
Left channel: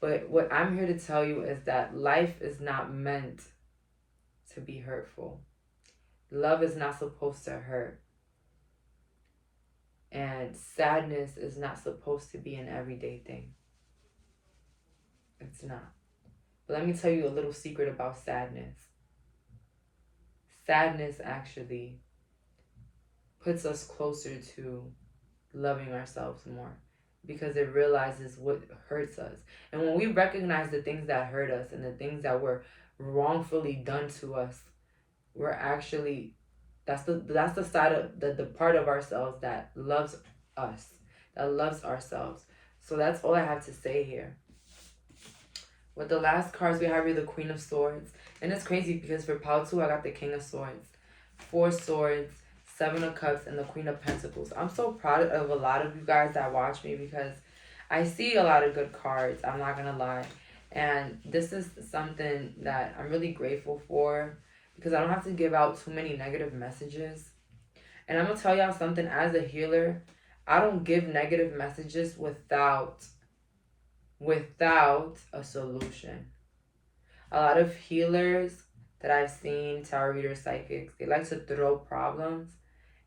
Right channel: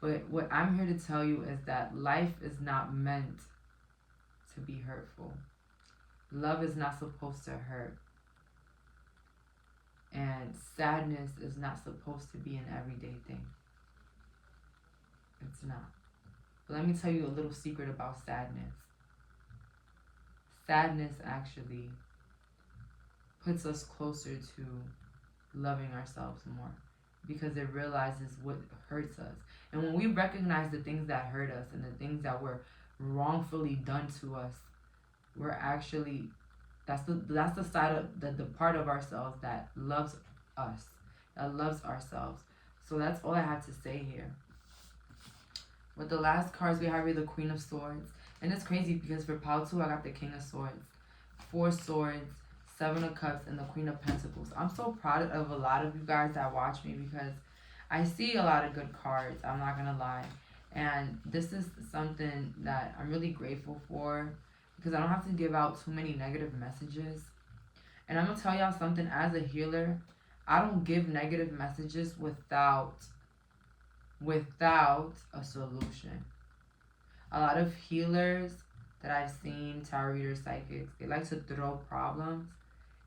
But what I'm here to tell you is that life is not meant to be hurtful. Love is not supposed to hurt. And sadness is not supposed to be an everyday thing. It's not. But let me tell you a little secret about sadness. Sadness actually puts us closer to loving ourselves more, because it realizes what hurts us. And when we recognize the things that hurt us and the things that were wrongfully done to us, we're actually, that's the side of the part of ourselves that loves us, that loves ourselves. So that's all I have to say here. With the last cards, we have here the Queen of Swords. And it's crazy because for pile 2, I got the King of Swords, 4 Swords, 7 of Cups, and the Queen of Pentacles. I'm so proud of a lot of you guys that watch me because I see a lot of good cards. I'm not going to lie. And this is something that I'm really grateful for because I don't have to give out too many negative messages. And I'm going to tell y'all something. As a healer, I don't give negative messages without a solution. A lot of healers that I've seen, tarot readers, psychics, they like to throw problems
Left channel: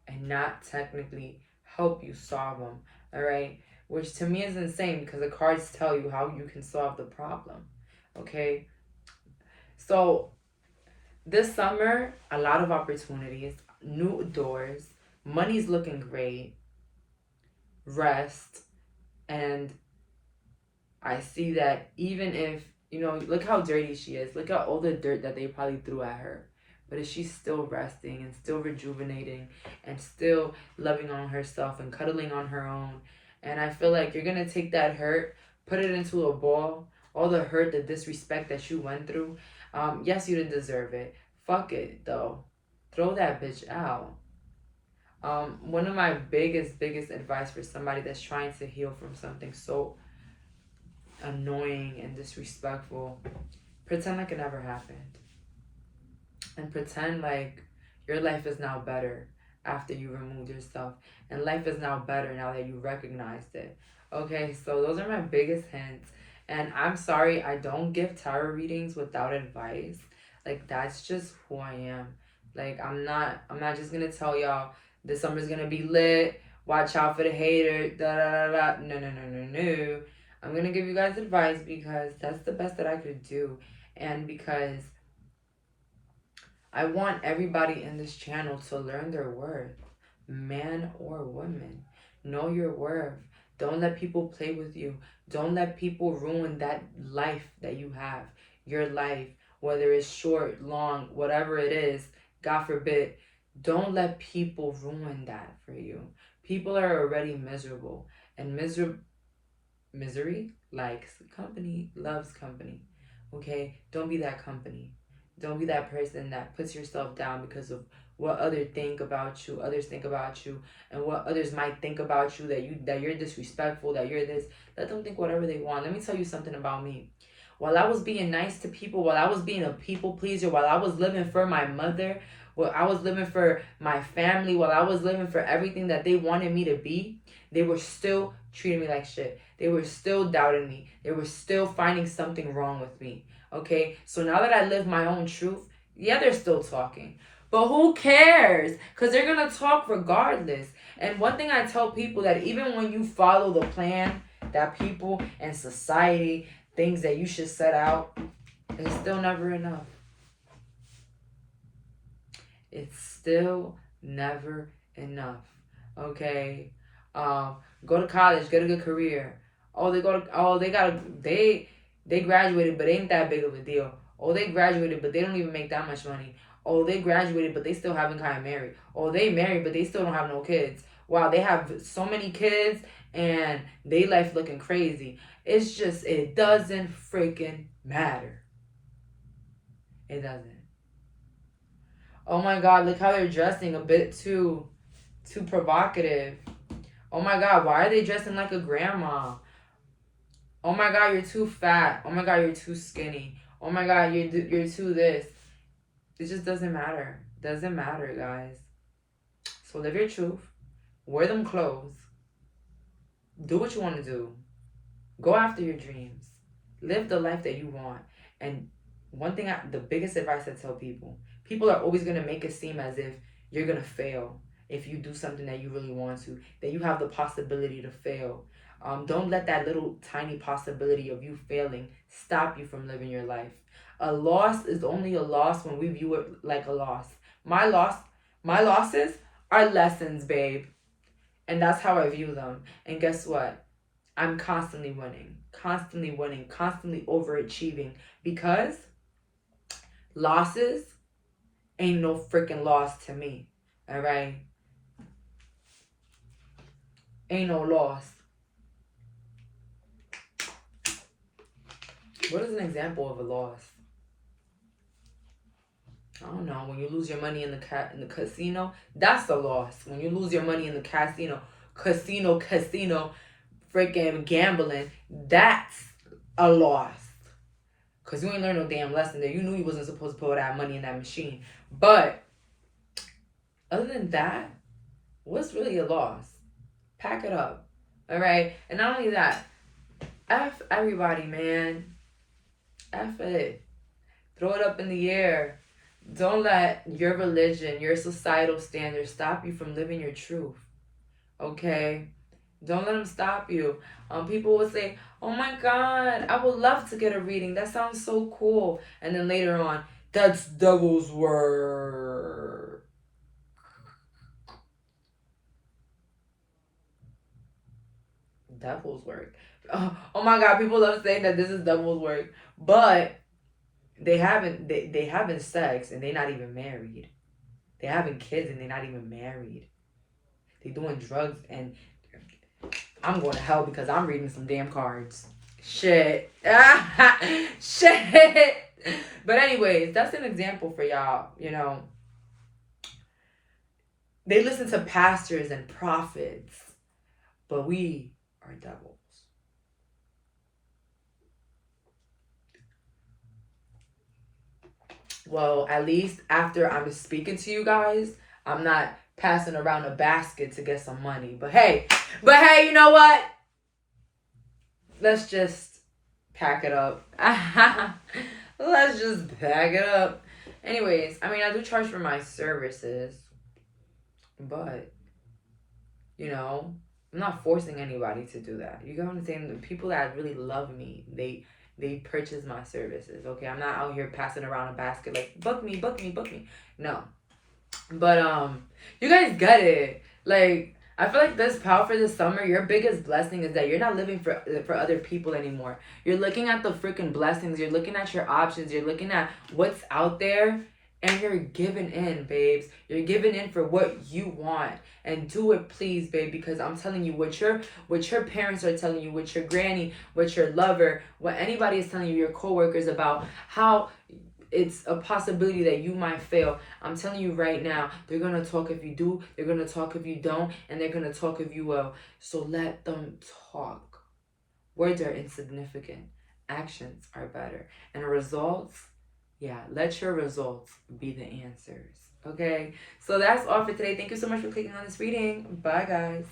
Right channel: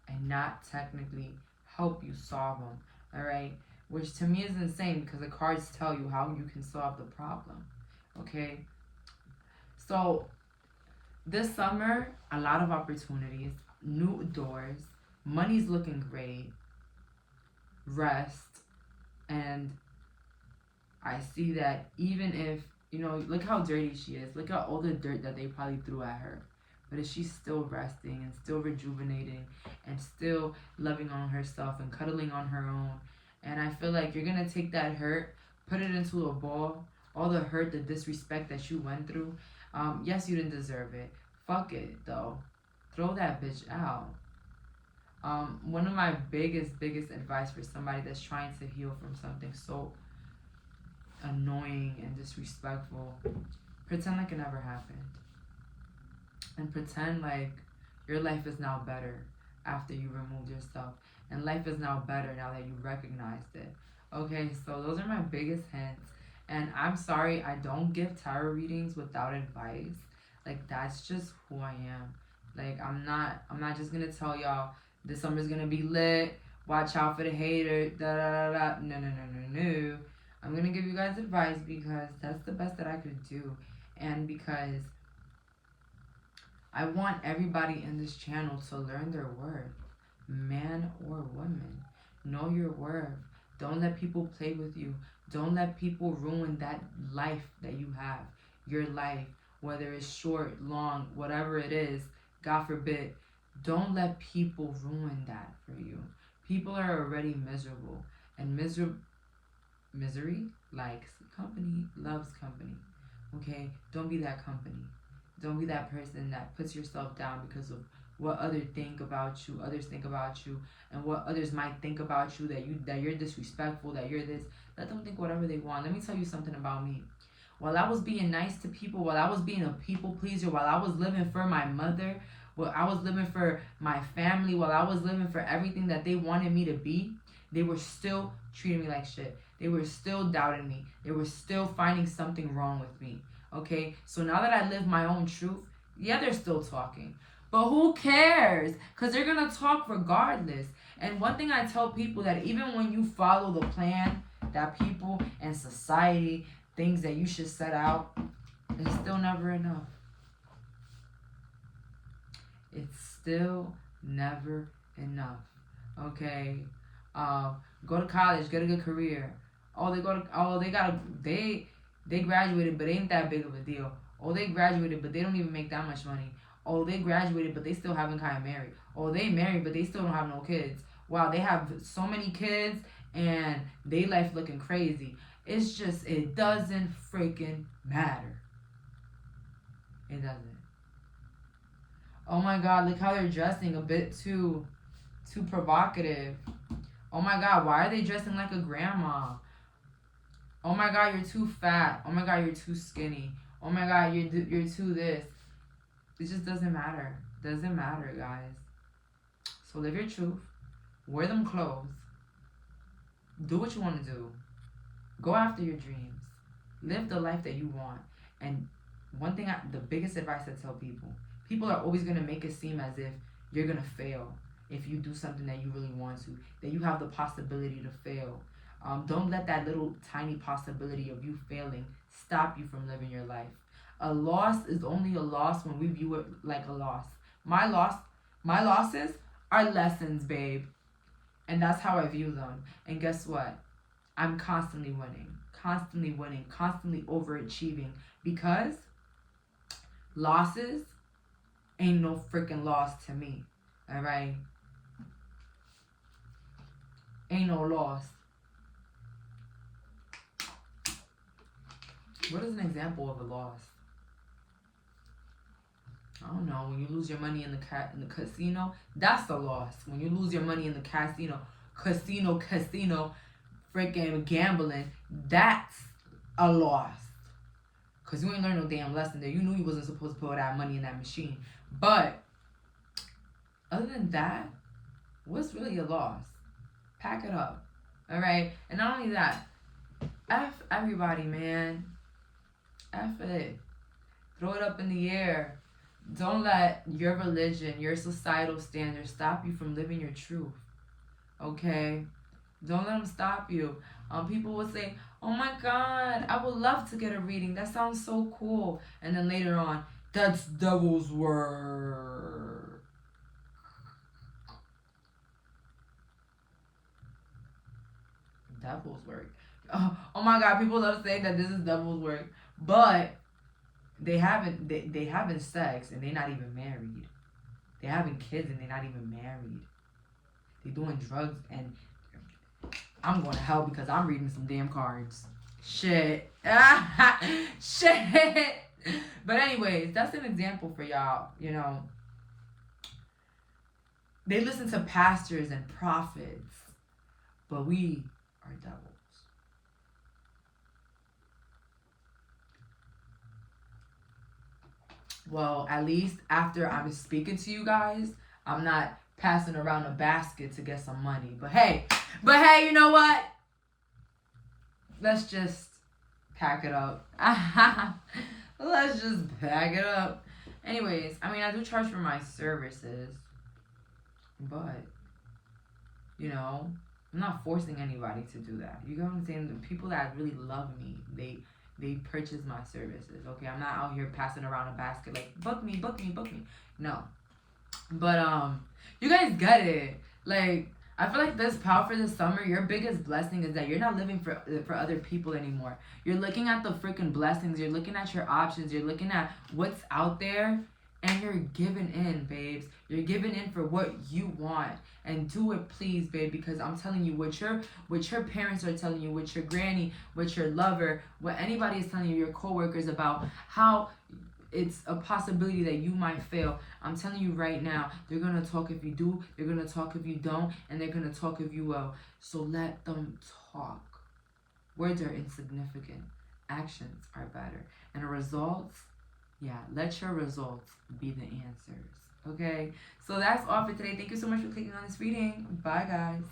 and not technically help you solve them, all right? Which to me is insane because the cards tell you how you can solve the problem, okay? So this summer, a lot of opportunities, new doors, money's looking great, rest, and I see that even if, you know, look how dirty she is. Look at all the dirt that they probably threw at her. But she's still resting and still rejuvenating and still loving on herself and cuddling on her own. And I feel like you're going to take that hurt, put it into a ball, all the hurt, the disrespect that you went through. Yes, you didn't deserve it. Fuck it, though. Throw that bitch out. One of my biggest advice for somebody that's trying to heal from something so annoying and disrespectful, pretend like it never happened. And pretend like your life is now better after you removed yourself. And life is now better now that you recognized it. Okay, so those are my biggest hints. And I'm sorry, I don't give tarot readings without advice. Like, that's just who I am. Like, I'm not just gonna tell y'all this summer's gonna be lit, watch out for the hater, da da da da. No. I'm going to give you guys advice because that's the best that I could do. And because I want everybody in this channel to learn their worth. Man or woman. Know your worth. Don't let people play with you. Don't let people ruin that life that you have. Your life. Whether it's short, long, whatever it is. God forbid. Don't let people ruin that for you. People are already miserable. And misery likes company, loves company. Okay? Don't be that company. Don't be that person that puts yourself down because of what others think about you, and what others might think about you, that you're disrespectful, that you're this. Let them think whatever they want. Let me tell you something about me. While I was being nice to people, while I was being a people pleaser, while I was living for my mother, while I was living for my family, while I was living for everything that they wanted me to be, they were still treating me like shit. They were still doubting me. They were still finding something wrong with me. Okay? So now that I live my own truth, yeah, they're still talking. But who cares? Because they're going to talk regardless. And one thing I tell people, that even when you follow the plan that people and society, things that you should set out, it's still never enough. It's still never enough. Okay? Go to college, get a good career. They graduated, but ain't that big of a deal. They graduated, but they don't even make that much money. They graduated, but they still haven't gotten married. They married, but they still don't have no kids. Wow, they have so many kids and they life looking crazy. It's just, it doesn't freaking matter. It doesn't. Oh my God, look how they're dressing, a bit too provocative. Oh my God, why are they dressing like a grandma? Oh my God, you're too fat. Oh my God, you're too skinny. Oh my God, you're too this. It just doesn't matter. Doesn't matter, guys. So live your truth. Wear them clothes. Do what you want to do. Go after your dreams. Live the life that you want. And one thing, the biggest advice I tell people are always going to make it seem as if you're going to fail if you do something that you really want to, that you have the possibility to fail. Don't let that little tiny possibility of you failing stop you from living your life. A loss is only a loss when we view it like a loss. My losses are lessons, babe. And that's how I view them. And guess what? I'm constantly winning, constantly overachieving, because losses ain't no freaking loss to me. All right? Ain't no loss. What is an example of a loss? I don't know. When you lose your money in the casino, that's a loss. When you lose your money in the casino, freaking gambling, that's a loss. Because you ain't learned no damn lesson there. You knew you wasn't supposed to put that money in that machine. But other than that, what's really a loss? Pack it up. All right? And not only that, F everybody, man. F it. Throw it up in the air. Don't let your religion, your societal standards stop you from living your truth. Okay? Don't let them stop you. People will say, oh my God, I would love to get a reading. That sounds so cool. And then later on, that's devil's work. Devil's work. Oh my God, people love saying that this is devil's work. But they having sex and they're not even married. They having kids and they're not even married. They doing drugs, and I'm going to hell because I'm reading some damn cards. Shit. Shit. But anyways, that's an example for y'all. You know, they listen to pastors and prophets, but we are devils. Well, at least after I'm speaking to you guys, I'm not passing around a basket to get some money. But hey, you know what? Let's just pack it up. Let's just pack it up. Anyways, I mean, I do charge for my services, but, you know, I'm not forcing anybody to do that. You get what I'm saying? The people that really love me, they purchase my services, okay? I'm not out here passing around a basket like, book me. No. But, you guys get it. Like, I feel like this power for this summer, your biggest blessing is that you're not living for other people anymore. You're looking at the freaking blessings. You're looking at your options. You're looking at what's out there. And you're giving in, babes. You're giving in for what you want. And do it, please, babe. Because I'm telling you, what your parents are telling you, what your granny, what your lover, what anybody is telling you, your coworkers, about how it's a possibility that you might fail. I'm telling you right now, they're going to talk if you do. They're going to talk if you don't. And they're going to talk if you will. So let them talk. Words are insignificant. Actions are better. And results... yeah, let your results be the answers, okay? So that's all for today. Thank you so much for clicking on this reading. Bye, guys.